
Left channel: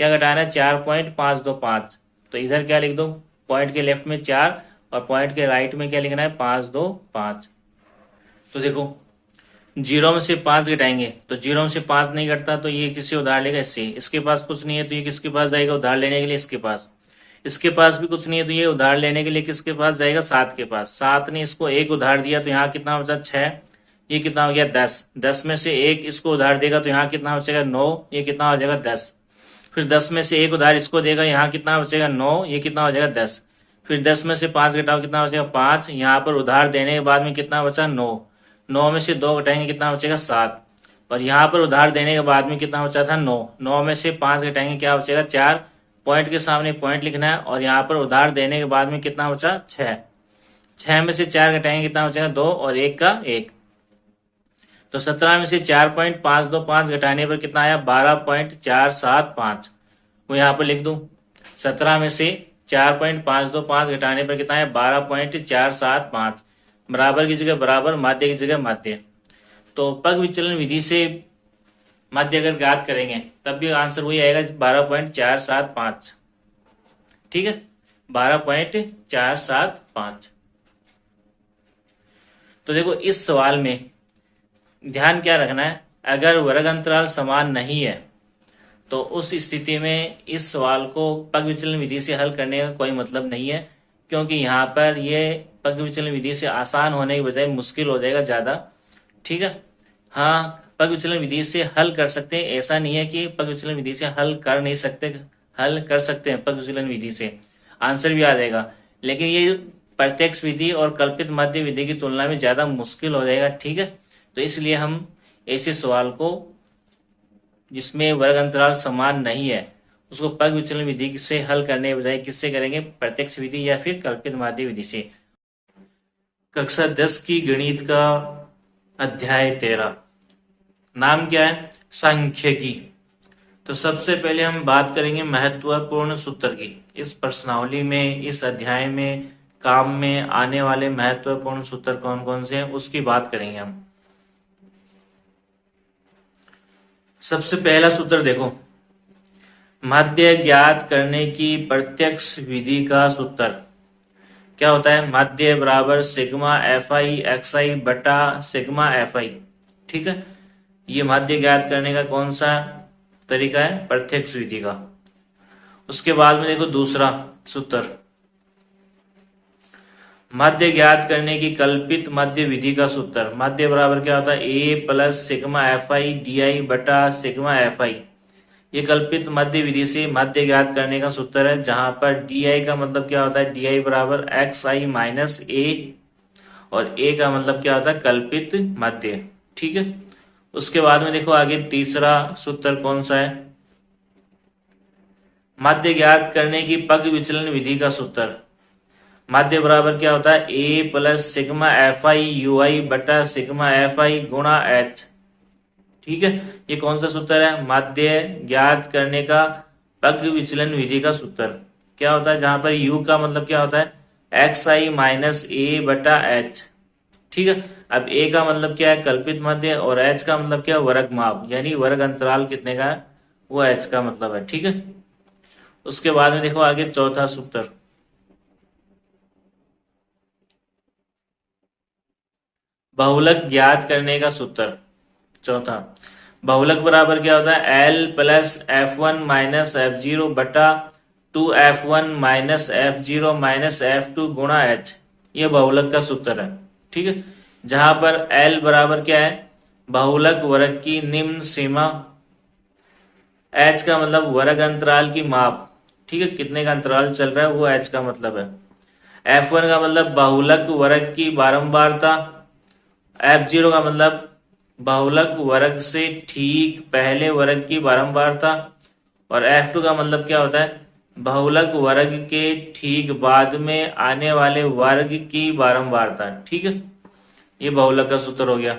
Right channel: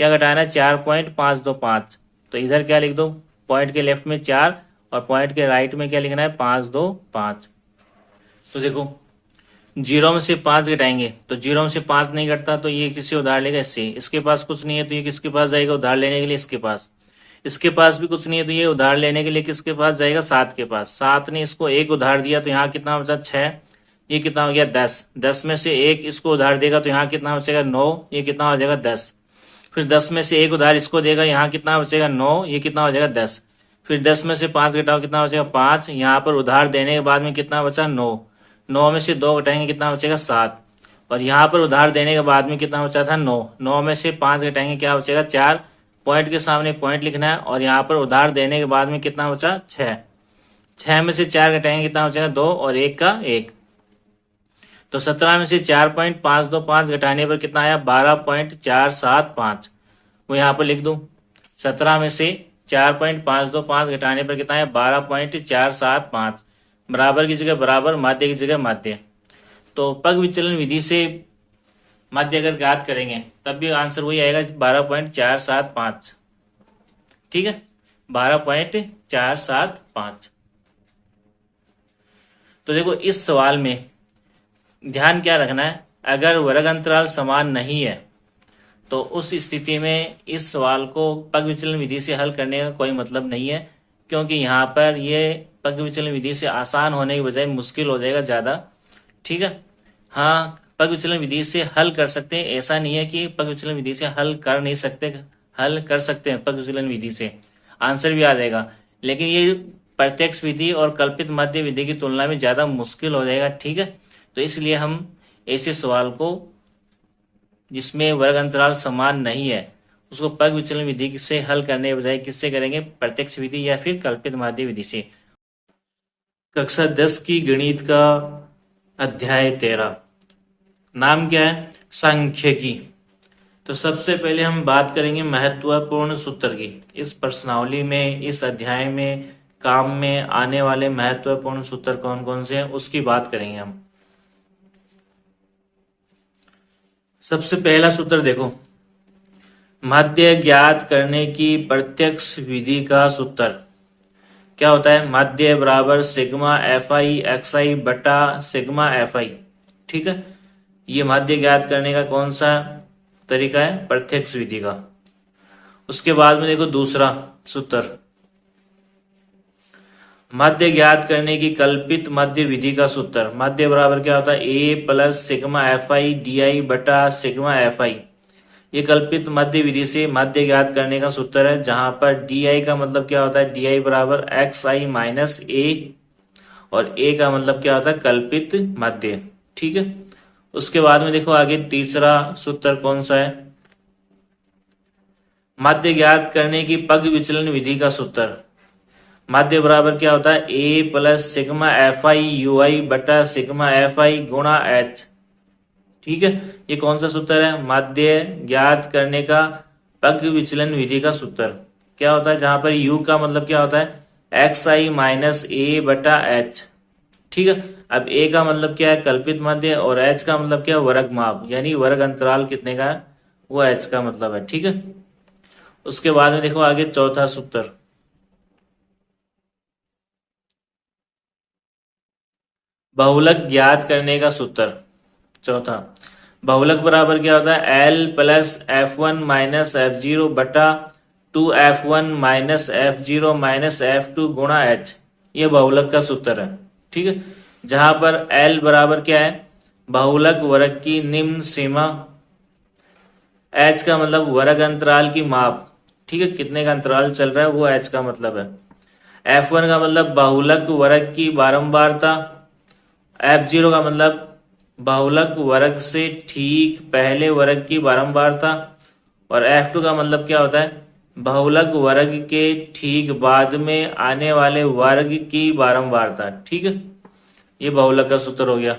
क्या घटाना है, 4.525। तो इधर क्या लिख दो, पॉइंट के लेफ्ट में 4 और पॉइंट के राइट में क्या लिखना है, 525। तो देखो 0 में से 5 घटाएंगे तो 0 में से 5 नहीं घटता, तो ये किसी उधार लेगा इससे। इसके पास कुछ नहीं है तो ये किसके पास जाएगा, उधार लेने के लिए इसके पास। इसके पास भी कुछ नहीं है तो ये उधार लेने के लिए किसके पास जाएगा, 7 के पास। 7 ने इसको 1 उधार दिया तो यहाँ कितना बचा, 6। ये कितना हो गया, 10। 10 में से 1 इसको उधार देगा तो यहाँ कितना बचेगा, 9। ये कितना हो जाएगा, 10। फिर 10 में से 1 उधार इसको देगा, यहाँ कितना बचेगा, 9। ये कितना हो जाएगा, 10। फिर 10 में से 5 घटाओ, कितना बचेगा, 5। यहाँ पर उधार देने के बाद में कितना बचा, 9। 9 में से 2 घटाएंगे कितना बचेगा, 7। और यहाँ पर उधार देने के बाद में कितना बचा था, 9। 9 में से 5 घटाएंगे क्या बचेगा, 4। पॉइंट के सामने पॉइंट लिखना है। और यहाँ पर उधार देने के बाद में कितना बचा, 6। 6 में से 4 घटाएंगे कितना बचेगा, 2 और 1 का 1। तो 17 में से 4.525 घटाने पर कितना आया, 12.475। वो यहाँ पर लिख दो। 17 में से 4.525 घटाने पर कितना है 12.475, बराबर की जगह बराबर, माध्य की जगह माध्य। तो पग विचलन विधि से माध्य अगर ज्ञात करेंगे तब भी आंसर वही आएगा 12.475। ठीक है, 12.475। तो देखो इस सवाल में ध्यान क्या रखना है, अगर वर्ग अंतराल समान नहीं है तो उस स्थिति में इस सवाल को पग विचलन विधि से हल करने का कोई मतलब नहीं है, क्योंकि यहाँ पर ये पग विचलन विधि से आसान होने की बजाय मुश्किल हो जाएगा ज्यादा। ठीक है, हाँ पग विचलन विधि से हल कर सकते हैं, ऐसा नहीं है कि पग विचलन विधि से हल कर नहीं सकते, हल कर सकते हैं पग विचलन विधि से, आंसर भी आ जाएगा। लेकिन ये प्रत्यक्ष विधि और कल्पित माध्य विधि की तुलना में ज्यादा मुश्किल हो जाएगा। ठीक है, तो इसलिए हम ऐसे सवाल को जिसमें वर्ग अंतराल समान नहीं है उसको पग विचलन विधि से हल करने के बजाय किससे करेंगे, प्रत्यक्ष विधि या फिर कल्पित माध्य विधि से। कक्षा 10 की गणित का अध्याय 13, नाम क्या है, सांख्यिकी। तो सबसे पहले हम बात करेंगे महत्वपूर्ण सूत्र की। इस प्रश्नावली में, इस अध्याय में काम में आने वाले महत्वपूर्ण सूत्र कौन कौन से हैं उसकी बात करेंगे हम। सबसे पहला सूत्र देखो, माध्य ज्ञात करने की प्रत्यक्ष विधि का सूत्र क्या होता है, माध्य बराबर सिग्मा एफ आई एक्स आई बटा सिग्मा एफ आई। ठीक है, ये माध्य ज्ञात करने का कौन सा तरीका है, प्रत्यक्ष विधि का। उसके बाद में देखो दूसरा सूत्र, माध्य ज्ञात करने की कल्पित माध्य विधि का सूत्र। माध्य बराबर क्या होता है, A plus sigma F I D I बटा सिग्मा एफ आई। ये कल्पित माध्य विधि से माध्य ज्ञात करने का सूत्र है, जहां पर डी आई का मतलब क्या होता है, डी आई बराबर एक्स आई माइनस ए, और ए का मतलब क्या होता है, कल्पित माध्य। ठीक है, उसके बाद में देखो आगे तीसरा सूत्र कौन सा है, माध्य ज्ञात करने की पग विचलन विधि का सूत्र। माध्य बराबर क्या होता है, A plus sigma F I U I बटा सिग्मा एफ आई गुणा एच। ठीक है, ये कौन सा सूत्र है, माध्य ज्ञात करने का पग विचलन विधि का सूत्र। क्या होता है, जहां पर यू का मतलब क्या होता है, एक्स आई माइनस ए बटा एच। ठीक है, अब ए का मतलब क्या है, कल्पित माध्य, और एच का मतलब क्या है, वर्ग माप, यानी वर्ग अंतराल कितने का है, वो एच का मतलब है। ठीक है, उसके बाद में देखो आगे चौथा सूत्र, बहुलक ज्ञात करने का सूत्र। चौथा, बहुलक बराबर क्या होता है, L plus F one minus F zero बटा 2f1 minus F zero minus F2 गुणा एच। ये बहुलक का सूत्र है। ठीक है, जहां पर L बराबर क्या है, बहुलक वर्ग की निम्न सीमा, H का मतलब वर्ग अंतराल की माप। ठीक है, कितने का अंतराल चल रहा है वो H का मतलब है। F1 का मतलब बहुलक वर्ग की बारंबारता, F0 का मतलब बहुलक वर्ग से ठीक पहले वर्ग की बारंबारता, और F2 का मतलब क्या होता है, बहुलक वर्ग के ठीक बाद में आने वाले वर्ग की बारंबारता। ठीक है, ये बहुलक का सूत्र हो गया।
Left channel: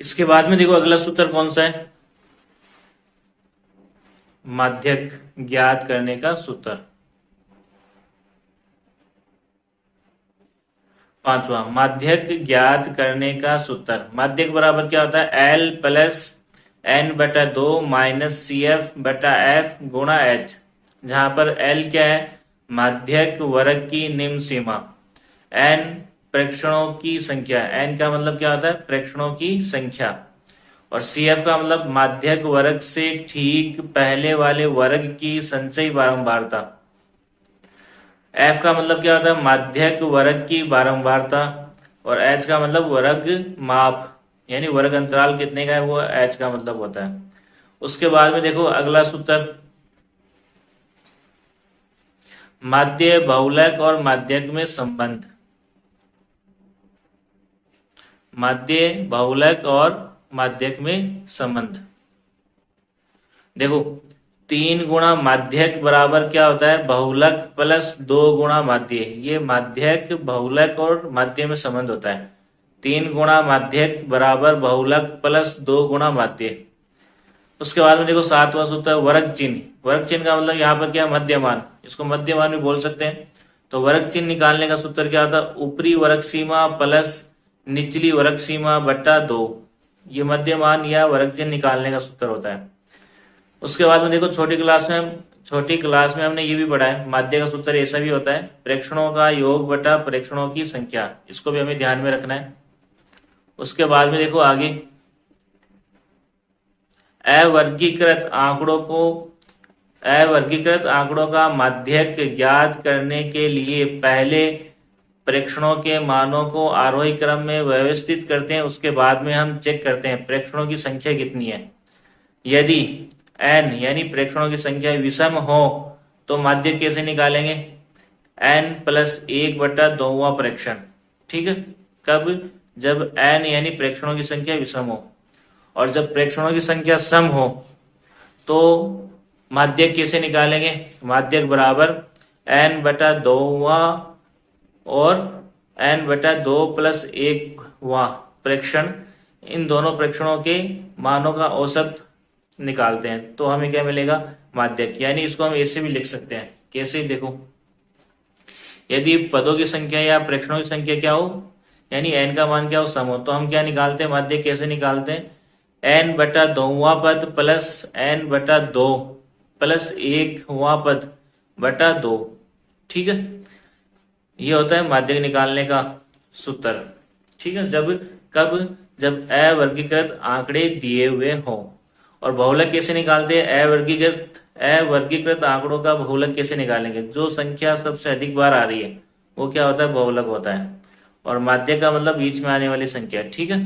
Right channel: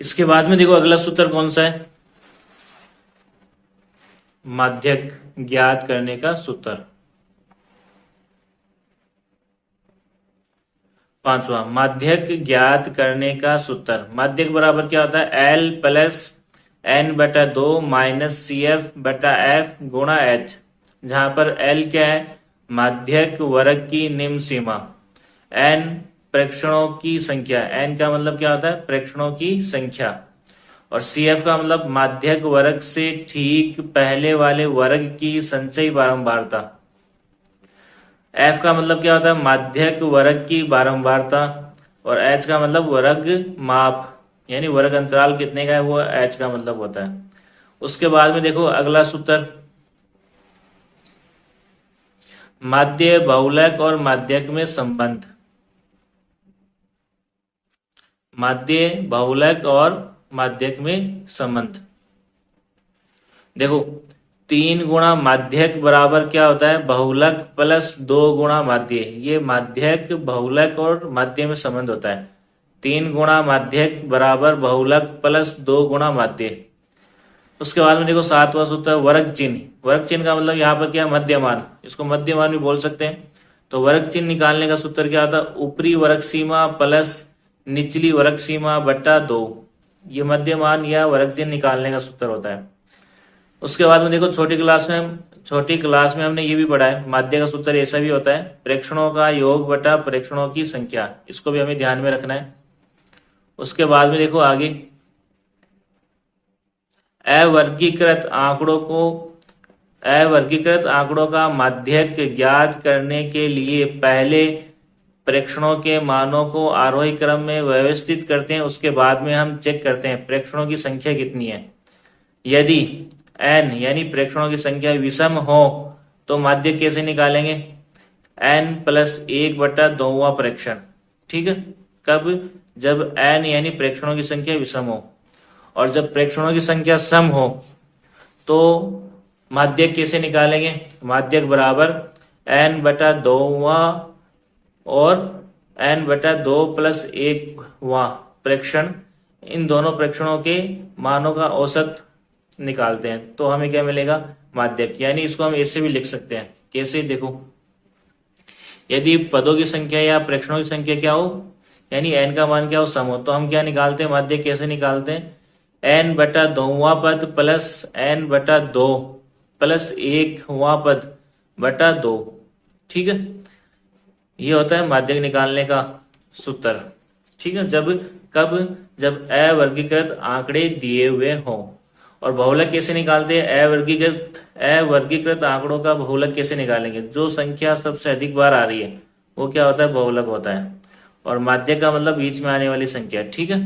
इसके बाद में देखो अगला सूत्र कौन सा है, माध्यक ज्ञात करने का सूत्र। पांचवा, माध्यक ज्ञात करने का सूत्र। माध्यक बराबर क्या होता है, एल प्लस एन बटा 2 माइनस सी एफ बटा एफ गुणा एच, जहां पर एल क्या है, माध्यक वर्ग की निम्न सीमा, एन प्रेक्षणों की संख्या, एन का मतलब क्या होता है, प्रेक्षणों की संख्या, और सी एफ का मतलब माध्यक वर्ग से ठीक पहले वाले वर्ग की संचयी बारंबारता, एफ का मतलब क्या होता है, माध्यक वर्ग की बारंबारता, और एच का मतलब वर्ग माप, यानी वर्ग अंतराल कितने का है वो एच का मतलब होता है। उसके बाद में देखो अगला सूत्र, माध्य बहुलक और माध्यक में संबंध। माध्य बहुलक और माध्यक में संबंध देखो, 3 गुणा माध्यक बराबर क्या होता है, बहुलक प्लस 2 गुणा माध्य। ये माध्यक बहुलक और माध्य में संबंध होता है। 3 गुणा माध्यक बराबर बहुलक प्लस 2 गुणा माध्य। उसके बाद में देखो सातवां सूत्र है वर्ग चिन्ह। वर्ग चिन्ह का मतलब यहाँ पर क्या है, मध्यमान, इसको मध्यमान भी बोल सकते हैं। तो वर्ग चिन्ह निकालने का सूत्र क्या होता है, ऊपरी वर्ग सीमा प्लस निचली वर्ग सीमा बटा 2, ये मध्यमान या वर्ग चिन्ह निकालने का सूत्र होता है। उसके बाद में देखो छोटी क्लास में हमने ये भी पढ़ा है, माध्य का सूत्र ऐसा भी होता है, प्रेक्षणों का योग बटा प्रेक्षणों की संख्या, इसको भी हमें ध्यान में रखना है। उसके बाद में देखो आगे, अवर्गीकृत आंकड़ों का माध्यक ज्ञात करने के लिए पहले प्रेक्षणों के मानों को आरोही क्रम में व्यवस्थित करते हैं, उसके बाद में हम चेक करते हैं प्रेक्षणों की संख्या कितनी है। यदि n यानी प्रेक्षणों की संख्या विषम हो तो माध्यक कैसे निकालेंगे, n प्लस 1 बटा 2वां प्रेक्षण। ठीक है, कब, जब n यानी प्रेक्षणों की संख्या विषम हो, और जब प्रेक्षणों की संख्या सम हो तो माध्यक कैसे निकालेंगे, माध्यक बराबर n बटा 2वां और n बटा 2 प्लस 1वां प्रेक्षण, इन दोनों प्रेक्षणों के मानों का औसत निकालते हैं तो हमें क्या मिलेगा, माध्यक। यानी इसको हम ऐसे भी लिख सकते हैं, कैसे, देखो, यदि पदों की संख्या या प्रेक्षणों की संख्या क्या हो, यानी n का मान क्या हो, सम हो, तो हम क्या निकालते हैं, माध्यक कैसे निकालते हैं, n बटा 2वां पद प्लस n बटा 2 प्लस 1वां पद बटा 2। ठीक है, ये होता है माध्यक निकालने का सूत्र। ठीक है, जब अवर्गीकृत आंकड़े दिए हुए हों। और बहुलक कैसे निकालते हैं, अवर्गीकृत आंकड़ों का बहुलक कैसे निकालेंगे, जो संख्या सबसे अधिक बार आ रही है वो क्या होता है, बहुलक होता है। और माध्यक का मतलब बीच में आने वाली संख्या। ठीक है।